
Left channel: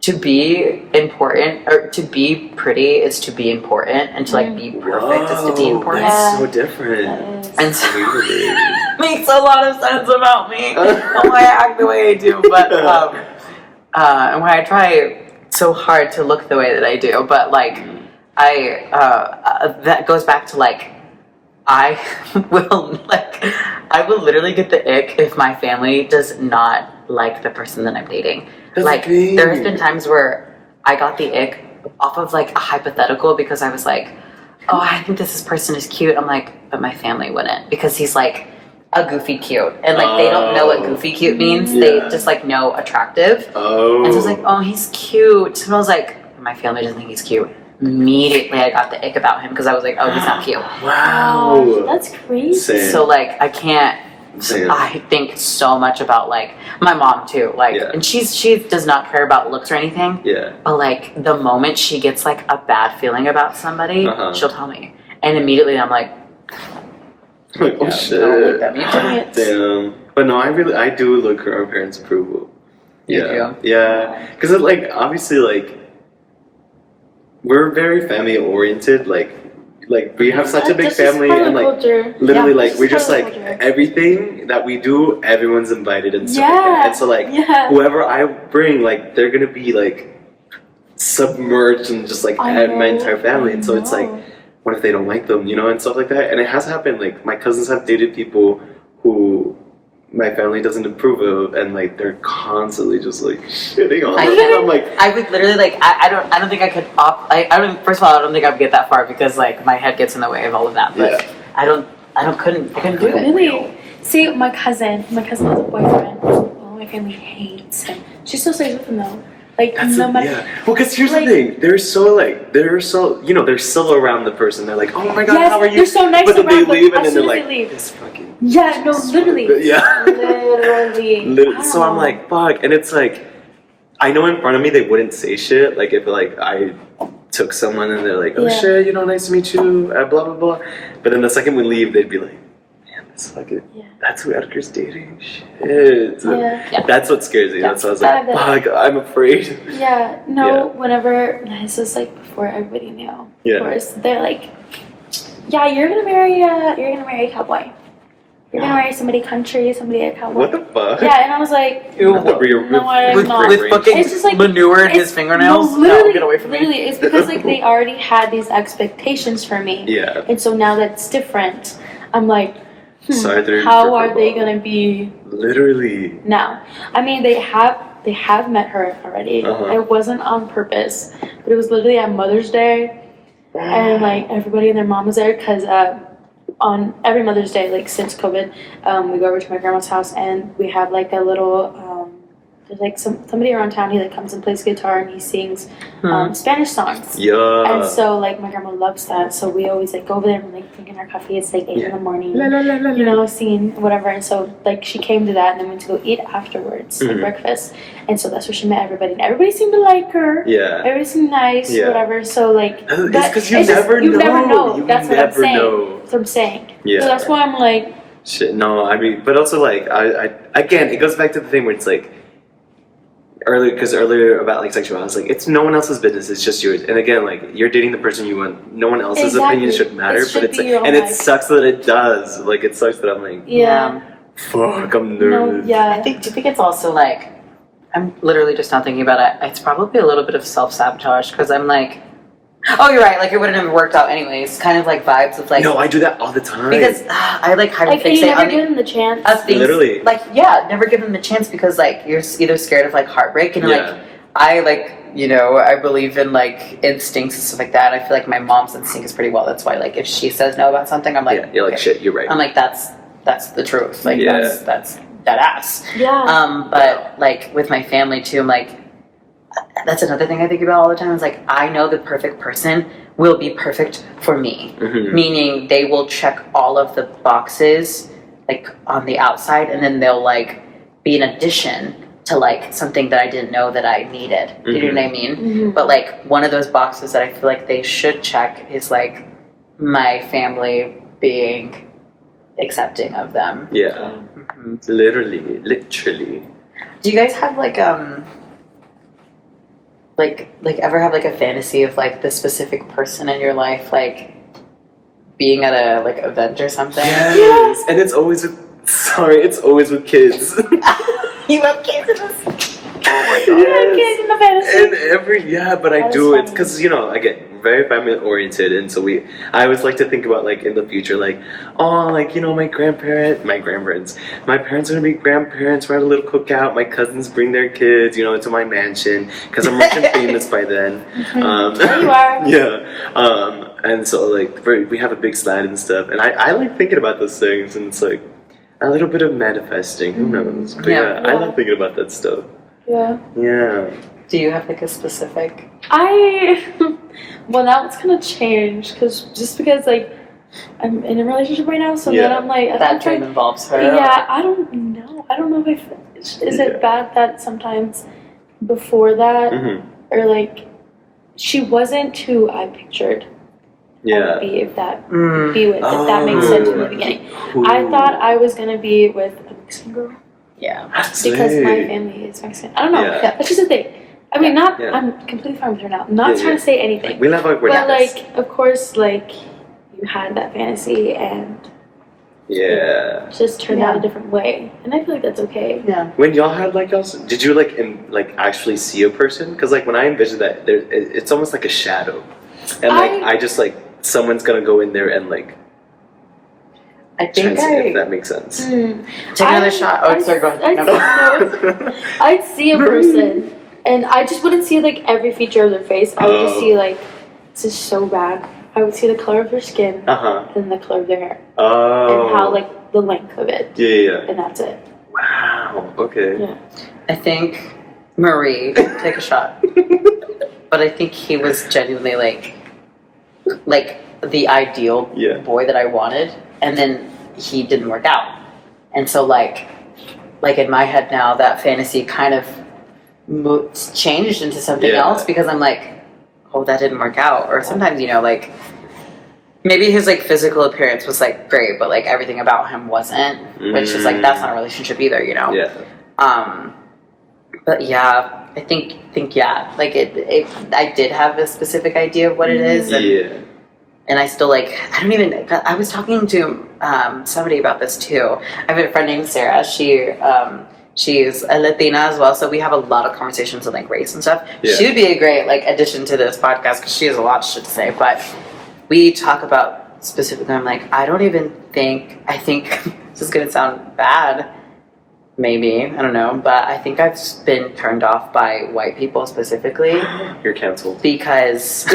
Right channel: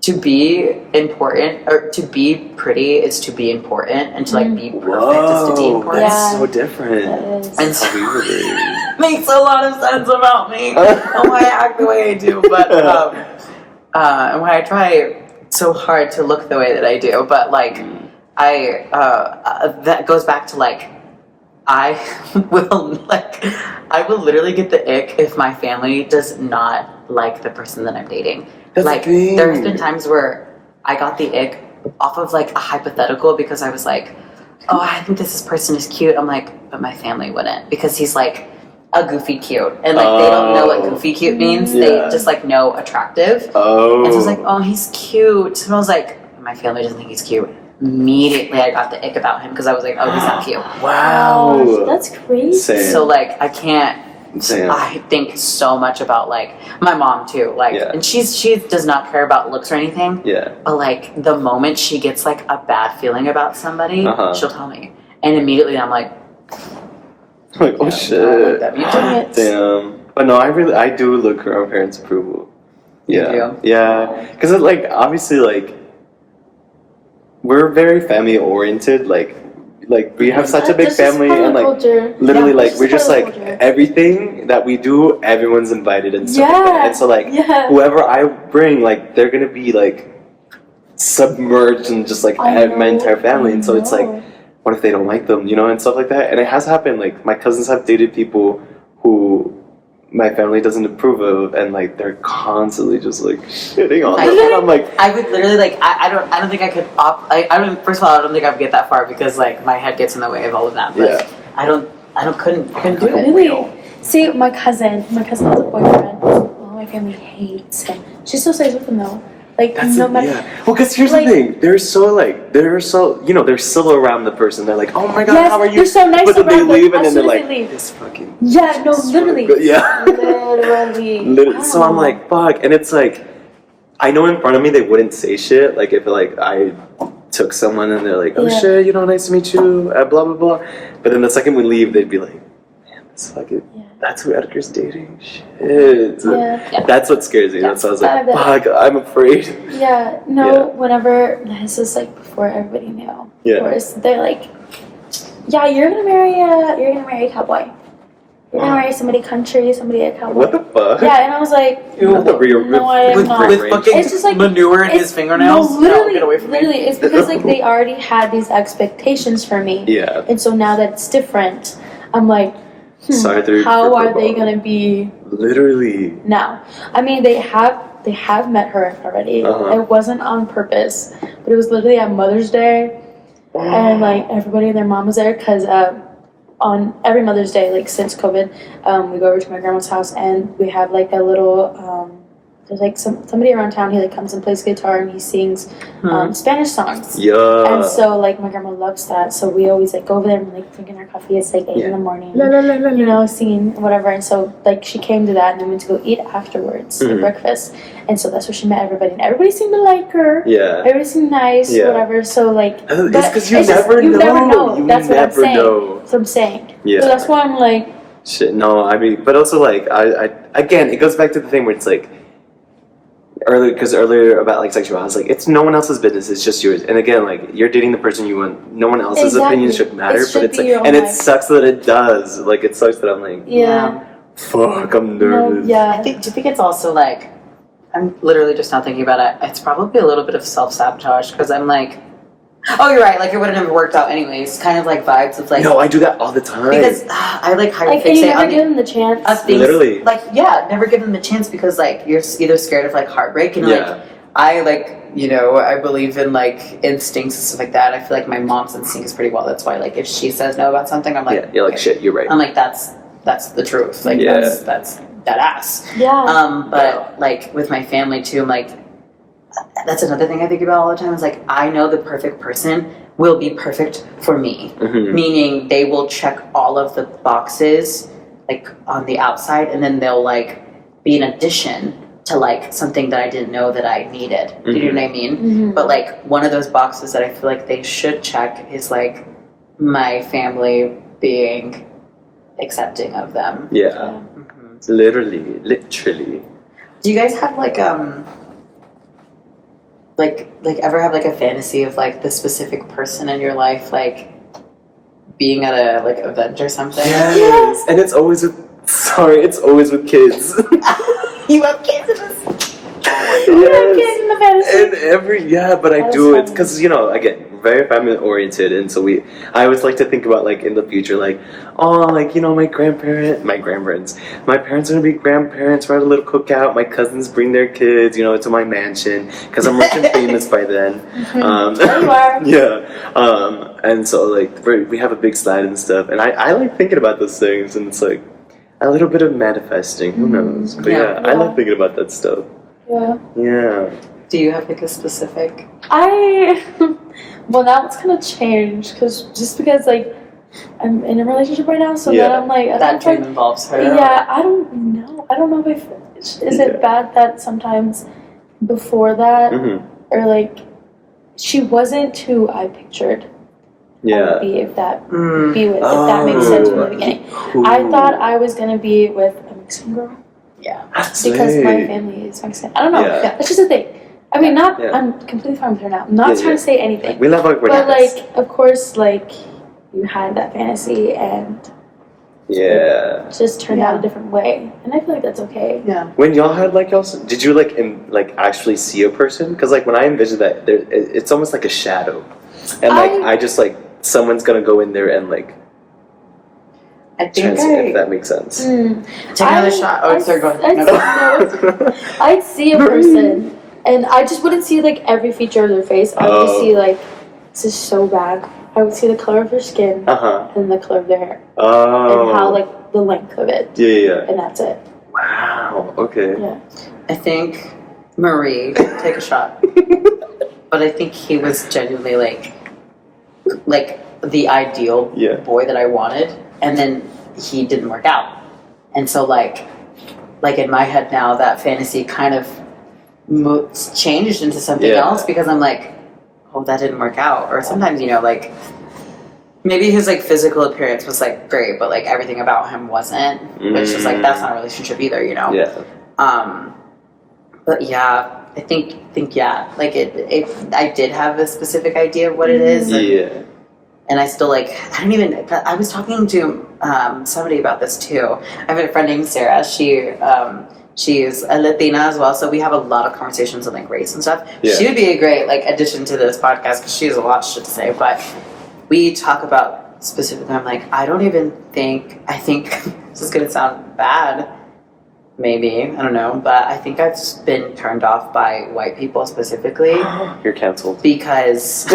to be important or to be pretty is to be important, and to like be perfect is to be important. Yeah. So different. That is. And so makes a lot of sense about me and why I act the way I do, but and why I try so hard to look the way that I do. But like I that goes back to like I will literally get the ick if my family does not like the person that I'm dating. That's like the thing. there's been times where I got the ick off of like a hypothetical because I was like, oh, I think this person is cute. I'm like, but my family wouldn't, because he's like a goofy cute, and like they don't know what goofy cute means. They just like know attractive. And so I was like, oh, he's cute. And I was like, my family doesn't think he's cute. Immediately I got the ick about him because I was like, oh, he's not cute. Wow. Gosh, that's crazy. Same. So like I can't. Same. I think so much about like my mom too. Like, and she does not care about looks or anything. Yeah. But like the moment she gets like a bad feeling about somebody, she'll tell me, and immediately I'm like, oh shit. Damn. But no, I do look for our parents' approval. Yeah. do? Yeah. Because like obviously like we're very family oriented. Like we have such a big That's just family, part of and the like culture. literally Yeah, like that's we're just just part of like the culture. everything that we do, everyone's invited and stuff like that. And so like whoever I bring, like they're gonna be like submerged in just like my entire family. And so it's like, what if they don't like them, you know, and stuff like that. And it has happened. Like my cousins have dated people who my family doesn't approve of, and like they're constantly just like shitting on them. And I'm like, I would literally like I don't think I could first of all I don't think I would get that far because like my head gets in the way of all of that. But I couldn't do it. Really? See, my cousin has a boyfriend. Well, my family hates him. She still stays with him though. Like no matter. Well, because here's the thing, they're so you know, they're still around the person. They're like, oh my god, how are you? They're so nice but then around they leave, them and as then soon they're as like, they leave. this fucking. Yeah, no, literally. Yeah. Literally. So I'm like, fuck, and it's like, I know in front of me they wouldn't say shit. Like if like I took someone and they're like, oh shit, you know, nice to meet you, blah blah blah. But then the second we leave, they'd be like, man, this fucking. That's who Edgar's dating. Shit. Yeah. That's what scares me. That's why I was like, fuck, I'm afraid. Yeah. No. Whenever this is like before everybody knew. Yeah. Of course, they're like, yeah, you're gonna marry a cowboy. You're gonna marry somebody country, somebody a cowboy. What the fuck? Yeah, and I was like, No, with fucking it's just like manure in his fingernails. No, literally, get away from me. literally, it's because like they already had these expectations for me. Yeah. And so now that it's different, I'm like, Sorry, how are they gonna be literally now? I mean, they have met her already. It wasn't on purpose, but it was literally at Mother's Day, and like everybody and their mom was there because on every Mother's Day, like since COVID, we go over to my grandma's house and we have like a little there's like somebody around town. He like comes and plays guitar and he sings Spanish songs. Yeah. And so like my grandma loves that. So we always like go over there and like drinking our coffee. It's like 8 in the morning. You know, singing whatever. And so like she came to that and then went to go eat afterwards, like breakfast. And so that's where she met everybody. And everybody seemed to like her. Yeah. Everybody seemed nice, whatever. So like, but it's you never know. You That's what I'm never saying. know. That's what I'm saying. Yeah. So that's why I'm like, shit. No, I mean, but also like I again, it goes back to the thing where it's like. Earlier about like sexuality, I was like, it's no one else's business, it's just yours. And again, like you're dating the person you want, no one else's opinion should matter. But it's like, and it sucks that it does. Like it sucks that I'm like, fuck, I'm nervous. Do you think it's also like, I'm literally just not thinking about it. It's probably a little bit of self-sabotage because I'm like, oh, you're right. Like it wouldn't have worked out anyways. Kind of like vibes of like. No, I do that all the time. Because I like how like, and you never give them the chance. Of things, literally. Like never give them the chance because like you're either scared of like heartbreak and like I like you know, I believe in like instincts and stuff like that. I feel like my mom's instinct is pretty well. That's why, like, if she says no about something, I'm like, Yeah, you're like, okay. shit, you're right. I'm like, that's the truth. Like, Yeah. that's that ass. Yeah. But like with my family too, I'm like, that's another thing I think about all the time. Is like, I know the perfect person will be perfect for me, meaning they will check all of the boxes like on the outside, and then they'll like be an addition to like something that I didn't know that I needed. Do you know what I mean? But like one of those boxes that I feel like they should check is like my family being accepting of them. Yeah. Literally. Do you guys have like ever have like a fantasy of like the specific person in your life like being at a like event or something? Yes. And it's always with kids. You have kids in this. Kids in the fantasy. But I That do is it because again, very family oriented, and so I always like to think about like in the future, like, oh, like my parents are gonna be grandparents. We're at a little cookout. My cousins bring their kids, to my mansion because I'm rich and famous by then. There you are. Yeah. And so like we have a big slide and stuff, and I like thinking about those things, and it's like a little bit of manifesting. Who knows? But I like thinking about that stuff. Yeah. Yeah. Do you have like a specific? Well, now it's gonna change because like I'm in a relationship right now, so then I'm like, I That don't dream know. involves her. Yeah, I don't know. I don't know if is it bad that sometimes before that or like she wasn't who I pictured I would be if that makes sense from the beginning. Cool. I thought I was gonna be with a Mexican girl. Yeah. Because my family is Mexican. I don't know. Yeah. That's just a thing. I mean, Yeah. I'm completely fine with her now. I'm not trying to say anything. We love our But, like, of course, like, you had that fantasy and it just turned out a different way. And I feel like that's okay. Yeah. When y'all had like else, did you like actually see a person? Because like when I envision that, it's almost like a shadow, and like I just like someone's gonna go in there and like. I think if that makes sense. Take another shot. Oh, sorry, go ahead. I'd see a person, and I just wouldn't see like every feature of their face. I would just see like, this is so bad. I would see the color of their skin and the color of their hair, and how like the length of it. Yeah. And that's it. Wow. Okay. Yeah. I think Marie, take a shot. But I think he was genuinely like the ideal boy that I wanted, and then he didn't work out. And so like in my head now, that fantasy kind of changed into something else because I'm like, oh, that didn't work out. Or sometimes, like maybe his like physical appearance was like great, but like everything about him wasn't, which is like, that's not a relationship either, Yeah. But yeah, I think like I did have a specific idea of what it is. And I still like, I was talking to somebody about this too. I have a friend named Sarah. She's a Latina as well, so we have a lot of conversations on like race and stuff. Yeah. She would be a great like addition to this podcast because she has a lot of shit to say. But we talk about specifically, I'm like, I think this is gonna sound bad, maybe, I don't know, but I think I've been turned off by white people specifically. You're canceled. Because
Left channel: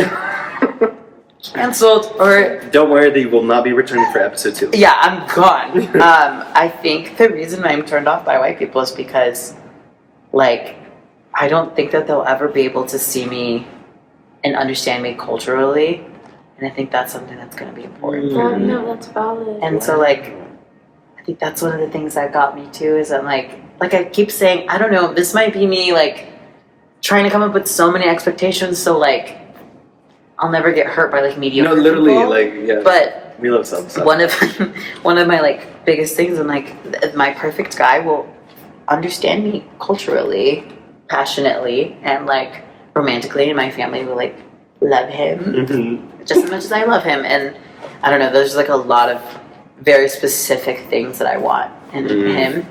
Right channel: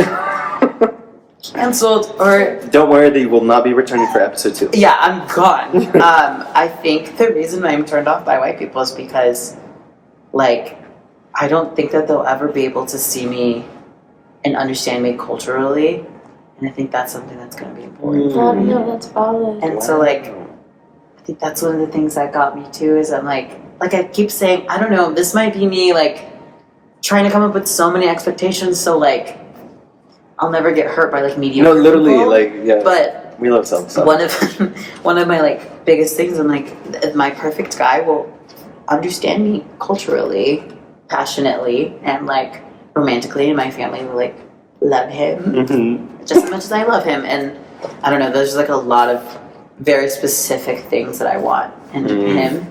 canceled or don't worry, they will not be returning for episode 2. Yeah, I'm gone. I think the reason I'm turned off by white people is because like I don't think that they'll ever be able to see me and understand me culturally, and I think that's something that's going to be important. No, that's valid. And so like I think that's one of the things that got me too is I'm like I keep saying, I don't know, this might be me like trying to come up with so many expectations so like I'll never get hurt by like mediocre No, literally, people. like, yeah. But we love some stuff. one of my like biggest things, and like my perfect guy will understand me culturally, passionately, and like romantically, and my family will like love him just as much as I love him. And I don't know, there's like a lot of very specific things that I want in him,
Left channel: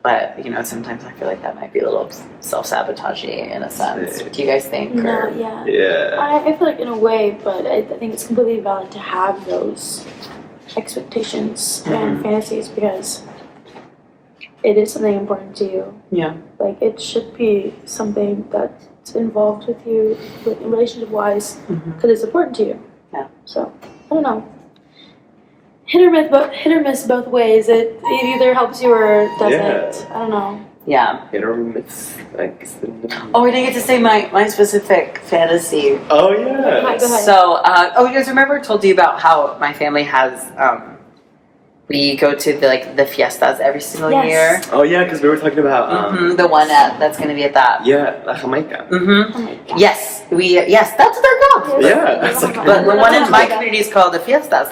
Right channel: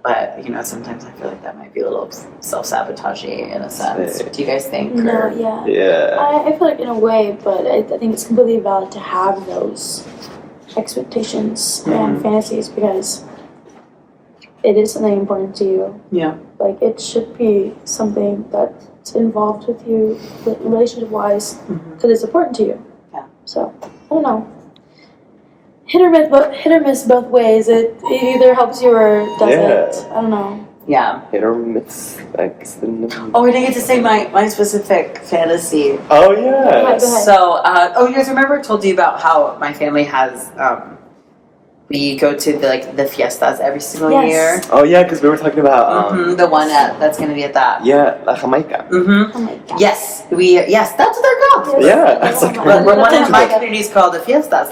but sometimes I feel like that might be a little self-sabotaging in a sense. What do you guys think? No, Yeah. I feel like in a way, but I think it's completely valid to have those expectations and fantasies because it is something important to you. Yeah. Like it should be something that involved with you relationship wise because it's important to you. Yeah. So I don't know. Hit or miss both ways. It either helps you or doesn't. I don't know. Yeah. Hit or miss. I guess Oh, we didn't get to say my specific fantasy. Oh yeah. Go ahead. So, you guys remember I told you about how my family has, we go to the fiestas every single year. Oh yeah, because we were talking about The one that's going to be at that. yeah, La Jamaica. Mm-hmm. Oh my God. Yes, that's what they're called. Yeah, it's like But the one in my community is called the fiestas.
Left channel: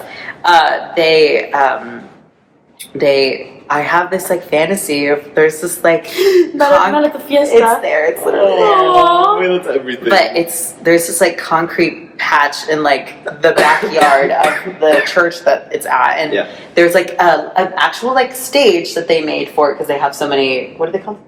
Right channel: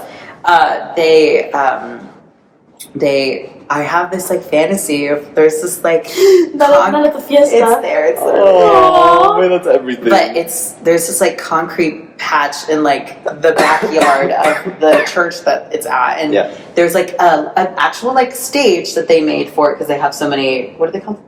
I have this fantasy of there's this Not at the fiesta. It's there. It's literally there. Oh, wait, that's everything. But there's this concrete patch in the backyard of the church that it's at, and there's an actual stage that they made for it because they have so many. What are they called?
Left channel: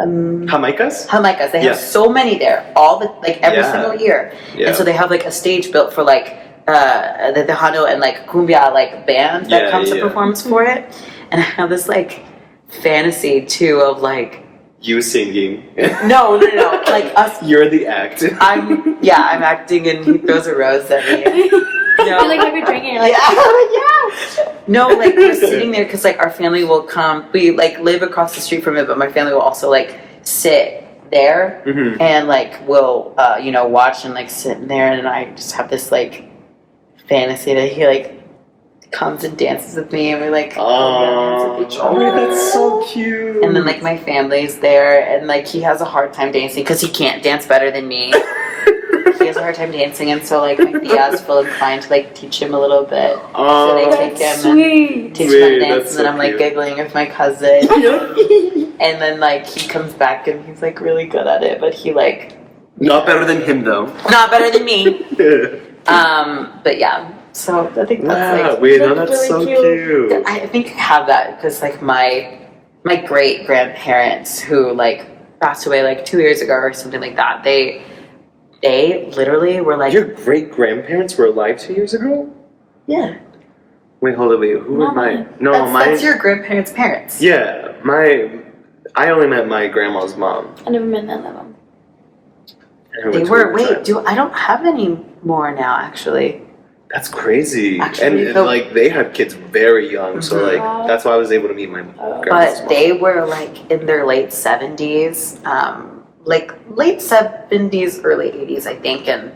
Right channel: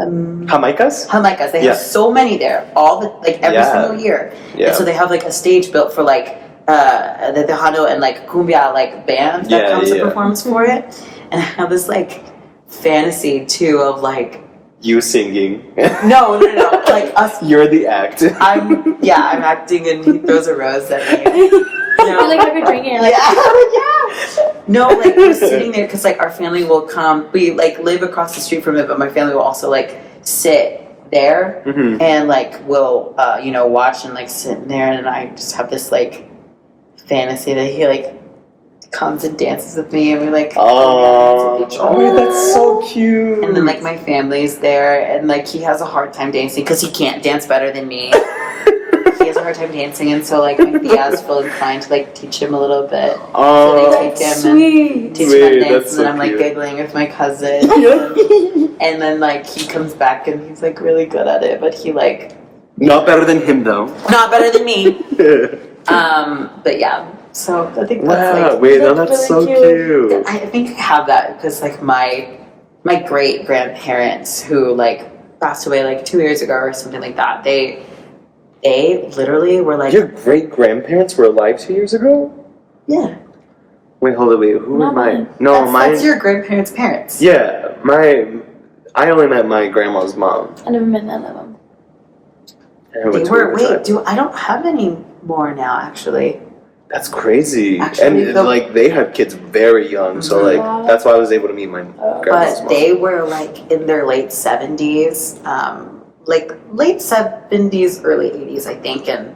Jamaicas? Jamaicas. They have so many there, all every single year, and so they have a stage built for the Tejano and cumbia band that comes and performs for it. And I have this fantasy too of you singing. No, us. You're the act. I'm acting and he throws a rose at me. You have your drink and you're yeah. No, we're sitting there because our family will come. We live across the street from it, but my family will also sit there and we'll watch and sit in there, and I just have this fantasy that he comes and dances with me, and we're that's so cute. and then my family's there, and he has a hard time dancing because he can't dance better than me. He has a hard time dancing, and so my tias feel inclined to teach him a little bit. So they take him and teach him how to dance, and then I'm giggling with my cousin, and then he comes back and he's really good at it, but he not better than him though. not better than me. But yeah. So I think that's that's really so cute. cute. I think I have that because my great grandparents who passed away 2 years ago or something like that. They literally were Your great grandparents were alive 2 years ago? Yeah. Wait, hold on, wait. Who Not am I? mine. No, That's your grandparents' parents. Yeah, I only met my grandma's mom. I never met none of them. They were. Wait, I don't have any more now. Actually. That's crazy. Actually, and they had kids very young, so Wow. that's why I was able to meet my grandma's But mom. they were in their late 70s, late 70s, early 80s, I think, and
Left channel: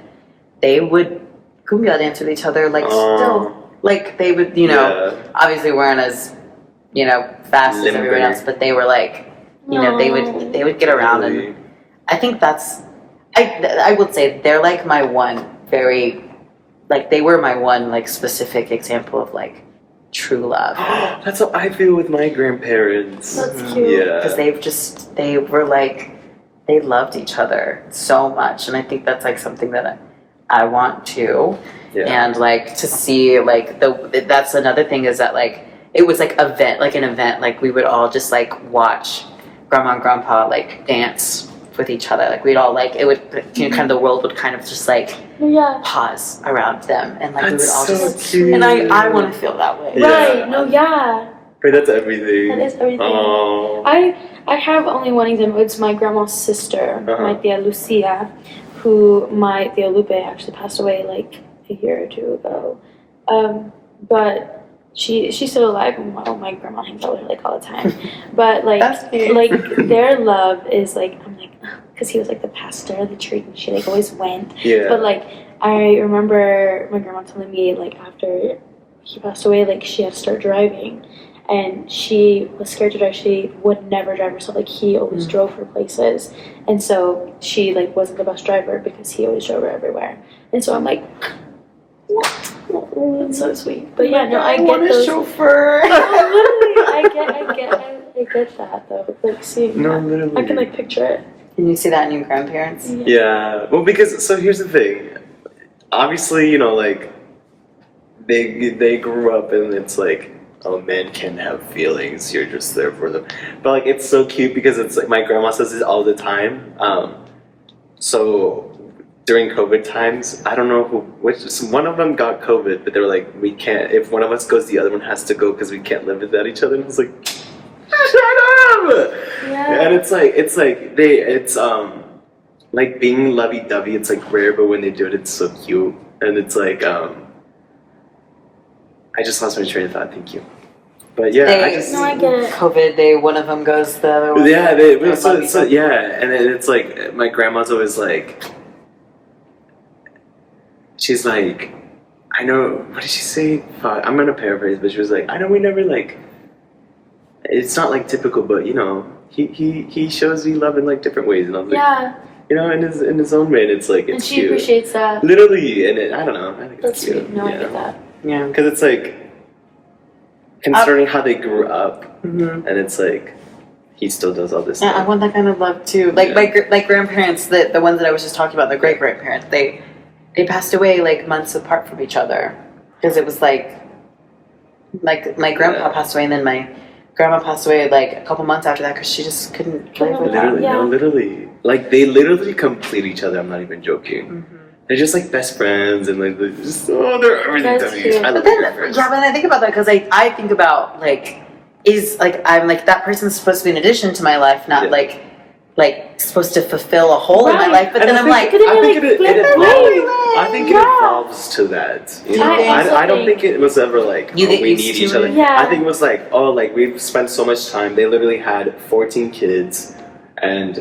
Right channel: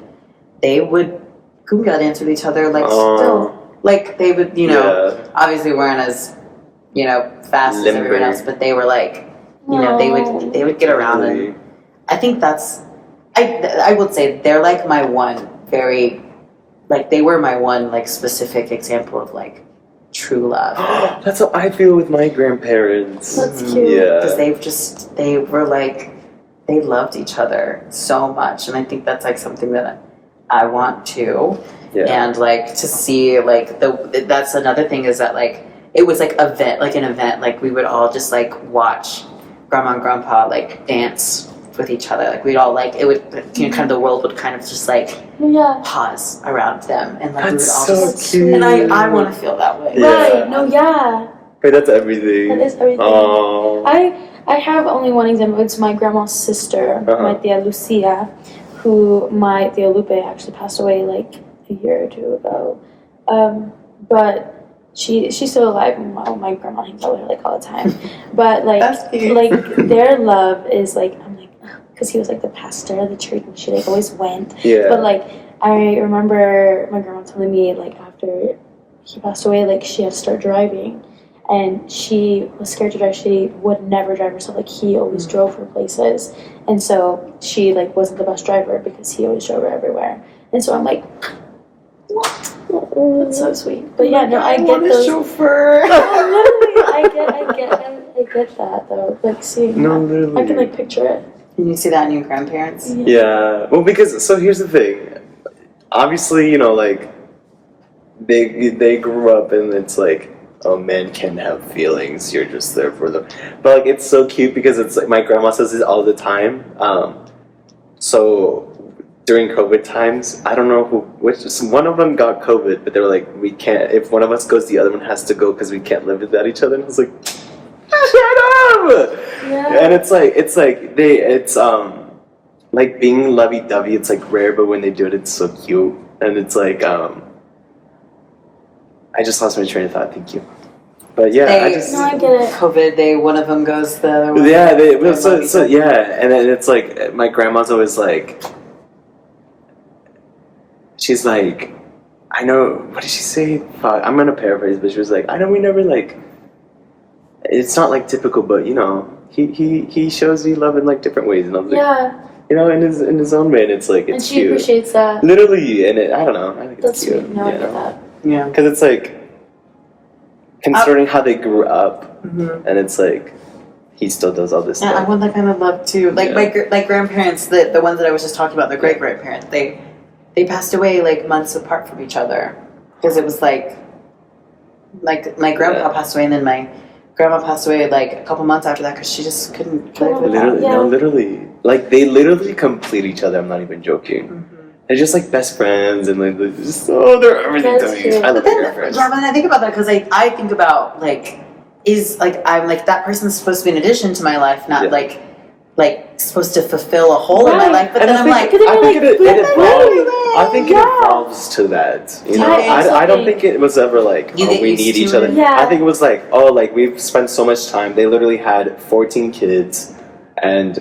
they would cumbia dance with each other still. They would, obviously weren't as, fast as everyone else, but they were they would get around, and I think that's, I would say they're my one very, they were my one specific example of true love. That's how I feel with my grandparents. That's cute. Yeah. Because they were they loved each other so much, and I think that's something that I want to. Yeah. And to see that's another thing is that it was an event we would all just watch grandma and grandpa dance with each other, we'd all it would kind of the world would kind of just pause around them, and we would all so just cute. and I want to feel that way. Yeah. Right. No, yeah. But that's everything. That is everything. Oh. I have only one example. It's my grandma's sister, my tia Lucia, who my tia Lupe actually passed away a year or two ago. But she's still alive. Well, my grandma hangs out with her all the time. But their love is I'm because he was the pastor of the church, and she always went. Yeah. But I remember my grandma telling me after he passed away, she had to start driving, and she was scared to drive. She would never drive herself. He always drove her places, and so she wasn't the best driver because he always drove her everywhere. And so I'm oh, that's so sweet. But yeah, no, I get those. Chauffeur. Literally, I get that though. Seeing No, that, literally. I can picture it. Can you see that in your grandparents? Yeah. Well, because so here's the thing. Obviously, they grew up and it's oh, men can have feelings. You're just there for them. But it's so cute because it's my grandma says this all the time. So during COVID times, I don't know which one of them got COVID, but they were we can't. If one of us goes, the other one has to go because we can't live without each other. And I was shut up. Yeah. And it's like being lovey-dovey, it's like rare, but when they do it, it's so cute. And it's like, I just lost my train of thought. Thank you. But yeah, I just No, I get it. COVID, one of them goes, the other one. yeah, and then it's like my grandma's always like, she's like, I know, what did she say? Fuck, I'm gonna paraphrase, but she was like, I know we never like, it's not like typical, but you know, he shows me love in like different ways, and I was like, Yeah, you know, in his own way, and it's like, it's and she cute. appreciates that. Literally, and I don't know, I think That's it's cute, sweet. No, I you get know? that. Yeah. Because it's like, concerning how they grew up, Mm-hmm. and it's like, he still does all this Yeah, I stuff. want that kind of love too. Like my grandparents, the ones that I was just talking about, the great grandparents, they passed away like months apart from each other because it was like my grandpa passed away, and then my grandma passed away like a couple months after that because she just couldn't live without. Literally, Yeah. no, literally. Like, they literally complete each other, I'm not even joking. Mm-hmm. They're just like best friends, and like, they're just, they're everything That's to me. cute. I love But then, my friends. yeah, when I think about that, because I think about like, is like I'm like that person's supposed to be an addition to my life, not Yeah. like supposed to fulfill a hole in my Right. life. But And then I I'm think- like, But then I you're think like, it wait, evolves. I think it yeah. evolves to that. You know? I also I don't think- think it was ever like, You oh, get we used need to each it. other. Yeah. I think it was like, oh, like we've spent so much time. They literally had 14 kids, and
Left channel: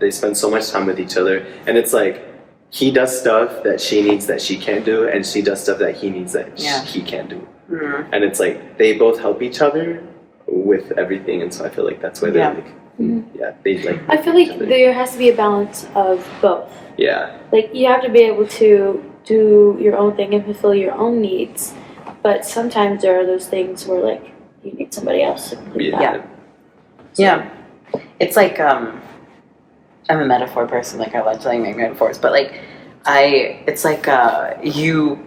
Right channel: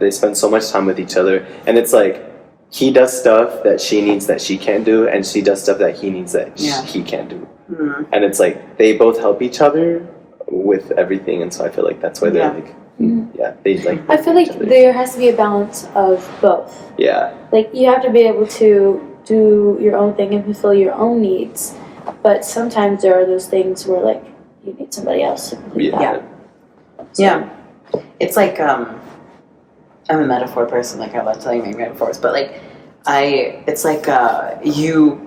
they spend so much time with each other, and it's like, he does stuff that she needs that she can't do, and she does stuff that he needs that Yeah. he can't do. mm, And it's like they both help each other with everything, and so I feel like that's why they're Yeah. like, Mhm. yeah, they like. I feel each like other. there has to be a balance of both. Yeah, Like, you have to be able to do your own thing and fulfill your own needs, but sometimes there are those things where like you need somebody else to complete yeah, that. yeah, it's like I'm a metaphor person. Like I love telling my metaphors, but like it's like you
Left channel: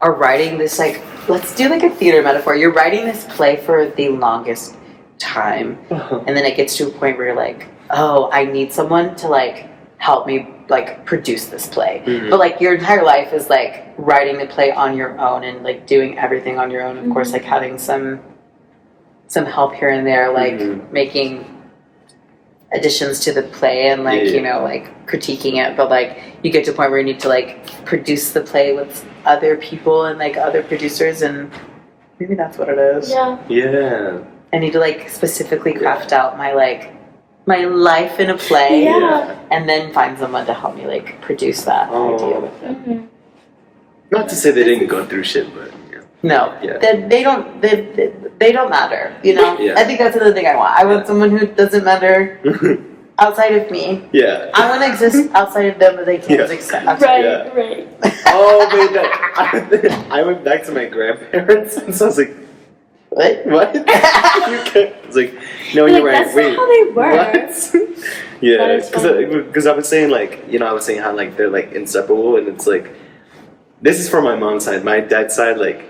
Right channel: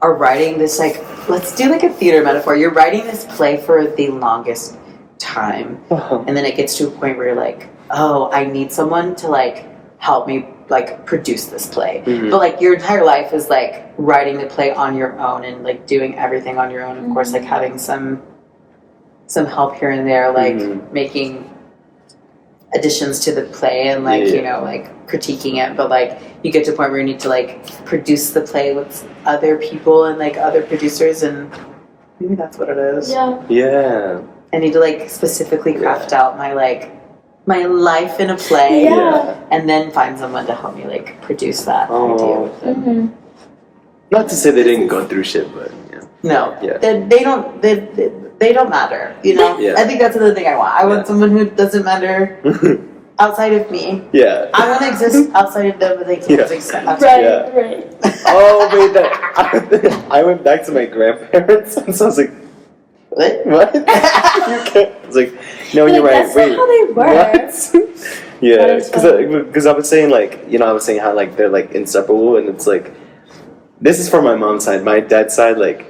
are writing this like let's do like a theater metaphor. You're writing this play for the longest time, and then it gets to a point where you're like, oh, I need someone to like help me like produce this play. Mhm. But like your entire life is like writing the play on your own and like doing everything on your own. Of course, like having some help here and there, like Mhm. making additions to the play and like Yeah. you know like critiquing it. But like you get to a point where you need to like produce the play with other people and like other producers, and maybe that's what it is. Yeah. yeah. I need to like specifically craft out my life in a play, Yeah. and then find someone to help me like produce that Oh. idea with it. Mm-hmm. Not to say they didn't go through shit, but yeah. No, Yeah. they don't matter. You know, Yeah. I think that's another thing I want. I want someone who doesn't matter outside of me. yeah. I want to exist outside of them, but they can't Yeah. exist outside. Right, Yeah. right. Oh, wait, that I went back to my grandparents, and so I was like, What? what? I was like, no, You're you're like, right. that's Wait, not how they work. what? Yeah, That is funny. because I was saying like, you know, I was saying how like they're like inseparable, and it's like, this is from my mom's side. My dad's side, like,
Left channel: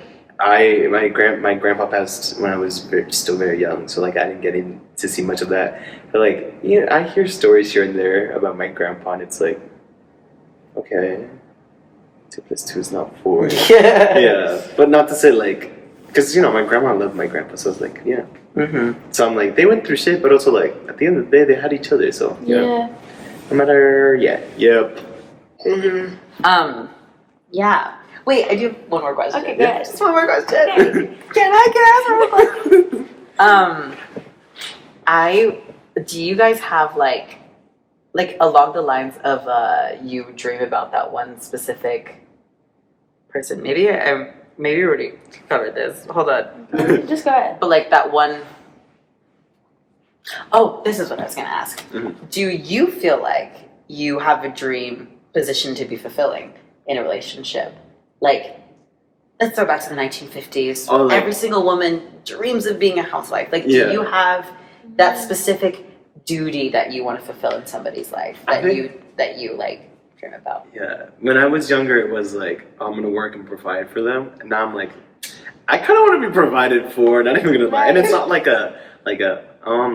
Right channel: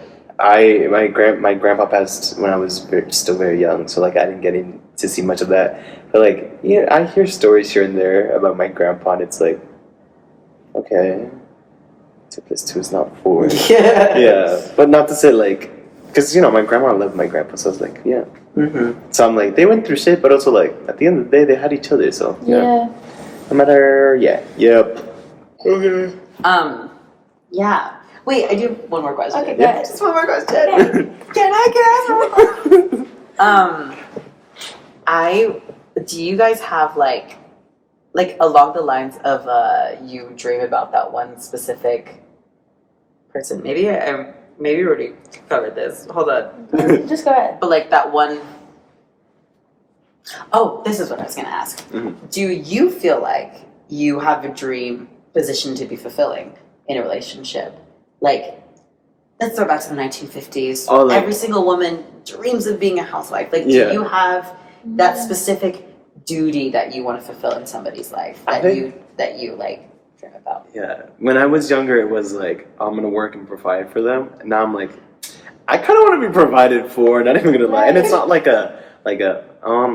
my grandpa passed when I was still very young, so like I didn't get in to see much of that. But like, yeah, I hear stories here and there about my grandpa, and it's like, okay, 2 + 2 is not 4. Yeah. Yeah, but not to say like, because you know my grandma loved my grandpa, so I was like, yeah. Mm-hmm. So I'm like, they went through shit, but also like at the end of the day, they had each other. So Yeah. no matter, yep. Okay. Yeah. Wait, I do have one more question. Okay, go ahead. Just one more question. Okay. Can I ask one more? Do you guys have like along the lines of you dream about that one specific person? Maybe we already covered this. Hold on. Just go ahead. But like that one. Oh, this is what I was gonna ask. Mhm. Do you feel like you have a dream positioned to be fulfilling in a relationship? Like, let's throw back to the 1950s. Oh, like- Every single woman dreams of being a housewife. Like, Yeah. do you have that specific duty that you want to fulfill in somebody's life I that think- you like dream about? Yeah. When I was younger, it was like I'm gonna work and provide for them, and now I'm like, I kind of want to be provided for. Not even gonna lie, and it's not like a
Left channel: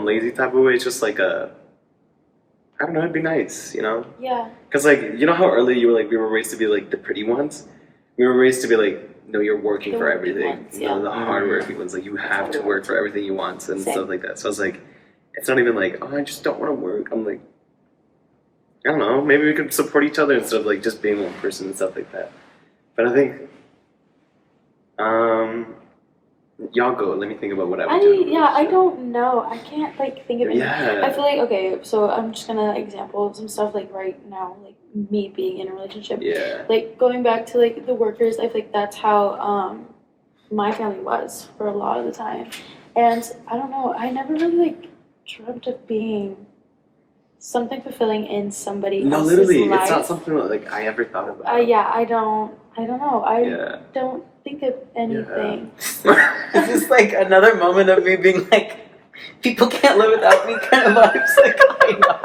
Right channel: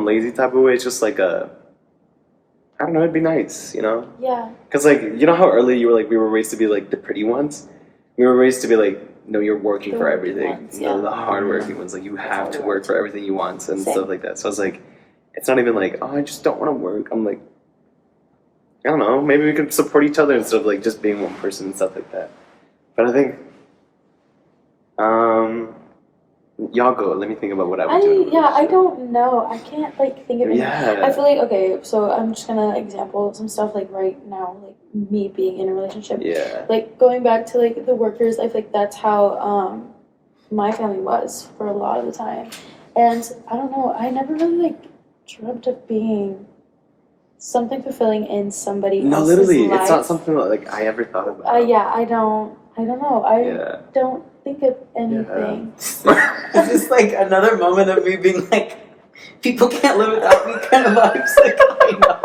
lazy type of way. It's just like a, I don't know. It'd be nice, you know. Yeah. Because, like, you know how early you were like, we were raised to be like the pretty ones? We were raised to be like, no, you're working The for working everything. ones, You know, yeah. the hardworking ones. Like, you have to work for everything you want and Same. stuff like that. So I was like, it's not even like, oh, I just don't want to work. I'm like, I don't know, maybe we could support each other instead of like just being one person and stuff like that. But I think, y'all go. Let me think about what I would do. I don't know. I can't like think of it. Yeah. I feel like okay, so I'm just gonna example some stuff like right now, like me being in a relationship. Yeah. Like going back to like the workers, I feel like that's how my family was for a lot of the time. And I don't know, I never really like dreamt of being something fulfilling in somebody No, else's literally, life. it's not something that like I ever thought about. I don't know. I Yeah. don't think of anything. Is this like another moment of me being like, people can't live without me kind of vibes? Like, I know.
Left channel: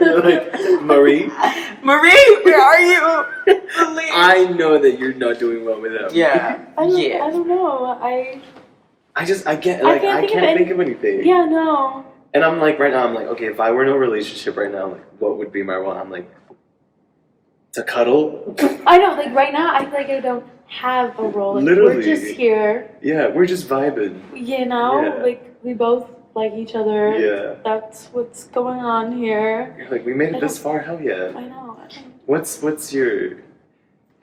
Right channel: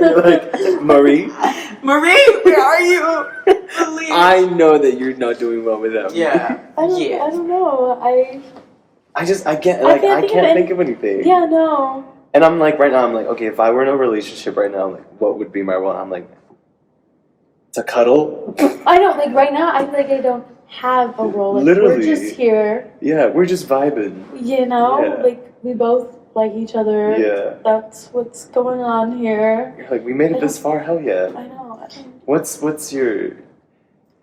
You're like, Marie, Marie, where are you? Please. I know that you're not doing well without me. Yeah. I don't know. I can't think of anything. Yeah, no. And I'm like, right now, I'm like, okay, if I were in a relationship right now, like, what would be my role? I'm like, to cuddle? I know, like right now I feel like I don't have a role. Like Literally. we're just here. Yeah, we're just vibing. You know? Yeah. Like we both like each other. Yeah. That's what's going on here. You're like, we made it this far, hell yeah. I know. I don't What's your...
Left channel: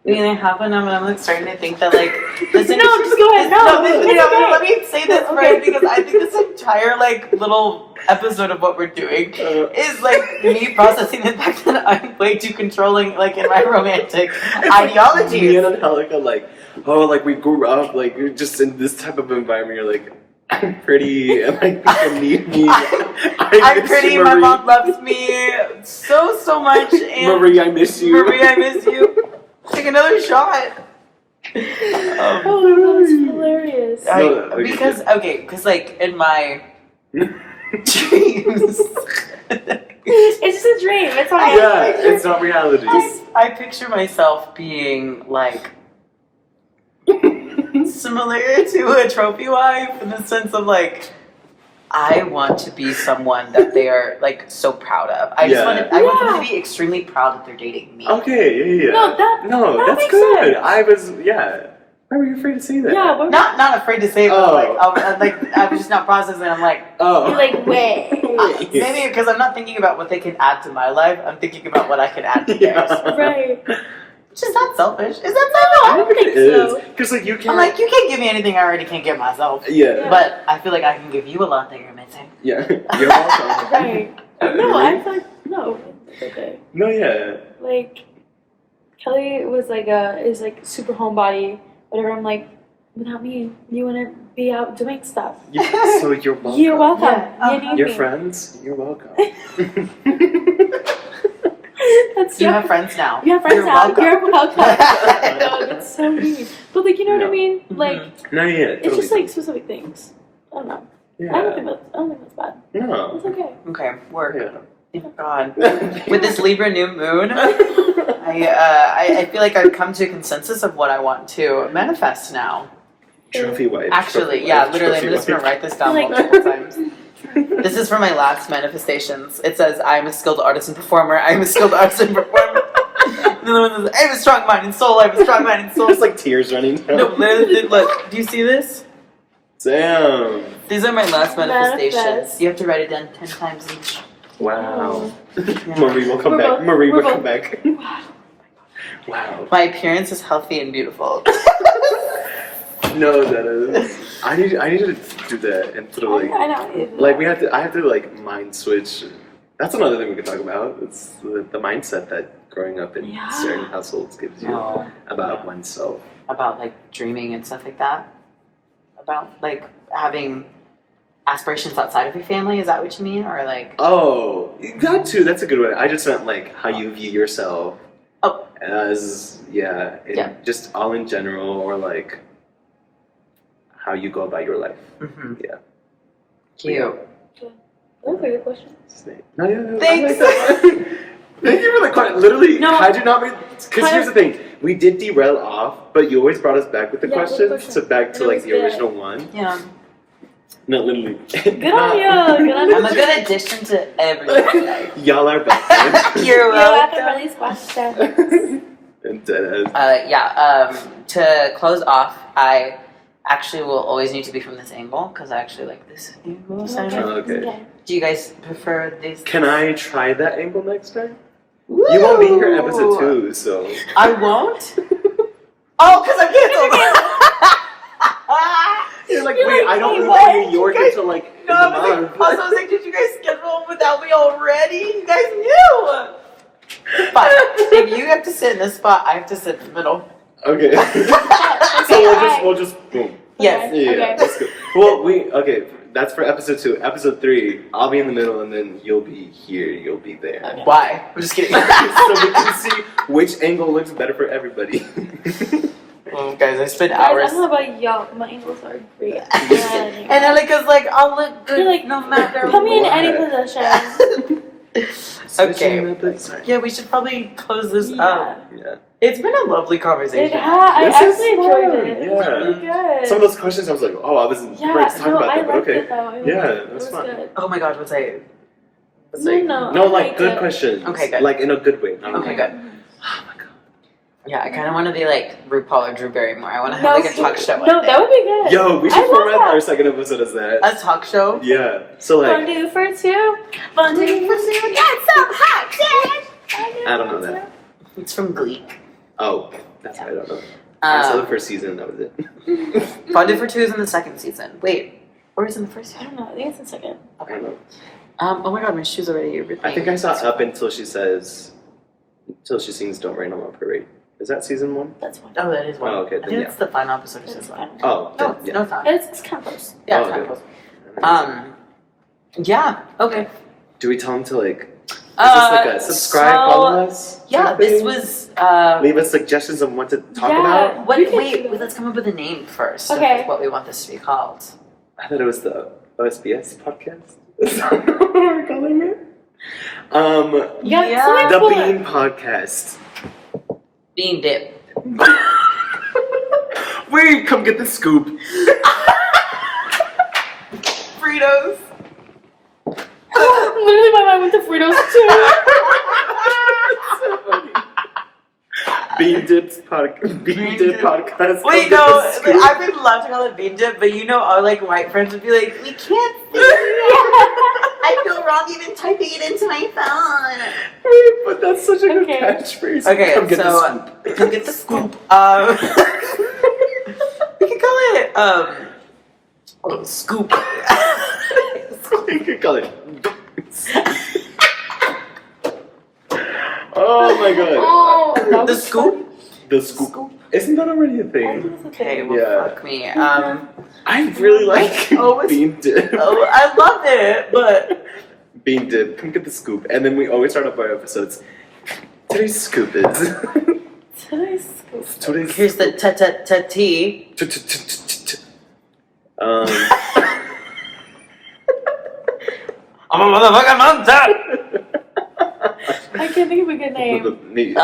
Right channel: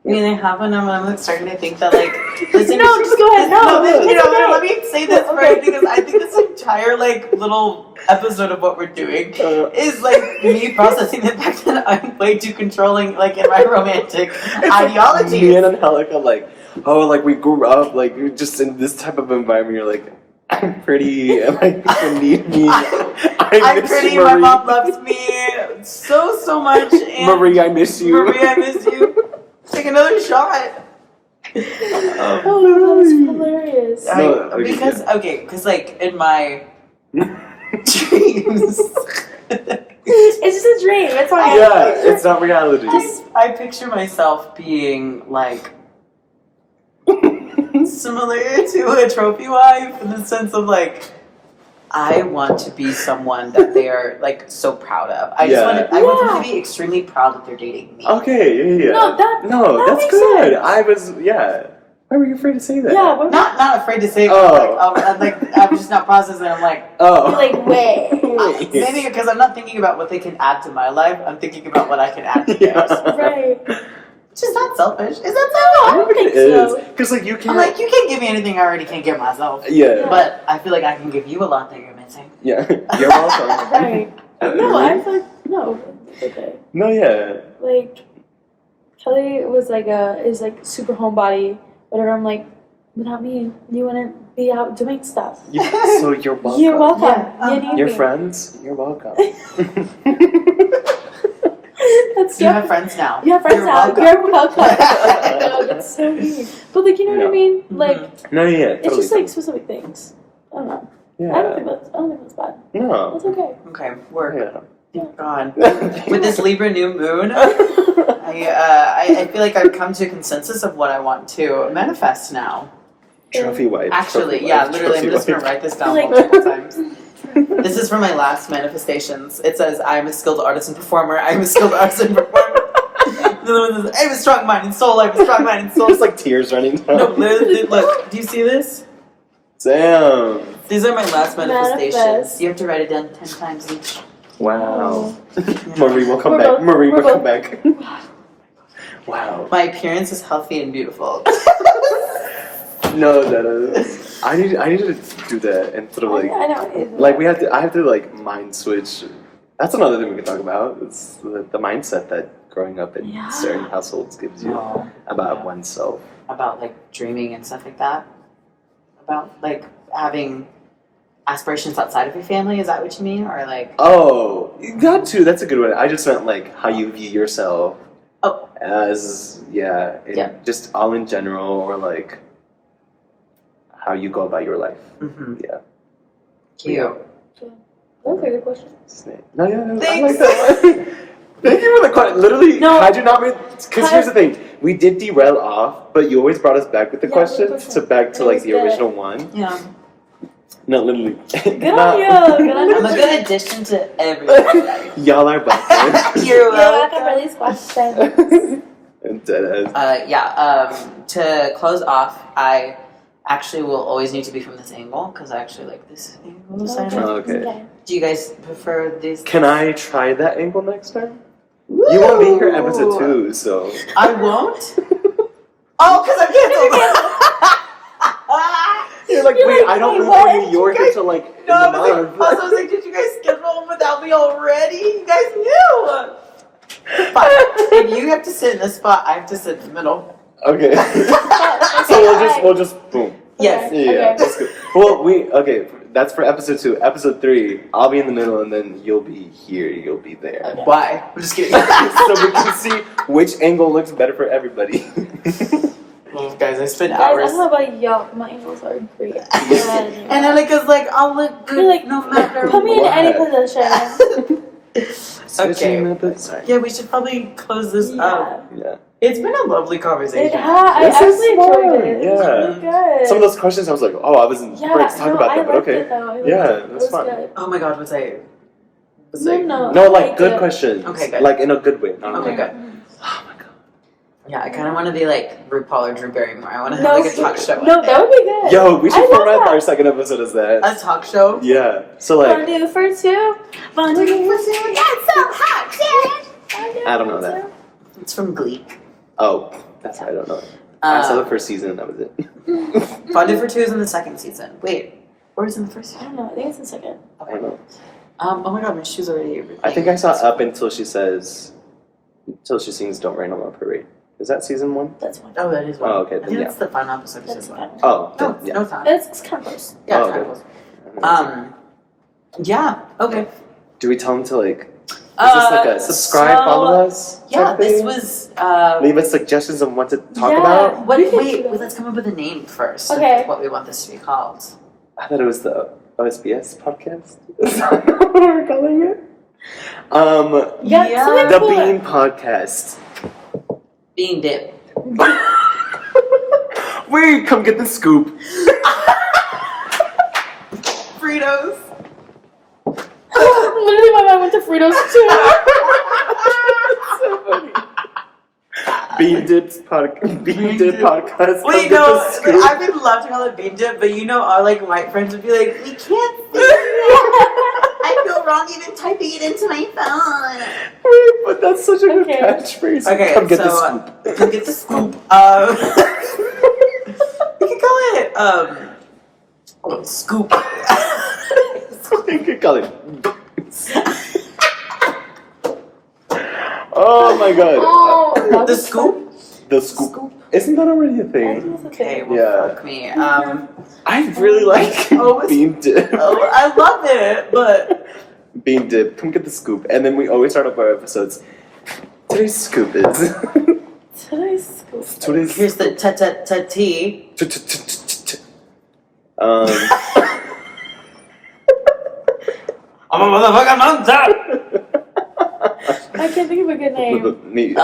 I mean, I have one, and I'm like starting to think that like listen, No, just go ahead. No, it's okay. let me say this right because I think this entire like little episode of what we're doing is like me processing the fact that I'm way too controlling, like in my romantic ideology. Me and Angelica, like, oh, like we grew up, like you're just in this type of environment. You're like, I'm pretty, and like people need me. I'm pretty. My mom loves me so much. And Marie, I miss you. Marie, I miss you. Take another shot. Oh, that was hilarious. Because like in my dreams, It's just a dream. It's okay. Yeah, it's not reality. I picture myself being like similar to a trophy wife in the sense of like I want to be someone that they are like so proud of. I want them to be extremely proud that they're dating me. Okay, yeah. No, that that's makes good. sense. I was, yeah. Why were you afraid to say that? Yeah, we're Not afraid to say it, but like I was just not processing. I'm like, Oh. You're like, wait. maybe because I'm not thinking about what they can add to my life. I'm thinking about what I can add to theirs. Right. Which is not selfish. Is that I selfish? don't think so. Because like you I'm can't. like, you can't give me anything I already can't give myself. Yeah. But I feel like I can give you a lot that you're missing. Yeah. You're welcome. Right. No, I feel like, no, it's okay. No, yeah. Like, Kelly is like super homebody, whatever. I'm like, without me, you wouldn't be out doing stuff. So you're welcome. You're welcome. Yeah, You need Your me. friends, you're welcome. That's You have friends now. You have friends You're now. welcome. You're welcome. No, that's so mean. But like, you know what I mean? Like, No, yeah. it's just like specific things. I don't know. Yeah. I don't think that's bad. No. That's okay. Okay, work. Yeah. Thank God. With this Libra new moon, I feel like I've come to a consensus of what I want to manifest now. Trophy wife. Actually, trophy yeah, wife, literally, I'm trophy just gonna wife. write this down Like- multiple times. This is for my last manifestations. It says, I am a skilled artist and performer. I am a skilled artist and performer. The other one says, I have a strong mind and soul. I have a strong mind and soul. It's like tears running down. No, literally, look, do you see this? Damn. These are my last manifestations. Manifest. You have to write it down 10 times each. Wow. Yeah. Marie will come We're back. both- Marie we're will come both- back. Wow. My appearance is healthy and beautiful. No, that is. I need to do that and sort of like. I know. Like I have to like mind switch. That's another thing we could talk about. It's the mindset that growing up in Yeah. certain households gives you No. about oneself. About like dreaming and stuff like that. About like having aspirations outside of your family. Is that what you mean, or like? Oh, that too. That's a good one. I just meant like how you view yourself. Oh. As just all in general, or like how you go about your life. Mm-hmm. Yeah. Cute. Those are good questions. Snake. No, yeah, I Thanks. like that. Thank you for the question. Literally, No. had you not made, because here's the thing, we did derail off, but you always brought us back with the Yeah, with the questions, questions. so back And to it like was the good. original one. Yeah. No, literally. Good on you. Good on you. I'm a good addition to everyone's life. Y'all are welcome. You're You're welcome welcome. for these questions. And dead ass. To close off, I actually will always need to be from this angle because I actually like this angle. Okay. Okay. Do you guys prefer this? Can I try that angle next time? You won't be here episode 2, so. I won't? Oh, because I'm canceled. You're like, You're wait, like, I don't wait, live what? in New York You guys- until like No, in I a was month. like, also, I was like, did you guys schedule without me already? You guys knew. Fine. If you have to sit in this spot, I have to sit in the middle. Okay. Okay, So we'll just boom. Yes. Yeah, Okay. that's good. Well, that's for episode 2. Episode 3, I'll be in the middle, and then you'll be here. You'll be there. Okay. Why? I'm just kidding. So we can see which angle looks better for everybody. Guys, I spent Guys, I hours. don't know about y'all, but my angles are great. And Annika's like, I'll look good You're like, no matter put me in what. any position. Okay. Yeah, we should probably close this up. Yeah. It's been a lovely It conversation. I This is actually enjoyed fun. it. It was Yeah. really good. Some of those questions, I was like, oh, I wasn't Yeah, ready to talk no, about I that, but liked okay. it though. I liked Yeah, it. it was It was fun. good. Oh my god, what's I? No, No, I like liked good it. questions. Okay, good. Like in a good way. Not Okay, like, good. oh my god. Yeah, I kind of want to be like RuPaul or Drew Barrymore. I want to have No, like a talk show. no, that would be good. Yo, we I should love format that. our second episode as that. A talk show? Yeah. So like, Fondue for two. Fondue for two. That's so hot, Jen. I don't know that. It's from Glee. Oh, that's why I don't know. I saw the first season. That was it. Fondue for Two is in the second season. Wait, or is it in the first I season? don't know. I think it's in second. I don't know. Oh my god, my shoes already. I think I saw up until she says, until she sings "Don't Rain on My Parade." Is that season 1? That's one. Oh, that is one. Oh, okay, I then think yeah. that's the final episode of That's season one. one. Oh, No, then, yeah. no, it's not. It's kind of close. Yeah, Oh, it's okay. not close. Yeah. Okay. Do we tell them to like? Is this like a subscribe, follow us? Yeah, type this thing? was. Leave us suggestions on what to talk Yeah. about. What? We can Wait, do that. let's come up with a name first. Okay. Of what we want this to be called. I thought it was the OSBS podcast. Is that what we're calling it? Yeah, Yeah. something The cool. Bean Podcast. Bean dip. Wait, come get the scoop. Fritos. Literally, my mind went to Fritos too. So funny. Bean Dip Podcast. Wait, Come no, get the scoop. I would love to call it bean dip, but you know, our like white friends would be like, "We can't see it. I feel wrong even typing it into my phone." Wait, but that's such a good Okay. catchphrase. Okay, come get so the scoop. come get the scoop. We could call it scoop. You could call it. Oh my god. Oh, that The was scoop? funny. The scoop. Isn't that already a I think thing? it's Okay, okay. well, Yeah. fuck me. I really like Oh, it's- Bean Dip. Oh, I love it, but Bean Dip, come get the scoop. And then we always start off our episodes. Today's scoop is. Today's scoop. Today's here's the tea. I'm a motherfucking monster. I can't think of a good name. Me.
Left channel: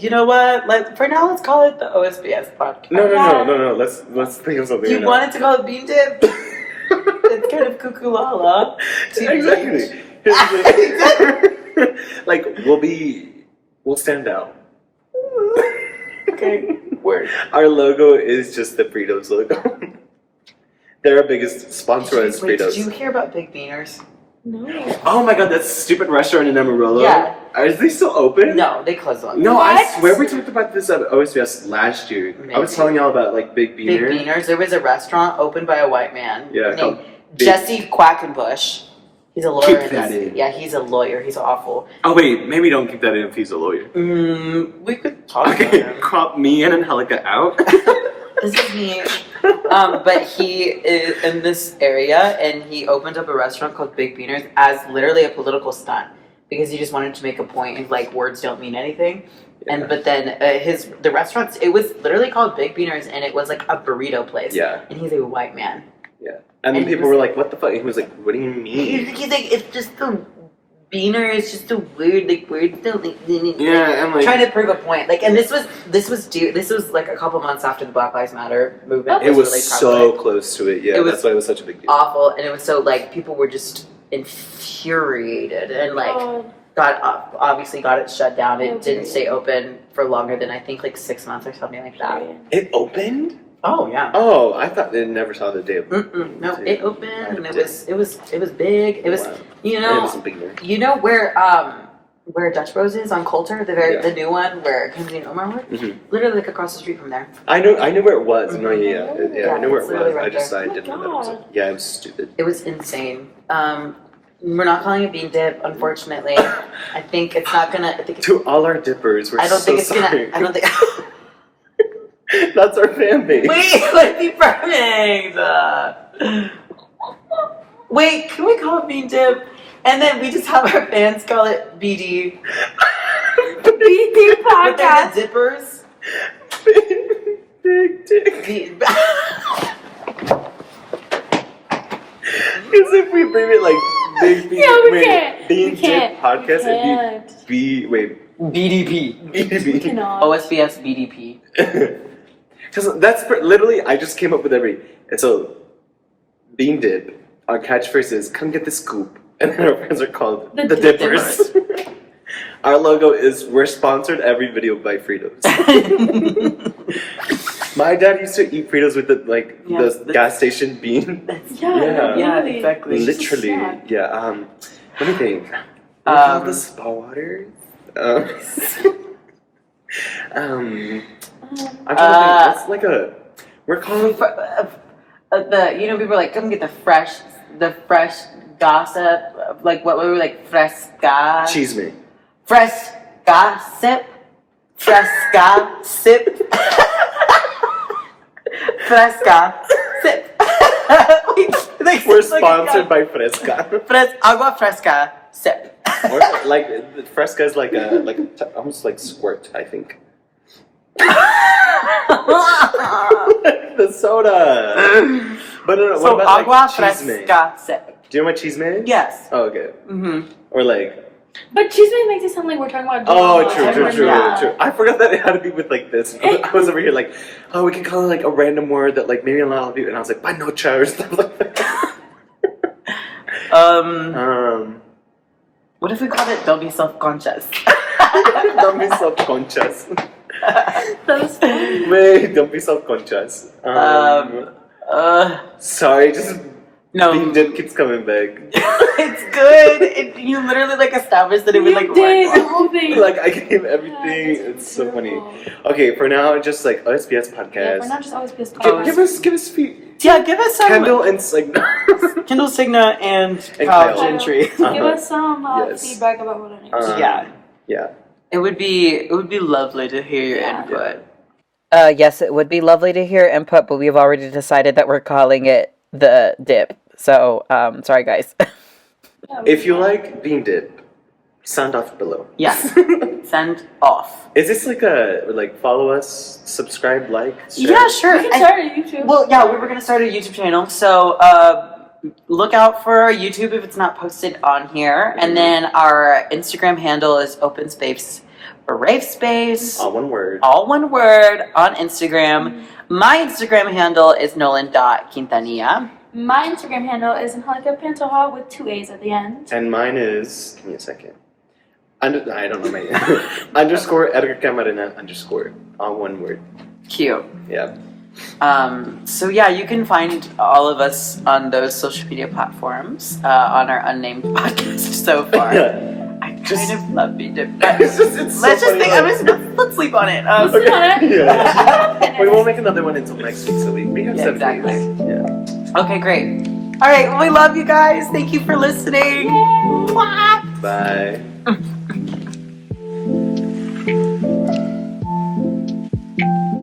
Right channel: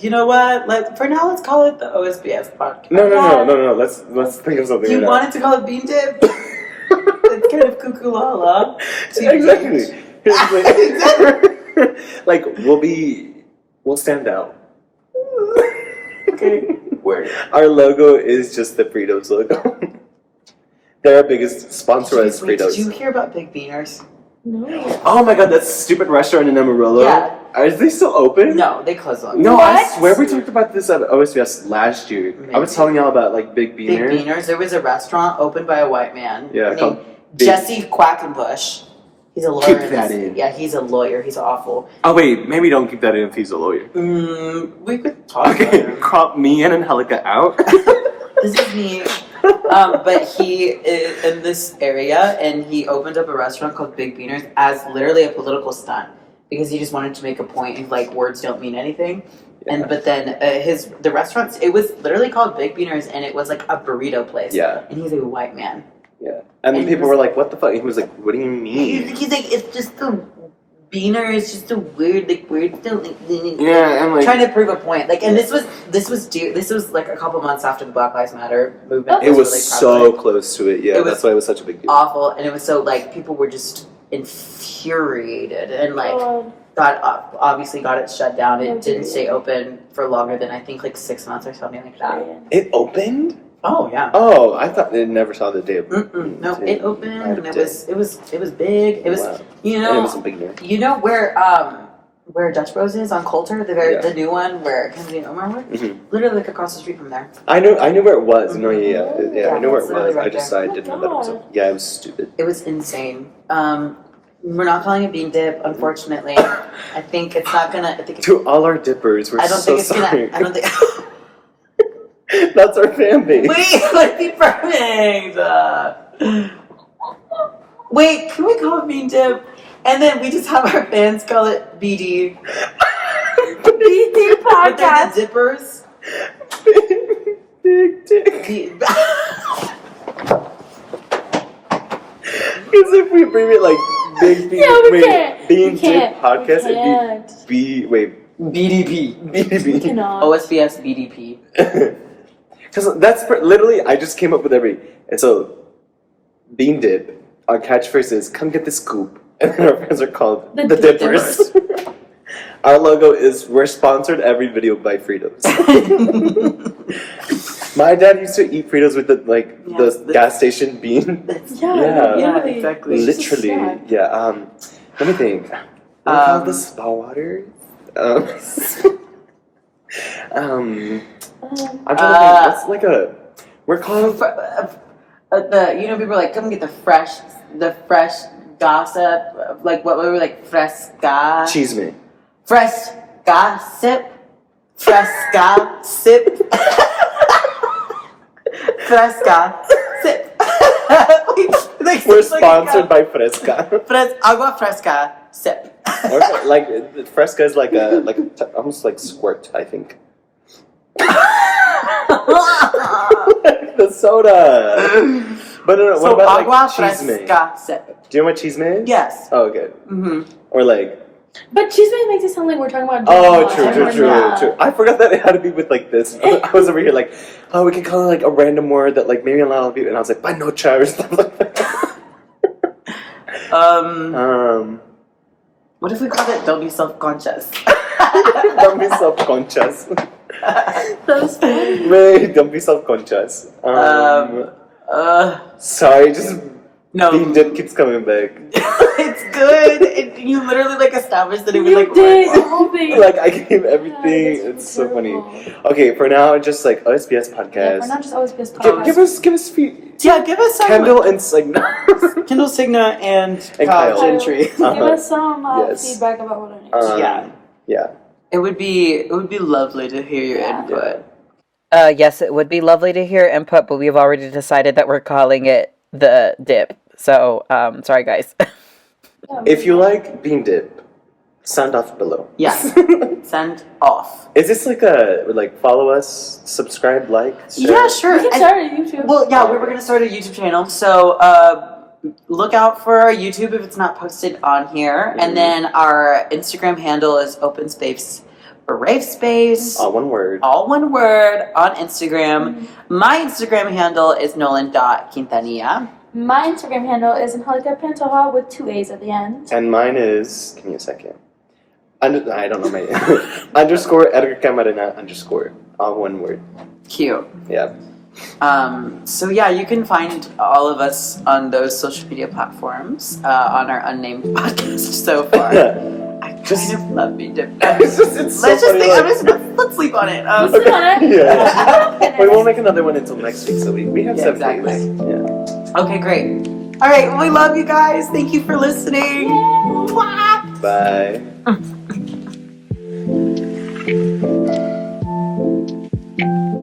You know what? Like for now, let's call it the OSBS podcast. No. Let's think of something. You right wanted to call it bean dip? It's kind of cuckoo lala. now. Exactly. Like we'll stand out. Okay, word. Our logo is just the Fritos logo. They're our biggest sponsor as Wait, Fritos. did you hear about Big Beaners? No. Oh my god, that stupid restaurant in Amarillo. Yeah. Are they still open? No, they closed on. No, I What? swear we talked about this at OSBS last year. I was Maybe. telling y'all about like Big Big Beaner. Beaners. There was a restaurant opened by a white man Yeah, named called Big- Jesse Quackenbush. He's a lawyer. Keep that in. Yeah, he's a lawyer. He's awful. Oh wait, maybe don't keep that in if he's a lawyer. We could talk about Okay, him. crop me in and Angelica out. This is me. But he is in this area, and he opened up a restaurant called Big Beaners as literally a political stunt because he just wanted to make a point of like words don't mean anything. And but then the restaurant, it was literally called Big Beaners, and it was like a burrito place. Yeah. And he's a white man. Yeah. And then And he people was were like, what the fuck? He was like, what do you mean? He's like, it's just the beaner. It's just a weird like words don't like. Yeah, I'm like, Trying to prove a point, like, and this was like a couple months after the Black Lives Matter movement. it was really so prevalent. close to it. Yeah, It was that's why it was such a big deal. Awful, and it was so like people were just infuriated and like God. obviously got it shut down. It Yeah, didn't period. stay open for longer than I think like 6 months or something like that. Period. It opened? Oh yeah. Oh, I thought they never saw the dip. No, it opened and I it was big. It was Wow. you And it know was a big name. you know where Dutch Bros is on Coulter, the new one where Kenzie and Omar work? Mhm. Literally like across the street from there. I knew where it was. No, yeah, I Yeah, knew where it's it literally was. I right just there. I Oh my didn't know that it was. God. Yeah, it was stupid. It was insane. We're not calling it bean dip, unfortunately. I think it's not gonna. I think it's, To all our dippers, we're I don't so think it's sorry. gonna. I don't think. That's our fan base. Wait, let me perfect. Wait, can we call it bean dip? And then we just have our fans call it BD. BD But they're podcast. the dippers. Big dick. Because if we bring it like big bean, Yeah, we can't. bean We can't. dip podcast, We can't. it'd be BDP. We cannot. OSBS BDP. Because that's literally, I just came up with and so bean dip. Our catchphrase is "Come get the scoop," and then our friends are called The the Dippers. Our logo is we're sponsored every video by Fritos. My dad used to eat Fritos with the gas station bean. Yeah, Yeah, literally. exactly. It's just a Literally, snack. yeah. Let me think. The spa water. I'm trying to think. What's like a? We're calling. People are like, come get the fresh gossip. Like what we were like, fresca. Cheese me. Fresh gossip. Fresca sip. Fresca sip. We're sponsored by Fresca. Agua fresca sip. Or like Fresca is like almost like squirt, I think. The soda. But no, what So about agua like cheese me? fresca sip. Do you know what cheese me is? Yes. Oh, okay. Mm-hmm. Or like. But cheese man makes it sound like we're talking about. Oh, true. Yeah. I forgot that it had to be with like this. I was over here like, oh, we can call it like a random word that like maybe a lot of people. And I was like, panocha or stuff like that. What if we called it "Don't be self-conscious"? Don't be self-conscious. That was funny. Wait, don't be self-conscious. Sorry, just No. bean dip keeps coming back. It's good. You literally like established that it was You like did the whole thing. Like I gave everything. Yeah, It's so funny. terrible. Okay, for now, just like OSBS podcast. Yeah, we're not just always pissed off. Give us Yeah, give us some Kendall and like Kendall Signa and And Kyle Kyle. Gentry. Give us some Yes. feedback about what I need. Yeah. It would be lovely to hear your Yeah. input. Yes, it would be lovely to hear input, but we've already decided that we're calling it the dip. So, sorry guys. Yeah, If you like bean dip, sound off below. Yeah. Send off. Is this like follow us, subscribe, like? Share? Yeah, sure. we can start a YouTube. Well, yeah, we were gonna start a YouTube channel, so look out for our YouTube if it's not posted on here, and then our Instagram handle is Open Space Brave Space. All one word. All one word on Instagram. My Instagram handle is Nolan.Quintanilla. My Instagram handle is Angelica Pantoja with 2 A's at the end. And mine is. Give me a second. I don't know my underscore Edgar Camarena _ all one word. Cute. Yeah. So yeah, you can find all of us on those social media platforms on our unnamed podcast so far. I kind of love me dip. It's so Let's funny, just think. like- Let's sleep on it. Sit on it. Yeah. We won't make another one until next week, so we have Yeah, 7 exactly. days. Yeah. Okay, great. All right, well, we love you guys. Thank you for listening. Bye.